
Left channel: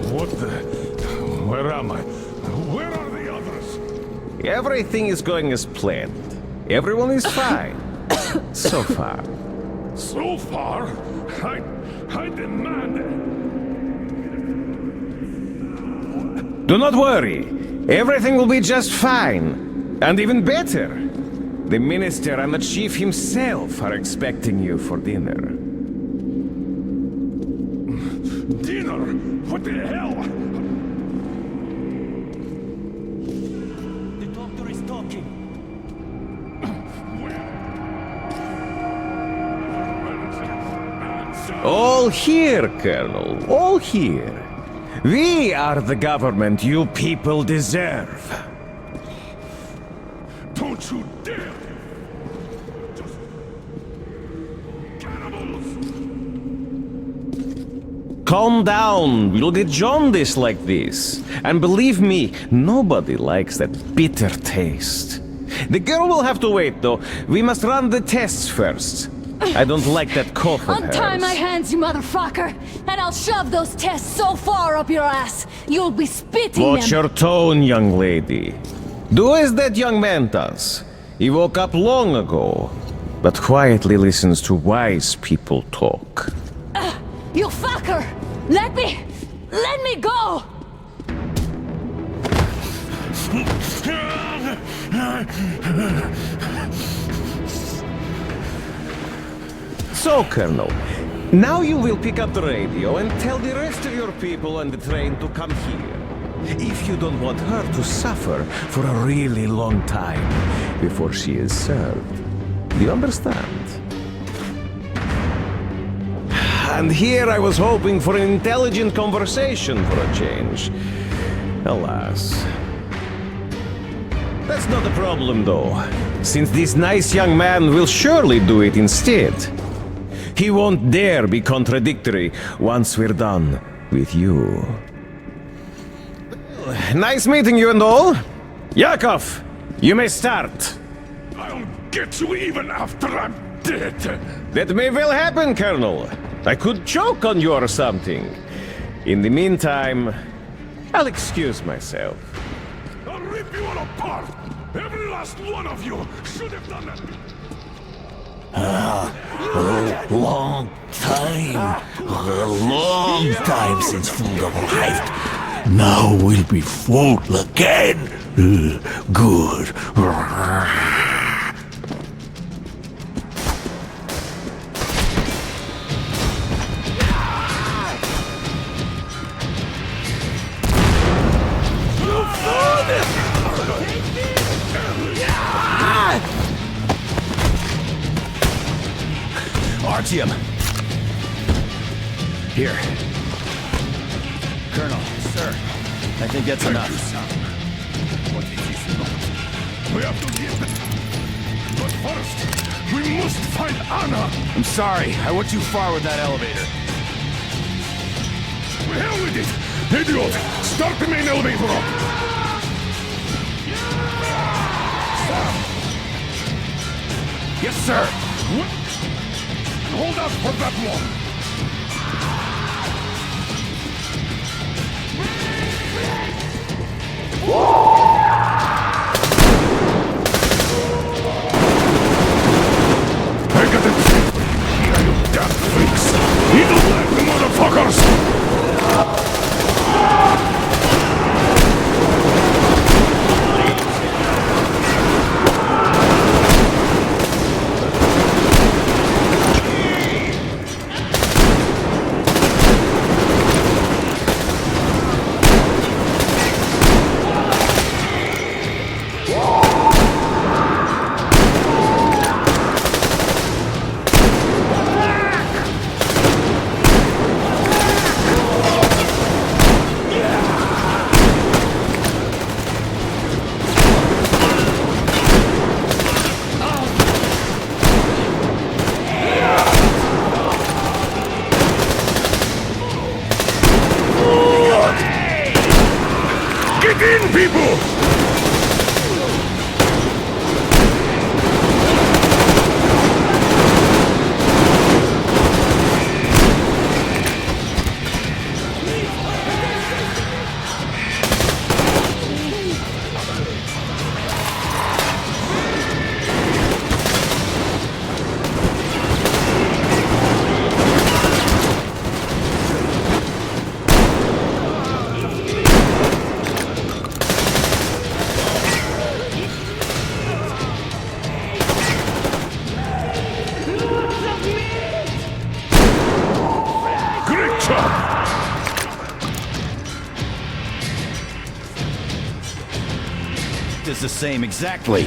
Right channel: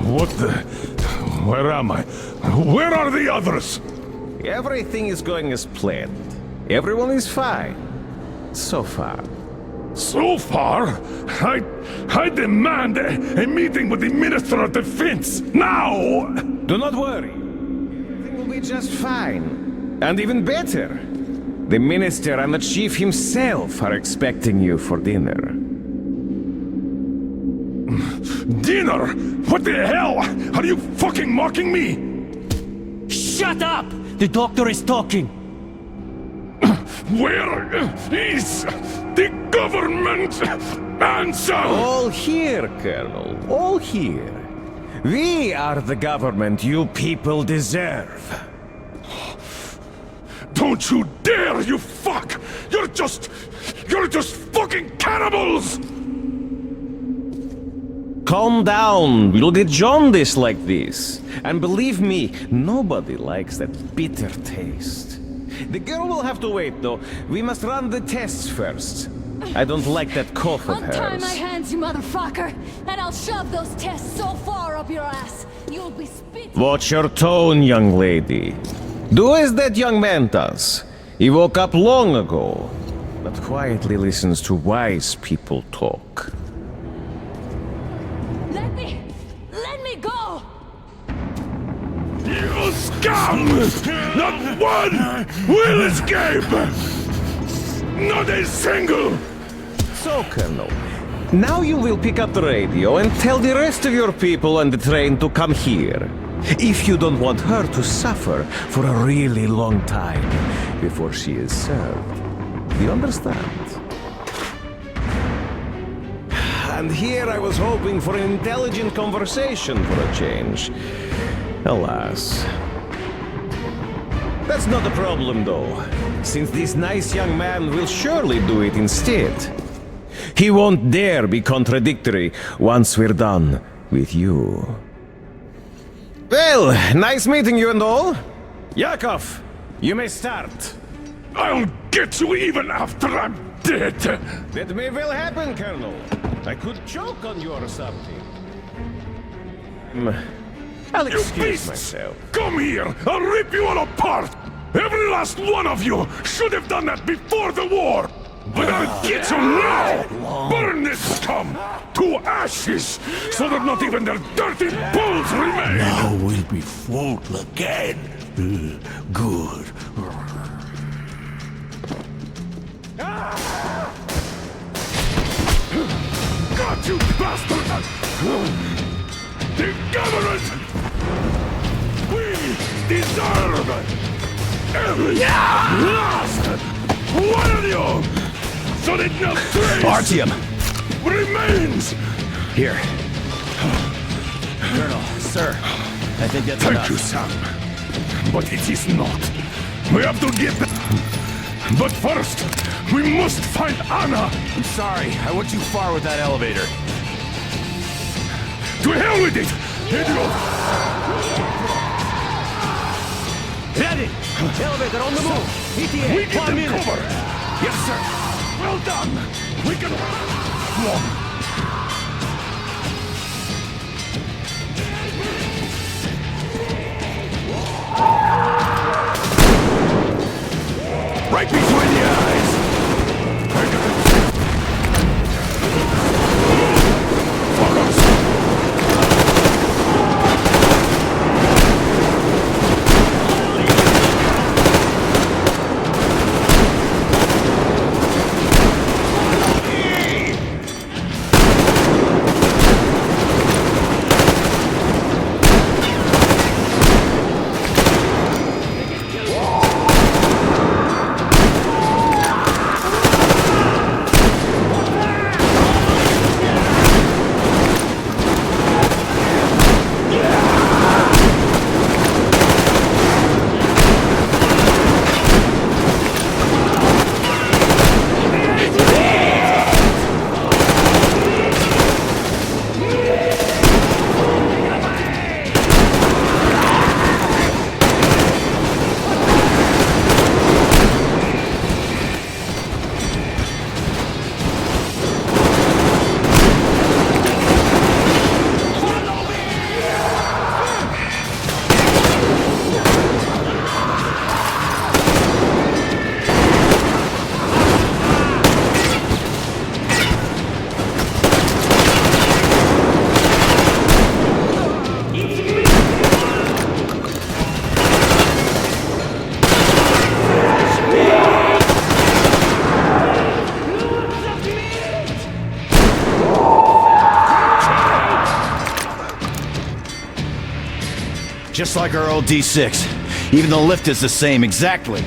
What the... Where am I? Where are the others? Everything is going as planned. Everyone is fine. So far. So far? I demand a meeting with the Minister of Defense, now! Do not worry. Everything will be just fine. And even better. The Minister and the Chief himself are expecting you for dinner. Dinner? What the hell? Are you fucking mocking me? Shut up! The doctor is talking. Where is the government answer? All here, Colonel. All here. We are the government you people deserve. Don't you dare, you fuck! You're just fucking cannibals! calm down. We'll get jaundice like this. And believe me, nobody likes that bitter taste. The girl will have to wait, though. We must run the tests first. I don't like that cough of Untie hers. my hands, you motherfucker, and I'll shove those tests so far up your ass, you'll be spitting Watch them. your tone, young lady. Do as that young man does. He woke up long ago, but quietly listens to wise people talk. You fucker! Let me go! You scum! Not one will escape! Not a single! So, Colonel, now you will pick up the radio and tell the rest of your people on the train to come here. If you don't want her to suffer for a really long time before she is served. Do you understand? And here I was hoping for an intelligent conversation for a change. Alas. That's not a problem, though, since this nice young man will surely do it instead. He won't dare be contradictory once we're done with you. Well, nice meeting you and all. Yakov, you may start. I'll get you even after I'm dead. That may well happen, Colonel. I could choke on you or something. In the meantime, I'll excuse myself. Come here! I'll rip you all apart! Every last one of you should have done that before the war! I'm gonna get you now! Burn this town to ashes! So that not even their dirty balls remain! Now we'll be full again. Good. Artyom! Remains! Here. Colonel, sir, I think that's enough. Thank you, Sam. But it is not. We have to get them. But first, we must find Anna! I'm sorry, I went too far with that elevator. To hell with it! Idiot! Start the main elevator up! We need the cover! Yes, sir! Well done! We can hold out for that long! Right behind you! I got it! Damn things! Evil like the motherfuckers! Just like our old D6. Even the lift is the same, exactly.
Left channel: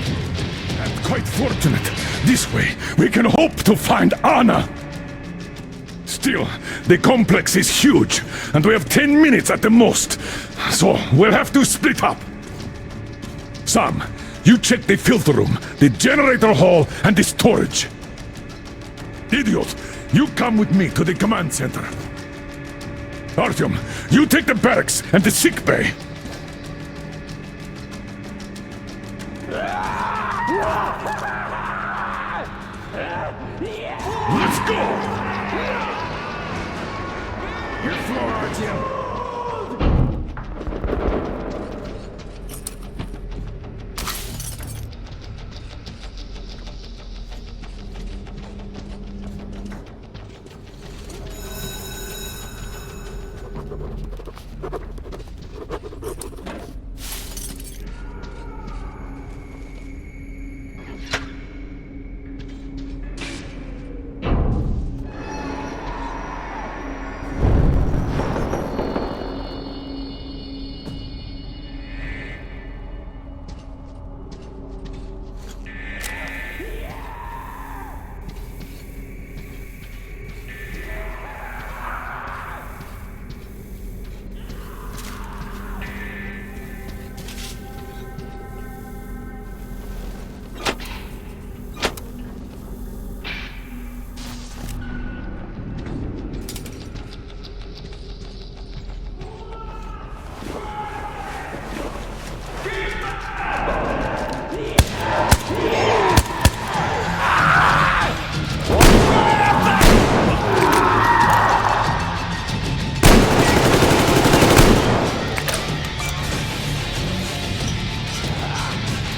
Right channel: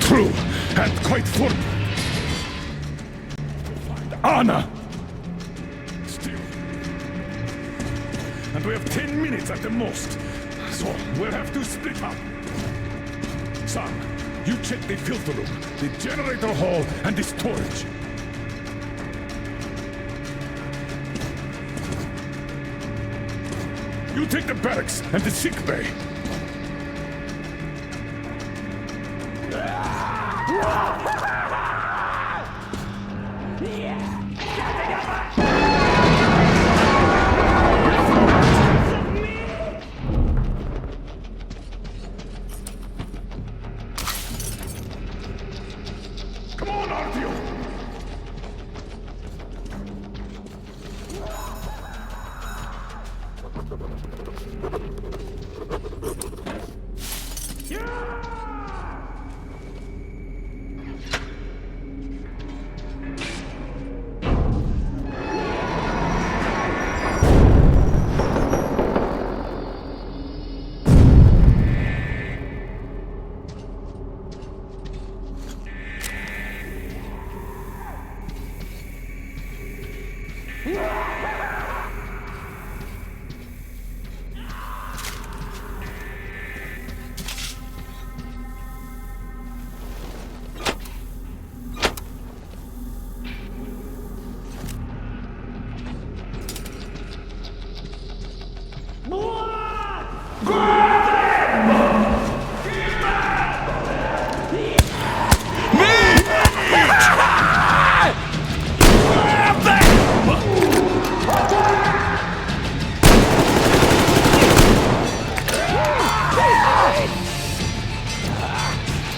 True, and quite fortunate. This way, we can hope to find Anna. Still, the complex is huge, and we have 10 minutes at the most. So, we'll have to split up. Sam, you check the filter room, the generator hall, and the storage. Idiot, you come with me to the command center. Artyom, you take the barracks and the sick bay. Let's go!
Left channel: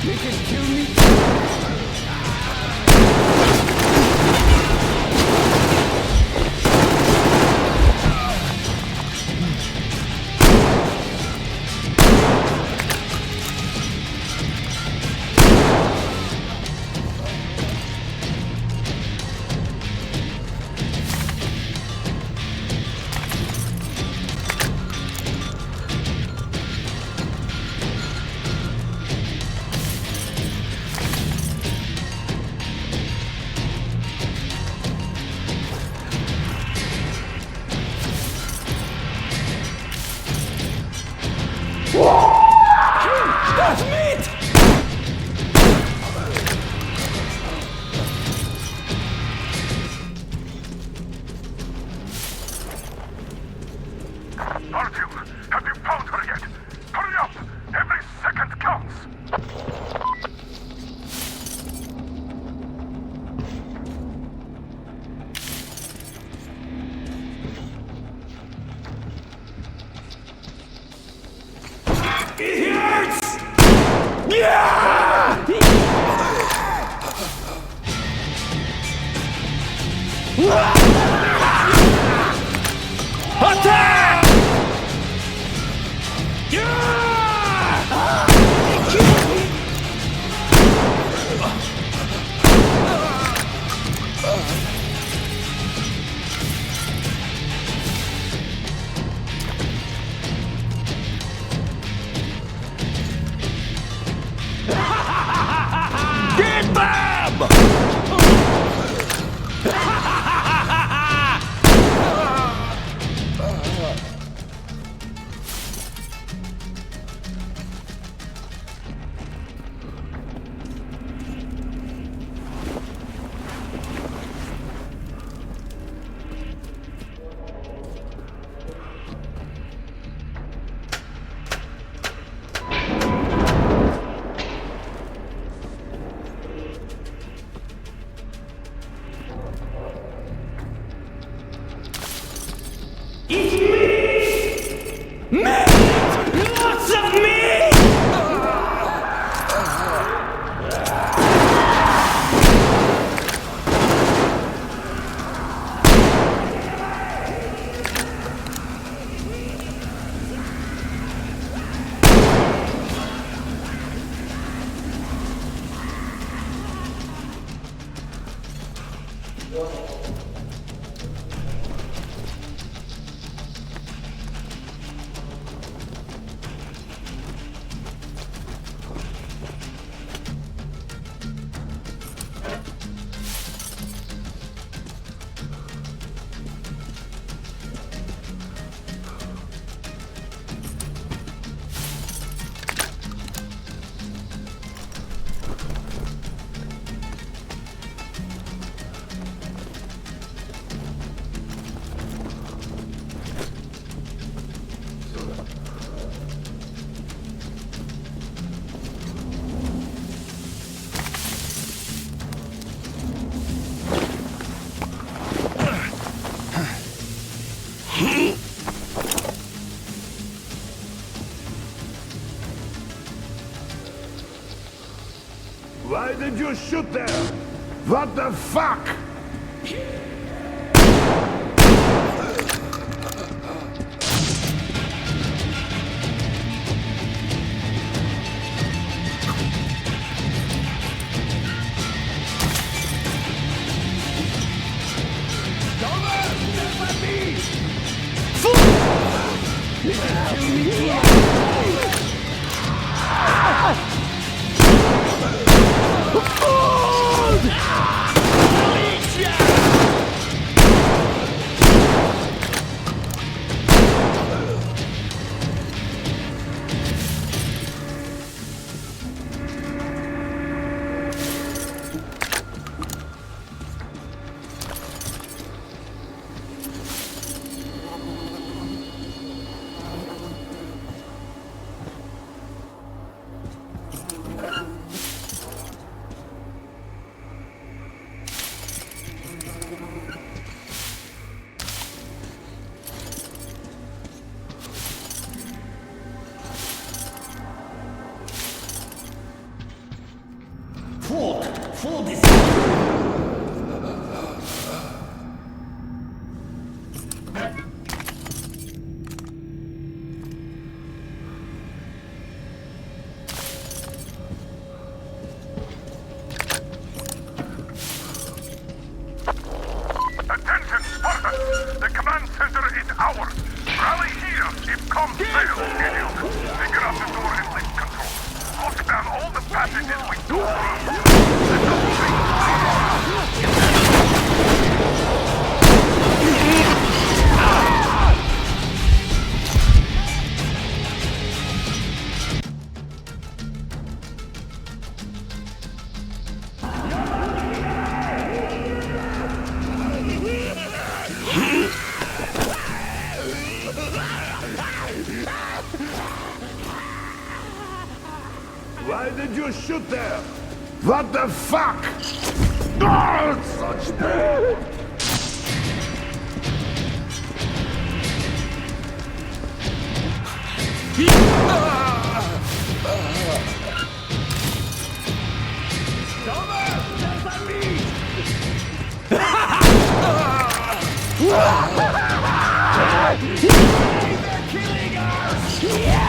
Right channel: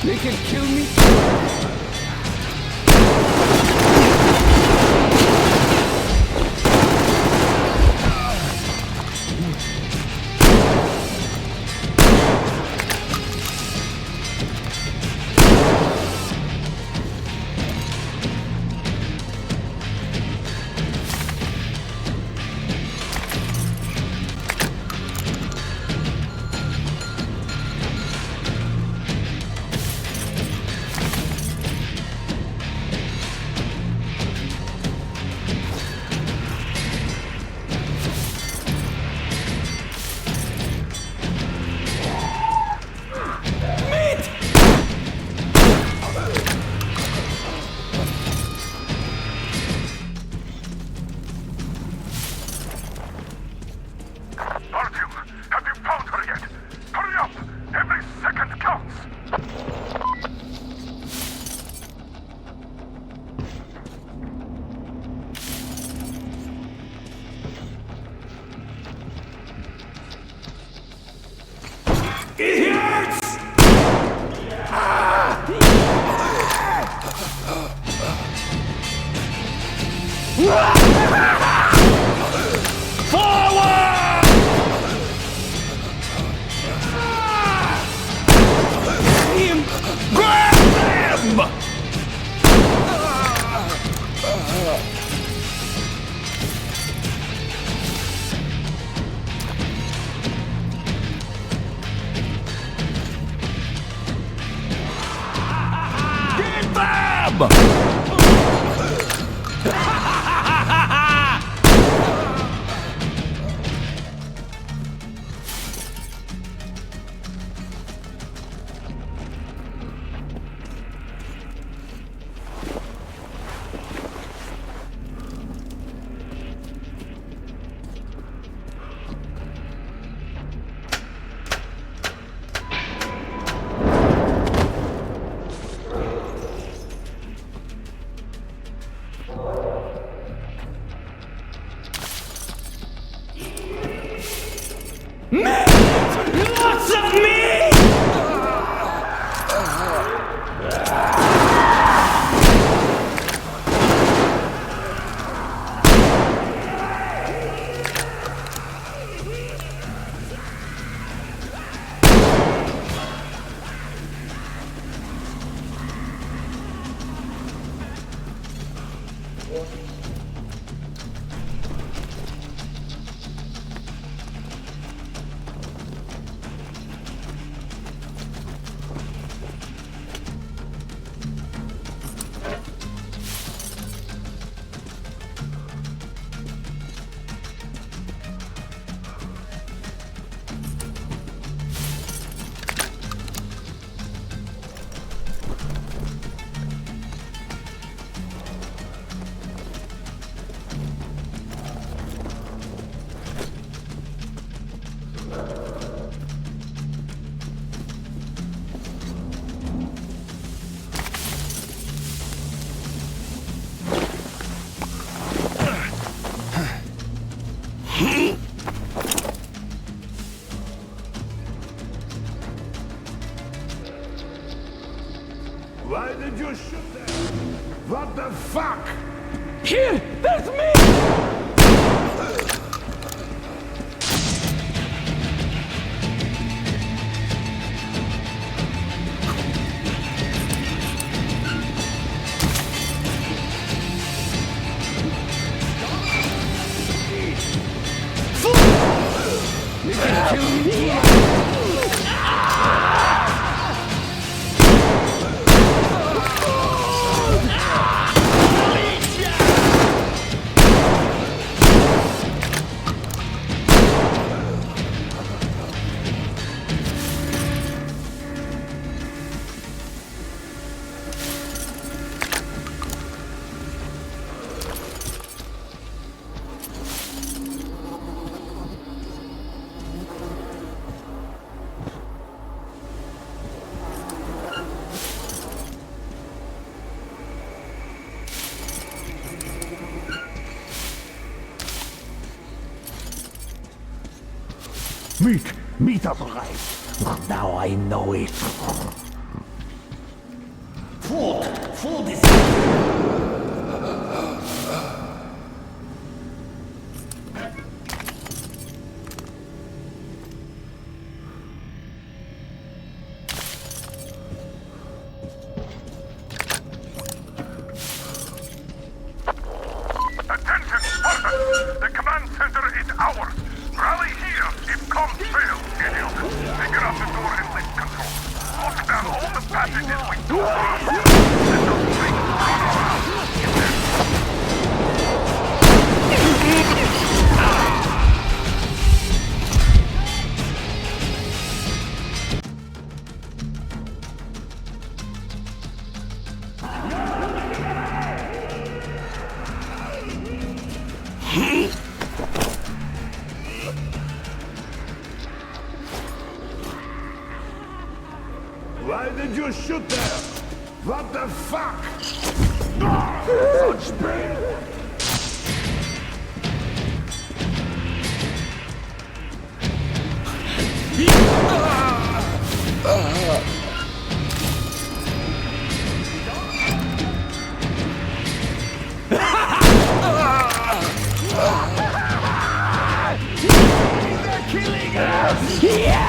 They can kill me. That's meat! Artyom, have you found her yet? Hurry up! Every second counts! It hurts! Yeah! Get them! you shoot there? What the fuck? Here! That's me! They can kill me too. Meet up, now I know it. Food is... Attention, Spartans! The command center is ours! Rally here if comms fail, idiot! Figure out the door and lift control. Lock down all the passages with doors. Let those things run around. Get that? Why did you shoot there? What the fuck? Oh, such pain! They're killing us! Yeah!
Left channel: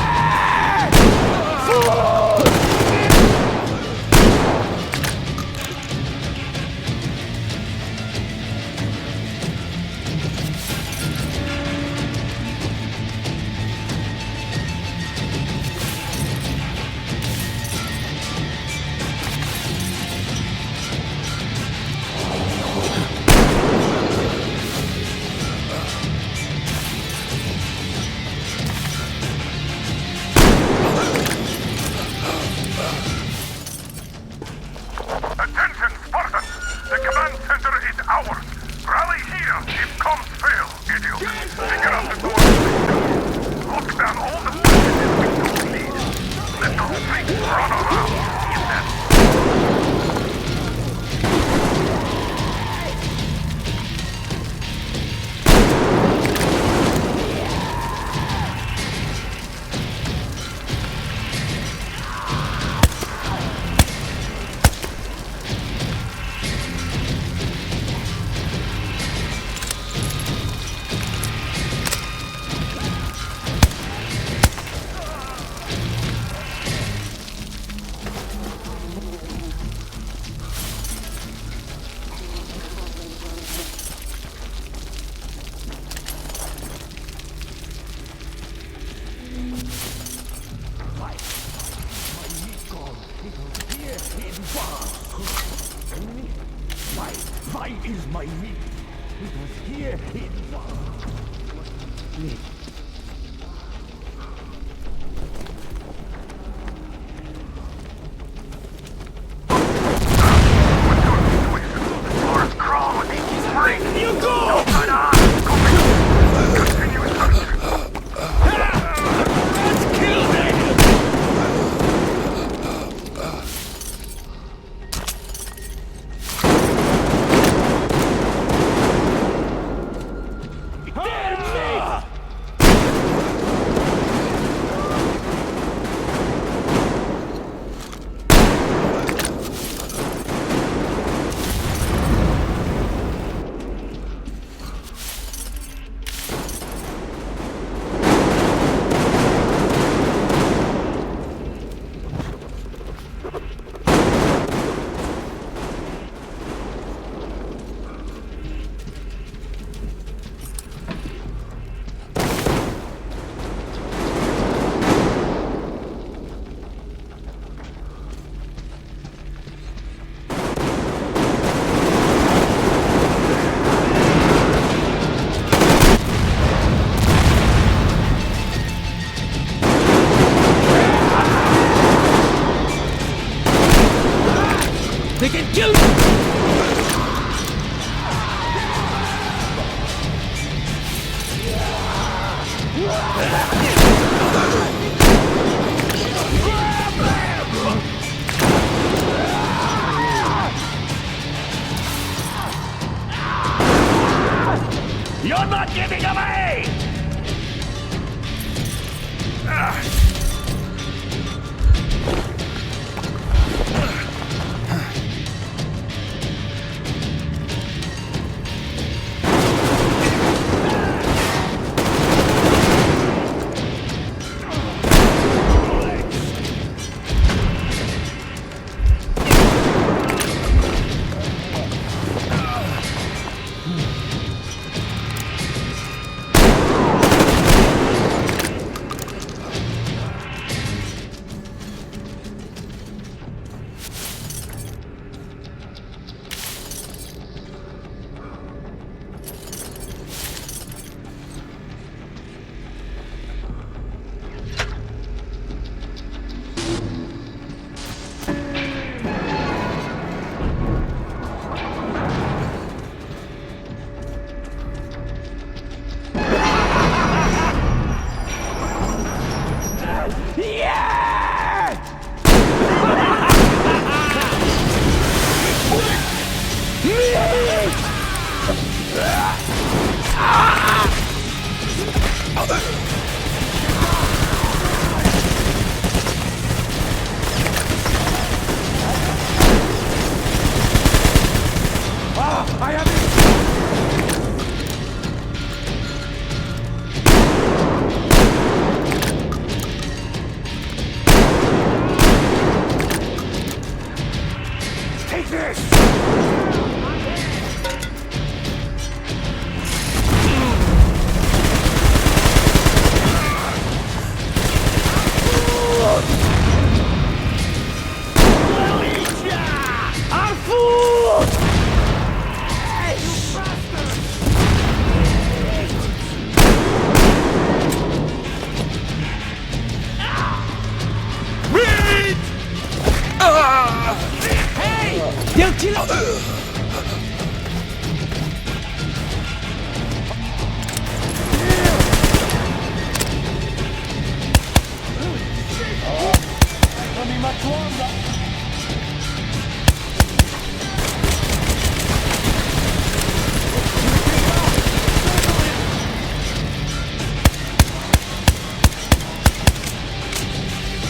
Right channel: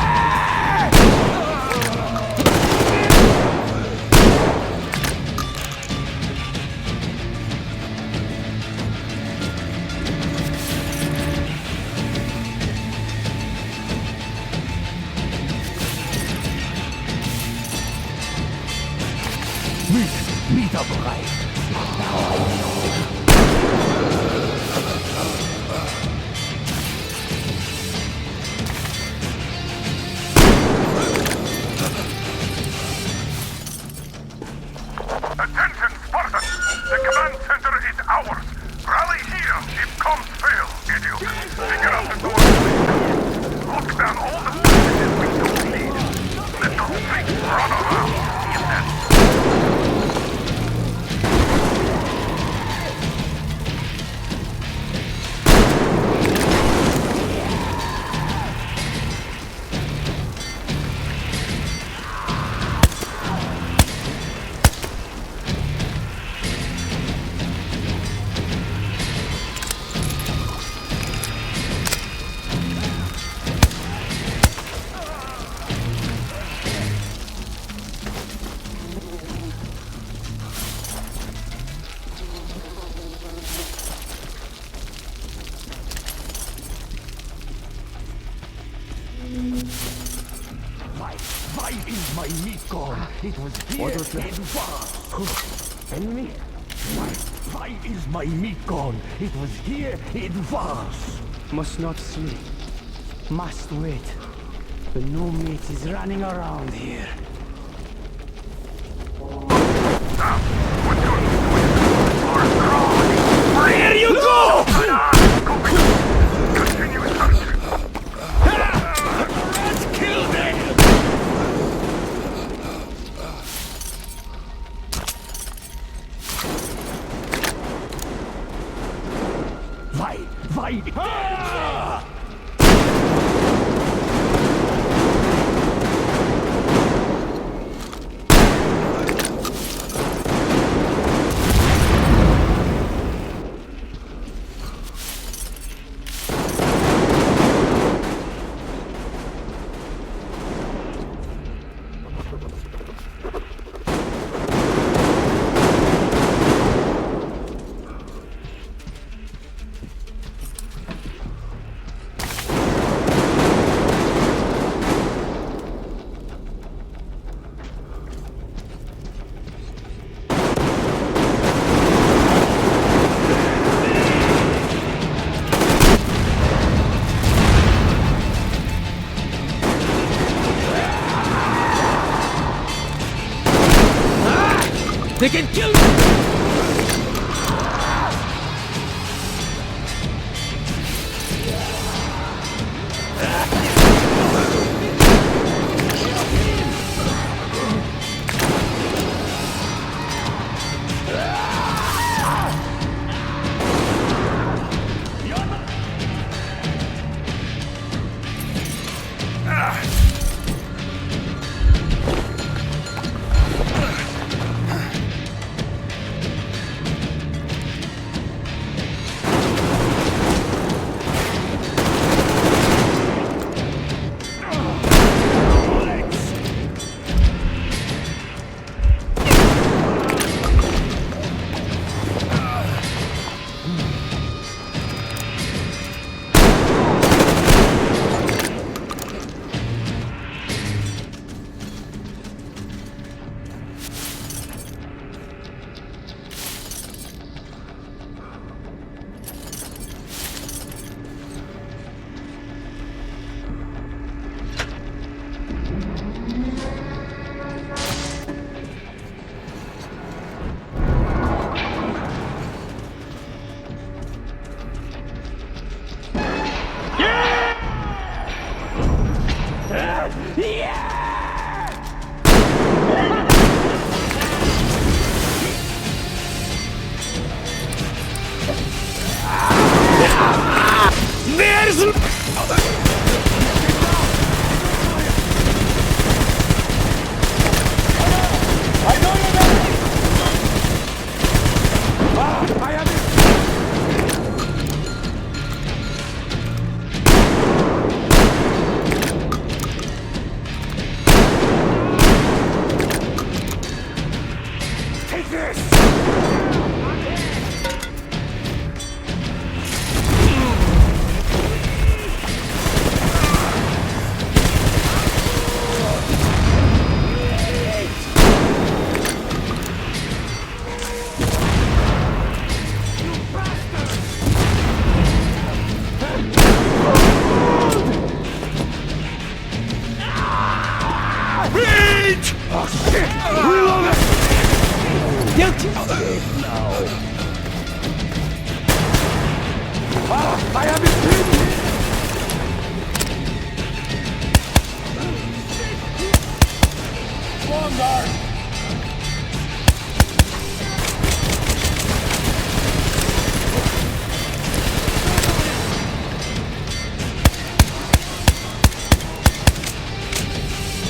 Meet up, right? Now I know it. Attention, Spartans! The command center is ours! Rally here if comms fail, idiot! Figure out the door and lift control. Lock down all the passages we don't need. Let those things run around. Get that? Why is my meat gone? It was here in Vars. Enemy? Why is my meat gone? It was here in Vars. Must not sleep. Must wait. The new meat is running around here. Here you go! Continue searching. Let's kill them! They can kill me! You're not getting away! Take this! They'll kill I have it here! Much longer!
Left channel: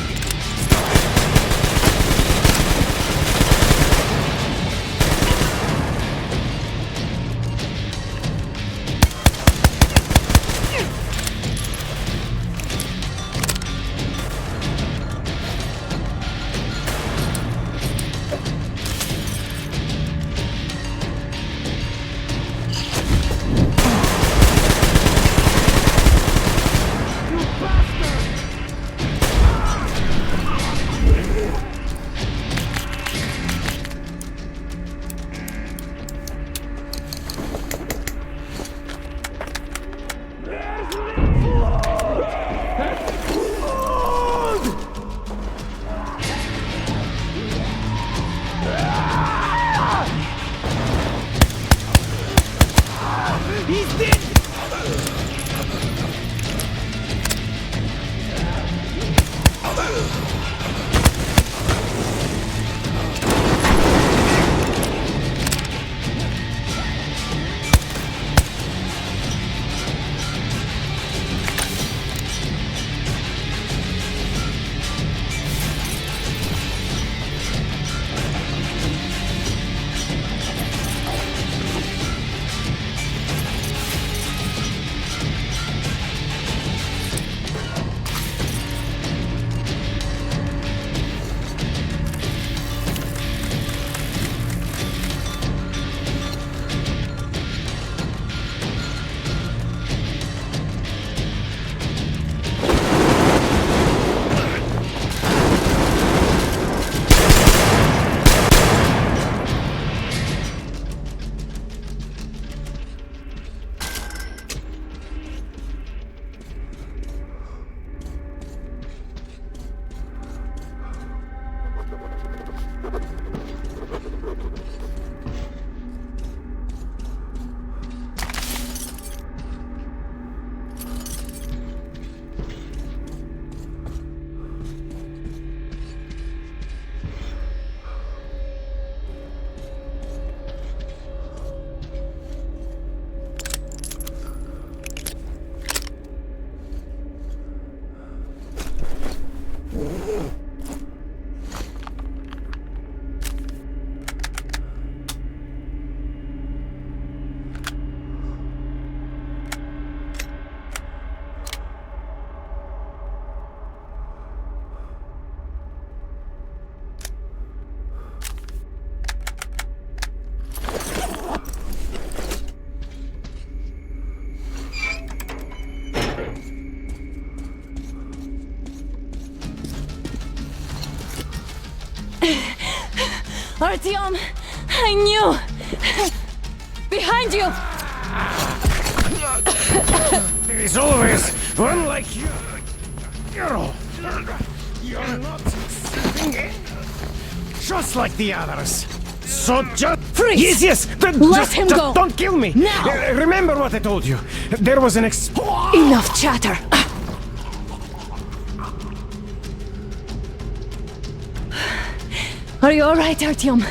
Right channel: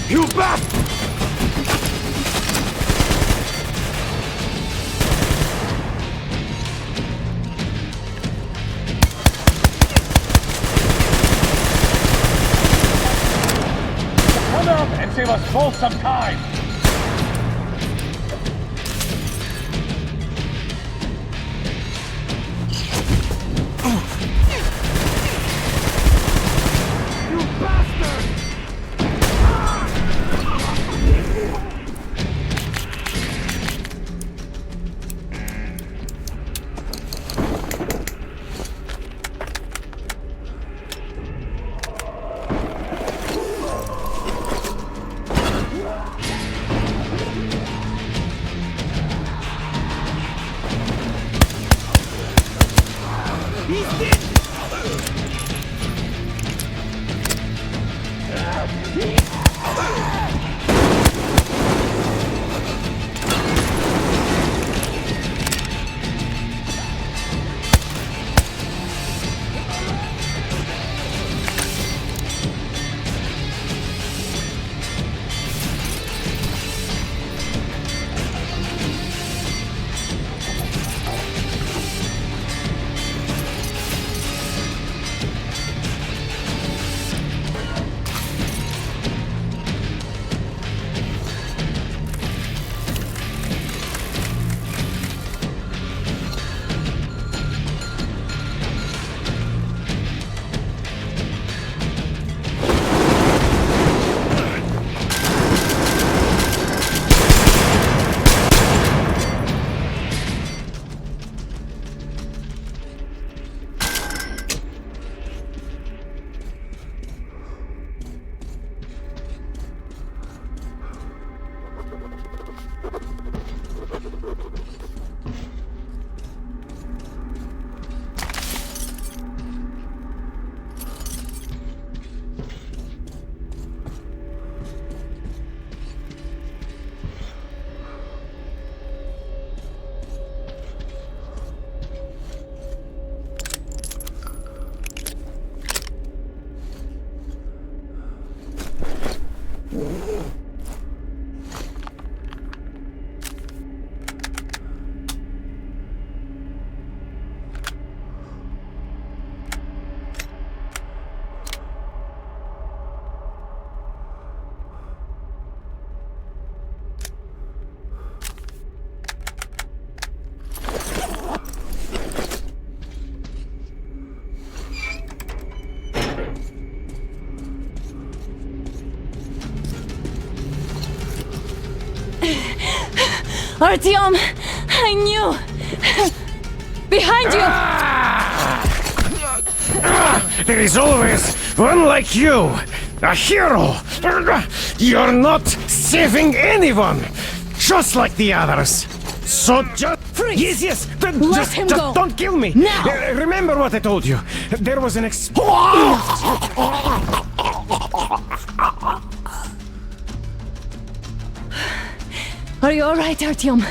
You bastard! Save us both some time! You bastard! Artyom! I knew! Behind you! There is always one like you! A hero! You're not saving anyone! Just like the others! So just... Freeze! Yes! Let him just go! don't kill me! Now! Remember what I told you! There was an Enough chatter! Are you alright, Artyom?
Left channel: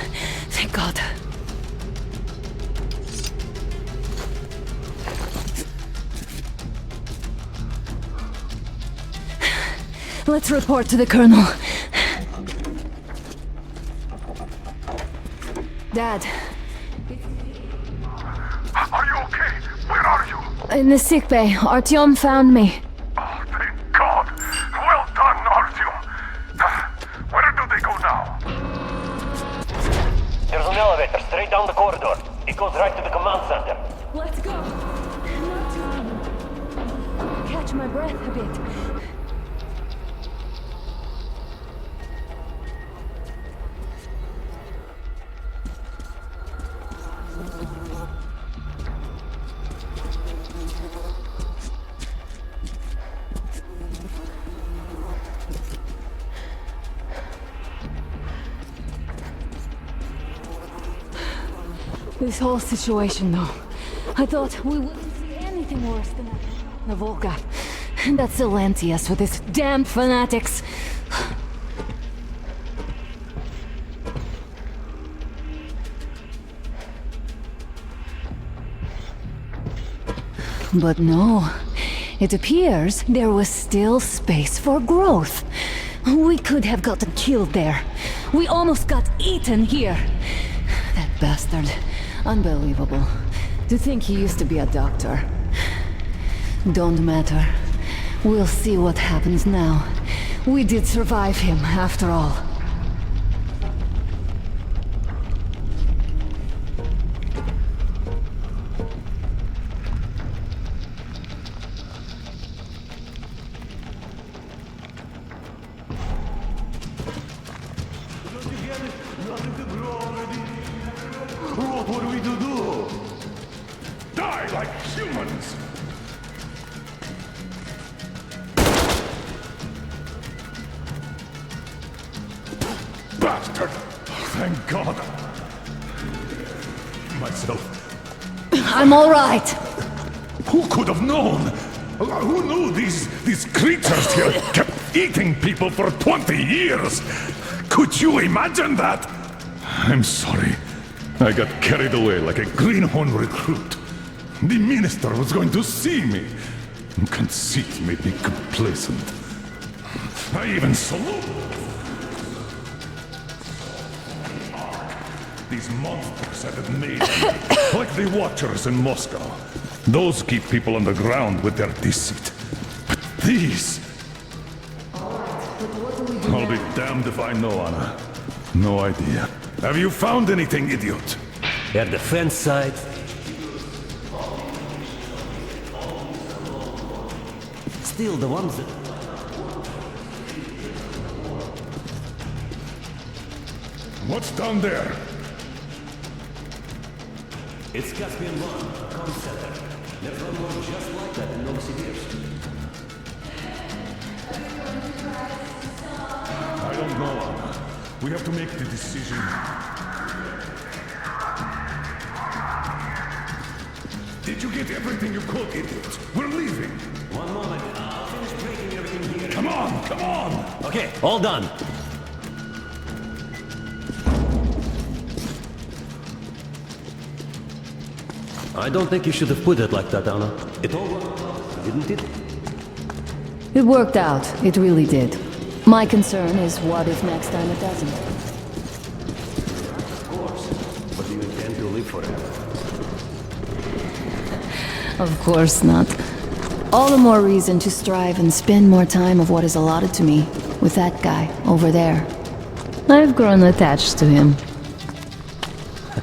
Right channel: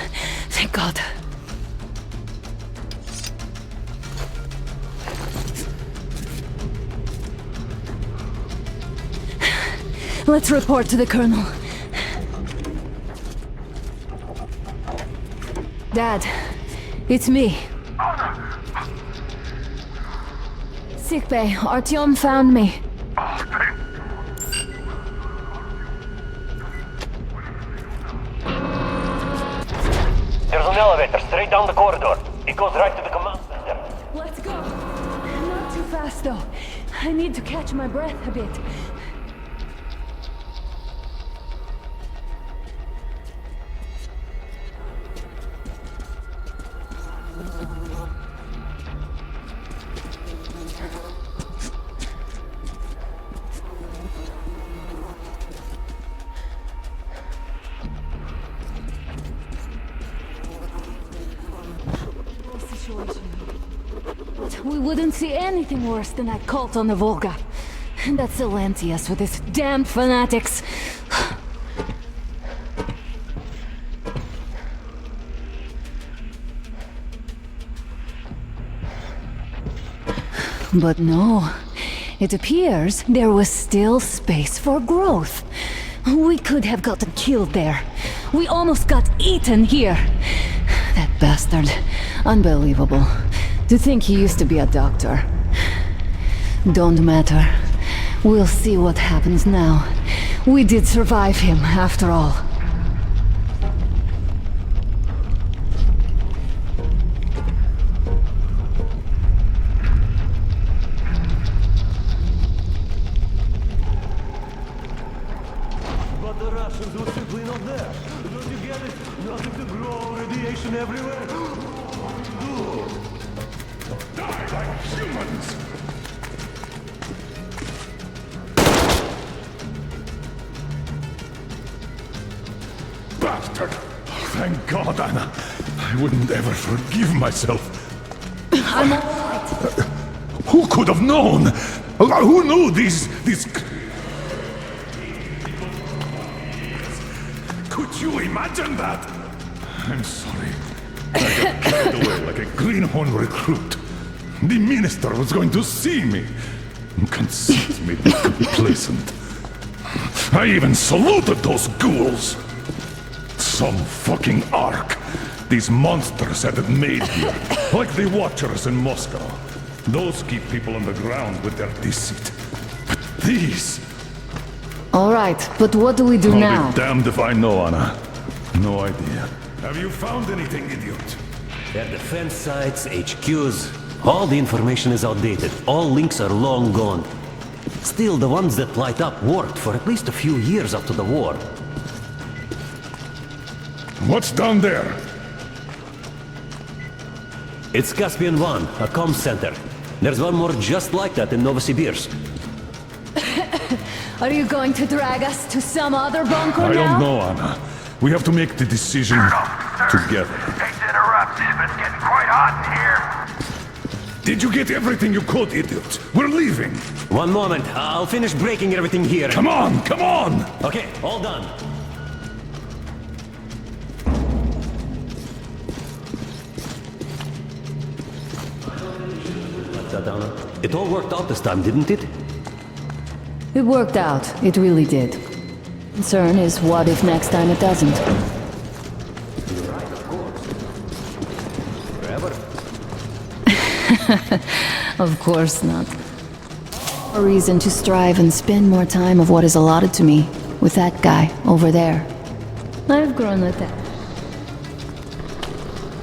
Thank God. Let's report to the Colonel. Dad, it's me. Are you okay? Where are you? In the sickbay. Artyom found me. Oh, thank God. Well done, Artyom. Where do they go now? There's an elevator straight down the corridor. It goes right to the command center. Let's go. Not too fast, though. I need to catch my breath a bit. This whole situation, though. I thought we wouldn't see anything worse than that cult on the Volga. And that Silencius with his damned fanatics. But no. It appears there was still space for growth. We could have gotten killed there. We almost got eaten here. That bastard. Unbelievable. To think he used to be a doctor. Don't matter. We'll see what happens now. We did survive him, after all. Die like humans! Bastard! Thank God, Anna. I wouldn't ever forgive myself. I'm all right. Who could have known? Who knew these creatures here kept eating people for 20 years? Could you imagine that? I'm sorry. I got carried away like a greenhorn recruit. The minister was going to see me. Conceit made me complacent. I even saluted those ghouls. Some fucking ark. These monsters had it made here, like the Watchers in Moscow. Those keep people on the ground with their deceit. But these... All right, but what do we do now? I'll be damned if I know, Anna. No idea. Have you found anything, idiot? Their defense sites, HQs, all the information is outdated. All links are long gone. Still, the ones that light up worked for at least a few years up to the war. What's down there? It's Caspian 1, a comm center. There's one more just like that in Novosibirsk. Are you going to drag us to some other bunker I now? don't know, Anna. We have to make the decision together. Getting quite hot in here. Did you get everything you could, idiot? We're leaving. One moment, I'll finish breaking everything here. Come on, come on! Okay, all done. I don't think you should have put it like that, Anna. It all worked out this time, didn't it? It worked out. It really did. My concern is what if next time it doesn't? Of course. But you intend to live forever? Of course not. All the more reason to strive and spend more time of what is allotted to me with that guy over there. I've grown attached to him.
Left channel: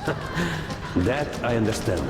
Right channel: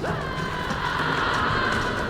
That I understand.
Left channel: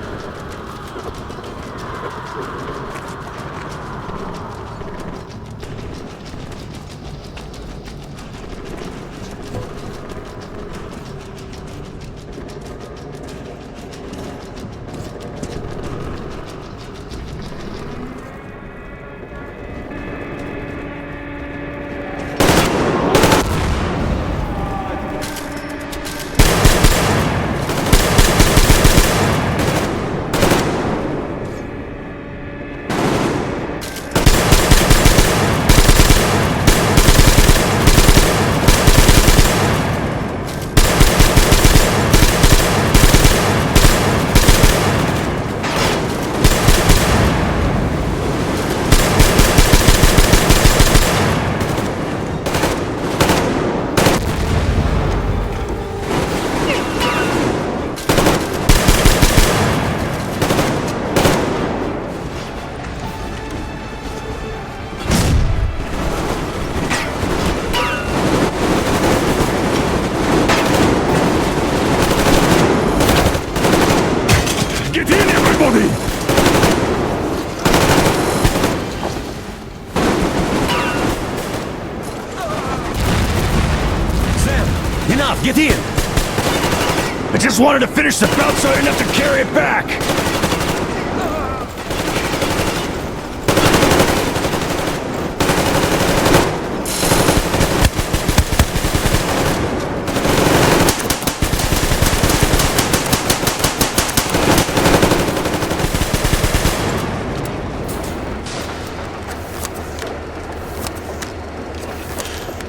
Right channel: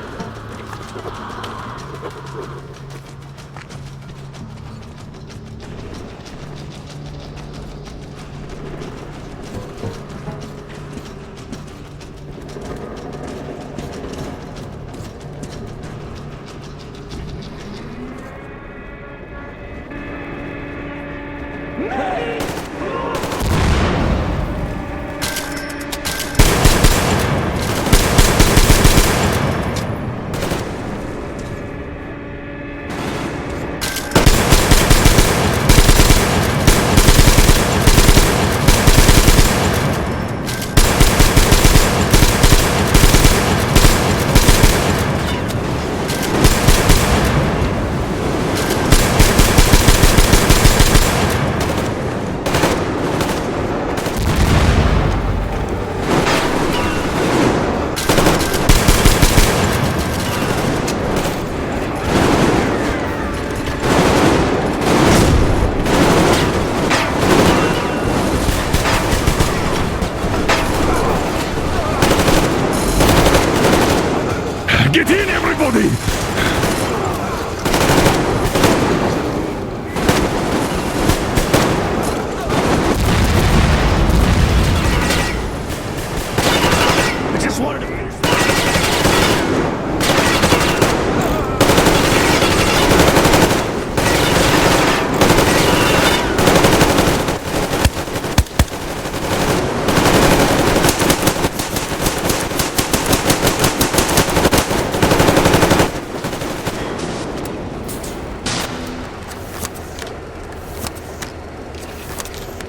just wanted to finish the job so I didn't have to carry it back.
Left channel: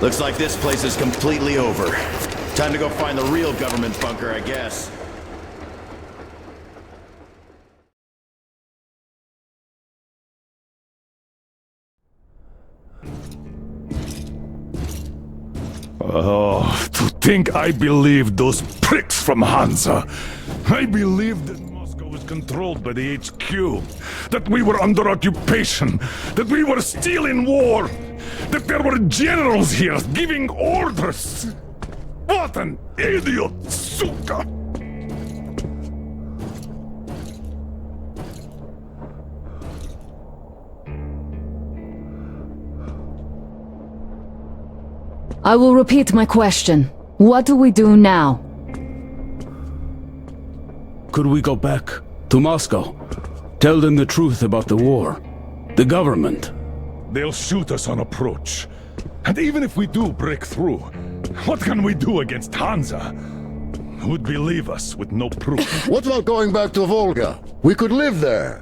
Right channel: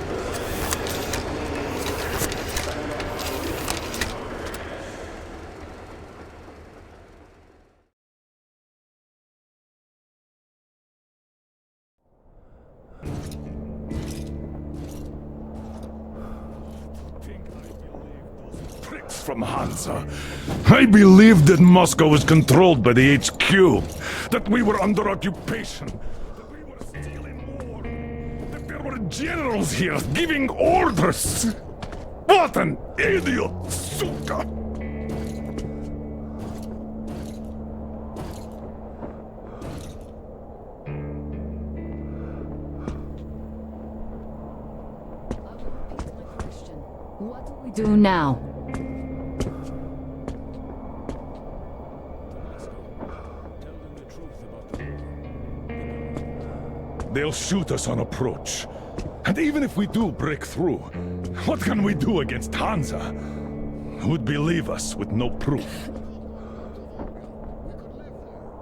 Looks like this place is completely over. Time to go find the real government bunker, I guess. Oh, to think I believed those pricks from Hansa. I believed that Moscow was controlled by the HQ, that we were under occupation, that we were still in war, that there were generals here giving orders. What an idiot, suka! I will repeat my question. What do we do now? Could we go back to Moscow? Tell them the truth about the war. The government. They'll shoot us on approach. And even if we do break through, what can we do against Hansa? Who'd believe us with no proof? What about going back to Volga? We could live there.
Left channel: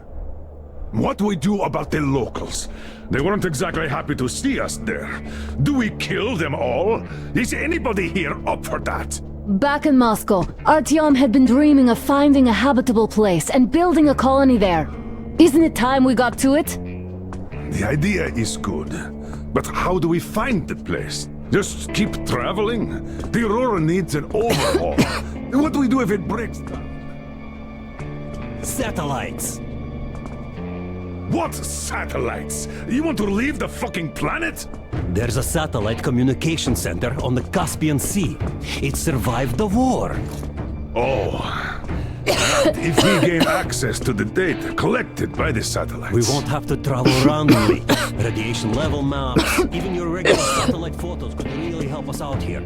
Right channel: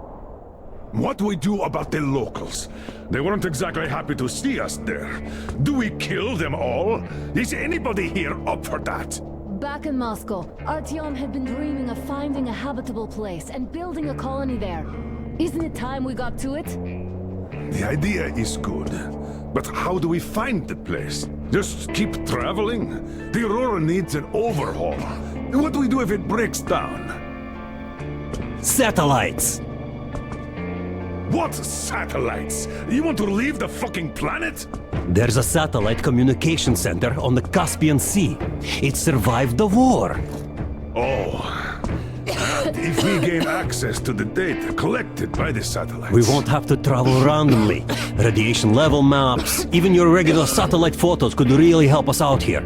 What do we do about the locals? They weren't exactly happy to see us there. Do we kill them all? Is anybody here up for that? Back in Moscow, Artyom had been dreaming of finding a habitable place and building a colony there. Isn't it time we got to it? The idea is good. But how do we find the place? Just keep traveling? The Aurora needs an overhaul. What do we do if it breaks down? Satellites! What satellites? You want to leave the fucking planet? There's a satellite communication center on the Caspian Sea. It survived the war. Oh. And if we gain access to the data collected by the satellites... We won't have to travel randomly. Radiation level maps, even your regular satellite photos could really help us out here.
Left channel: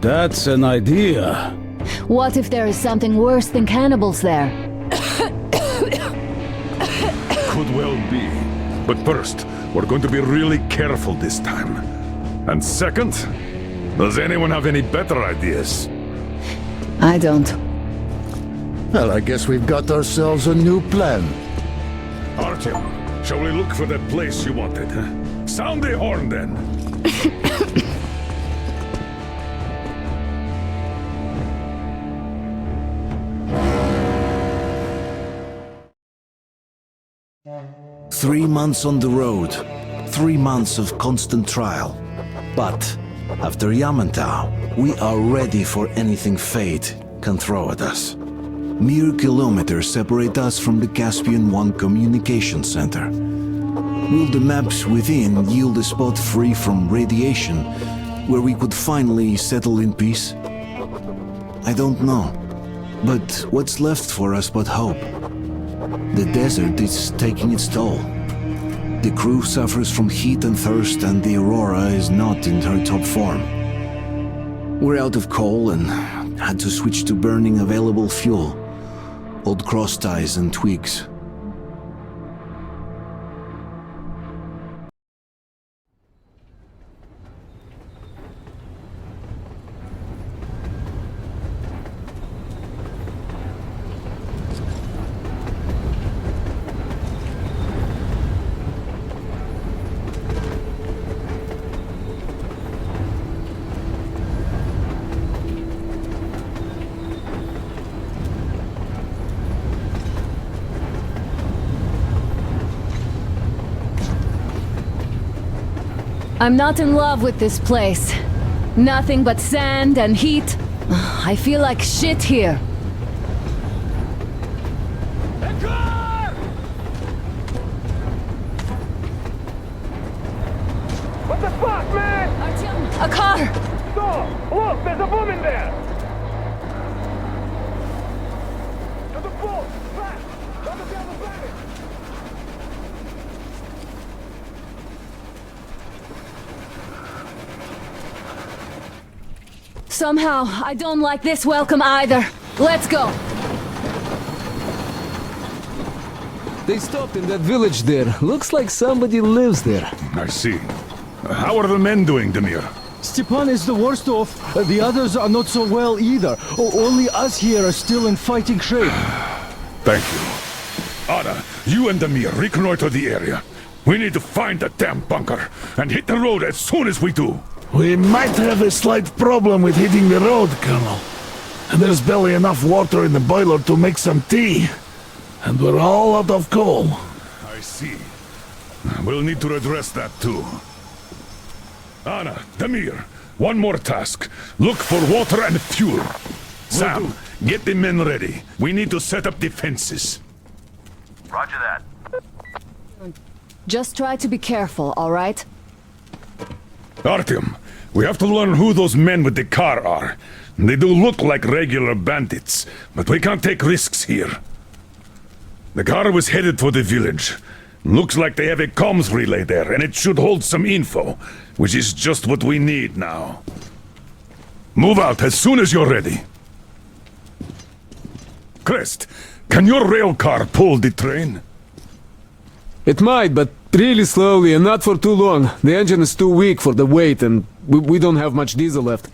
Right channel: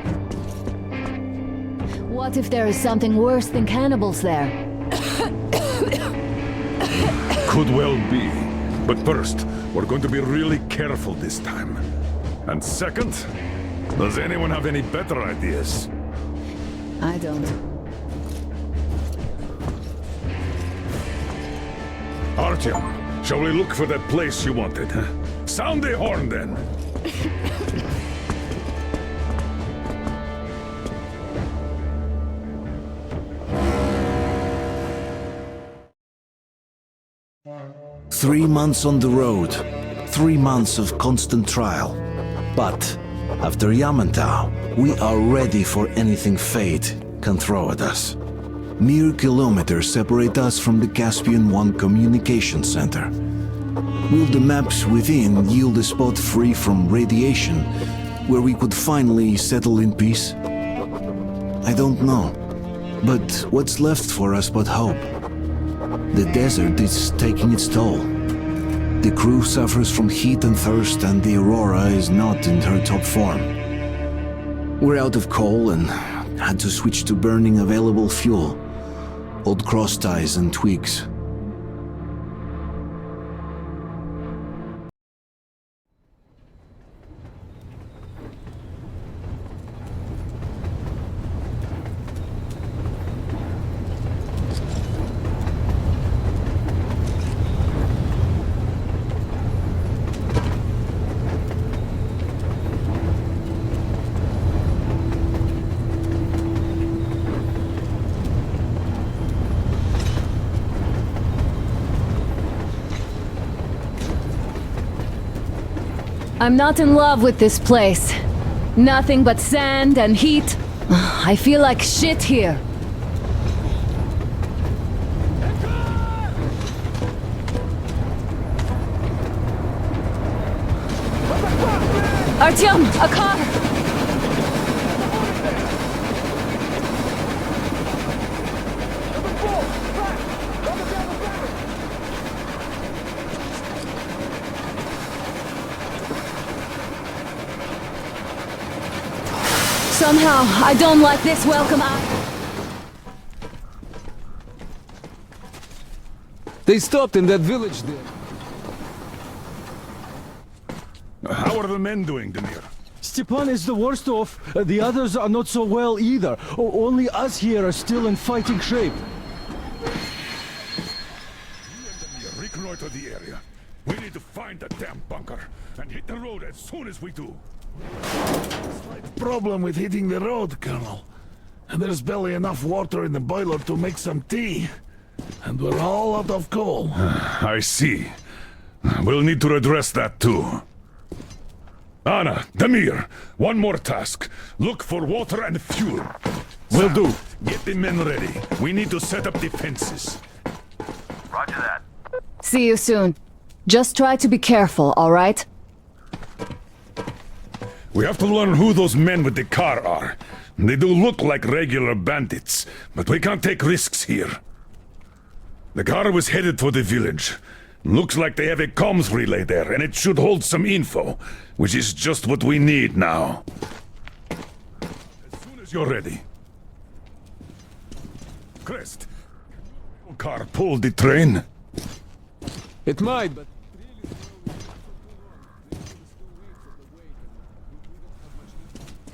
That's an idea. What if there is something worse than cannibals there? Could well be. But first, we're going to be really careful this time. And second, does anyone have any better ideas? I don't. Well, I guess we've got ourselves a new plan. Artyom, shall we look for that place you wanted? Huh? Sound the horn, then. Three months on the road, 3 months of constant trial. But after Yamantau, we are ready for anything fate can throw at us. Mere kilometers separate us from the Caspian One communication center. Will the maps within yield a spot free from radiation, where we could finally settle in peace? I don't know. But what's left for us but hope? The desert is taking its toll. The crew suffers from heat and thirst, and the Aurora is not in her top form. We're out of coal and had to switch to burning available fuel. Old cross ties and twigs. I'm not in love with this place. Nothing but sand and heat. I feel like shit here. What the fuck, man? Artyom, a car! Look, there's a woman there! There's a bull! Back! Coming down the back! Somehow, I don't like this welcome either. Let's go. They stopped in that village there. Looks like somebody lives there. I see. How are the men doing, Demir? Stepan is the worst off. The others are not so well either. Only us here are still in fighting shape. Thank you. Anna, you and Demir reconnoiter the area. We need to find the damn bunker and hit the road as soon as we do. We might have a slight problem with hitting the road, Colonel. And there's barely enough water in the boiler to make some tea. And we're all out of coal. I see. We'll need to address that too. Anna, Demir, one more task. Look for water and fuel. Will do. Get the men ready. We need to set up defenses. Roger that. See you soon. Just try to be careful, all right? Artyom, we have to learn who those men with the car are. They do look like regular bandits, but we can't take risks here. The car was headed for the village. Looks like they have a comms relay there, and it should hold some info, which is just what we need now. Move out as soon as you're ready. Crest, can your rail car pull the train? It might, but really slowly and not for too long. The engine is too weak for the weight, and we don't have much diesel left.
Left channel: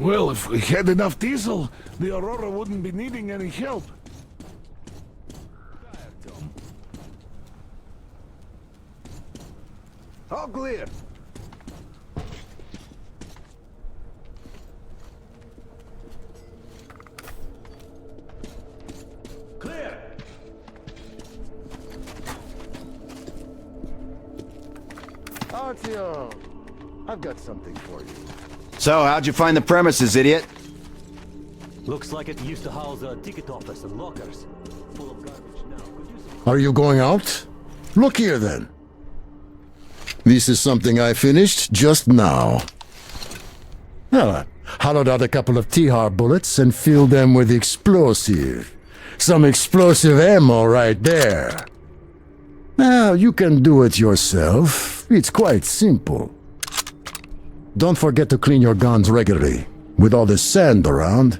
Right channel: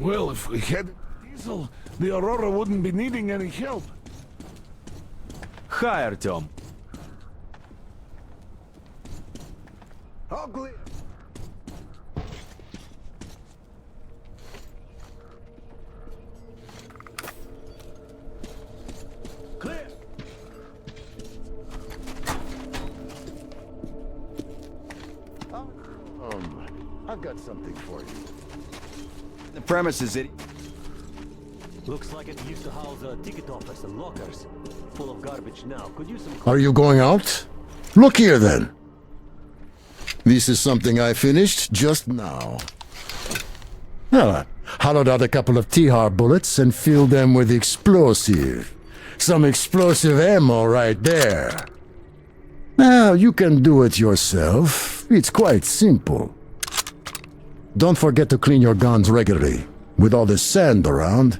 Well, if we had enough diesel, the Aurora wouldn't be needing any help. Hi, Artyom. All clear. Clear! Artyom, I've got something for you. So, how'd you find the premises, idiot? Looks like it used to house a ticket office and lockers. Full of garbage now. Could use some... Are you going out? Look here, then. This is something I finished just now. Well, I hollowed out a couple of T-Har bullets and filled them with explosive. Some explosive ammo right there. Now, you can do it yourself. It's quite simple. Don't forget to clean your guns regularly. With all this sand around,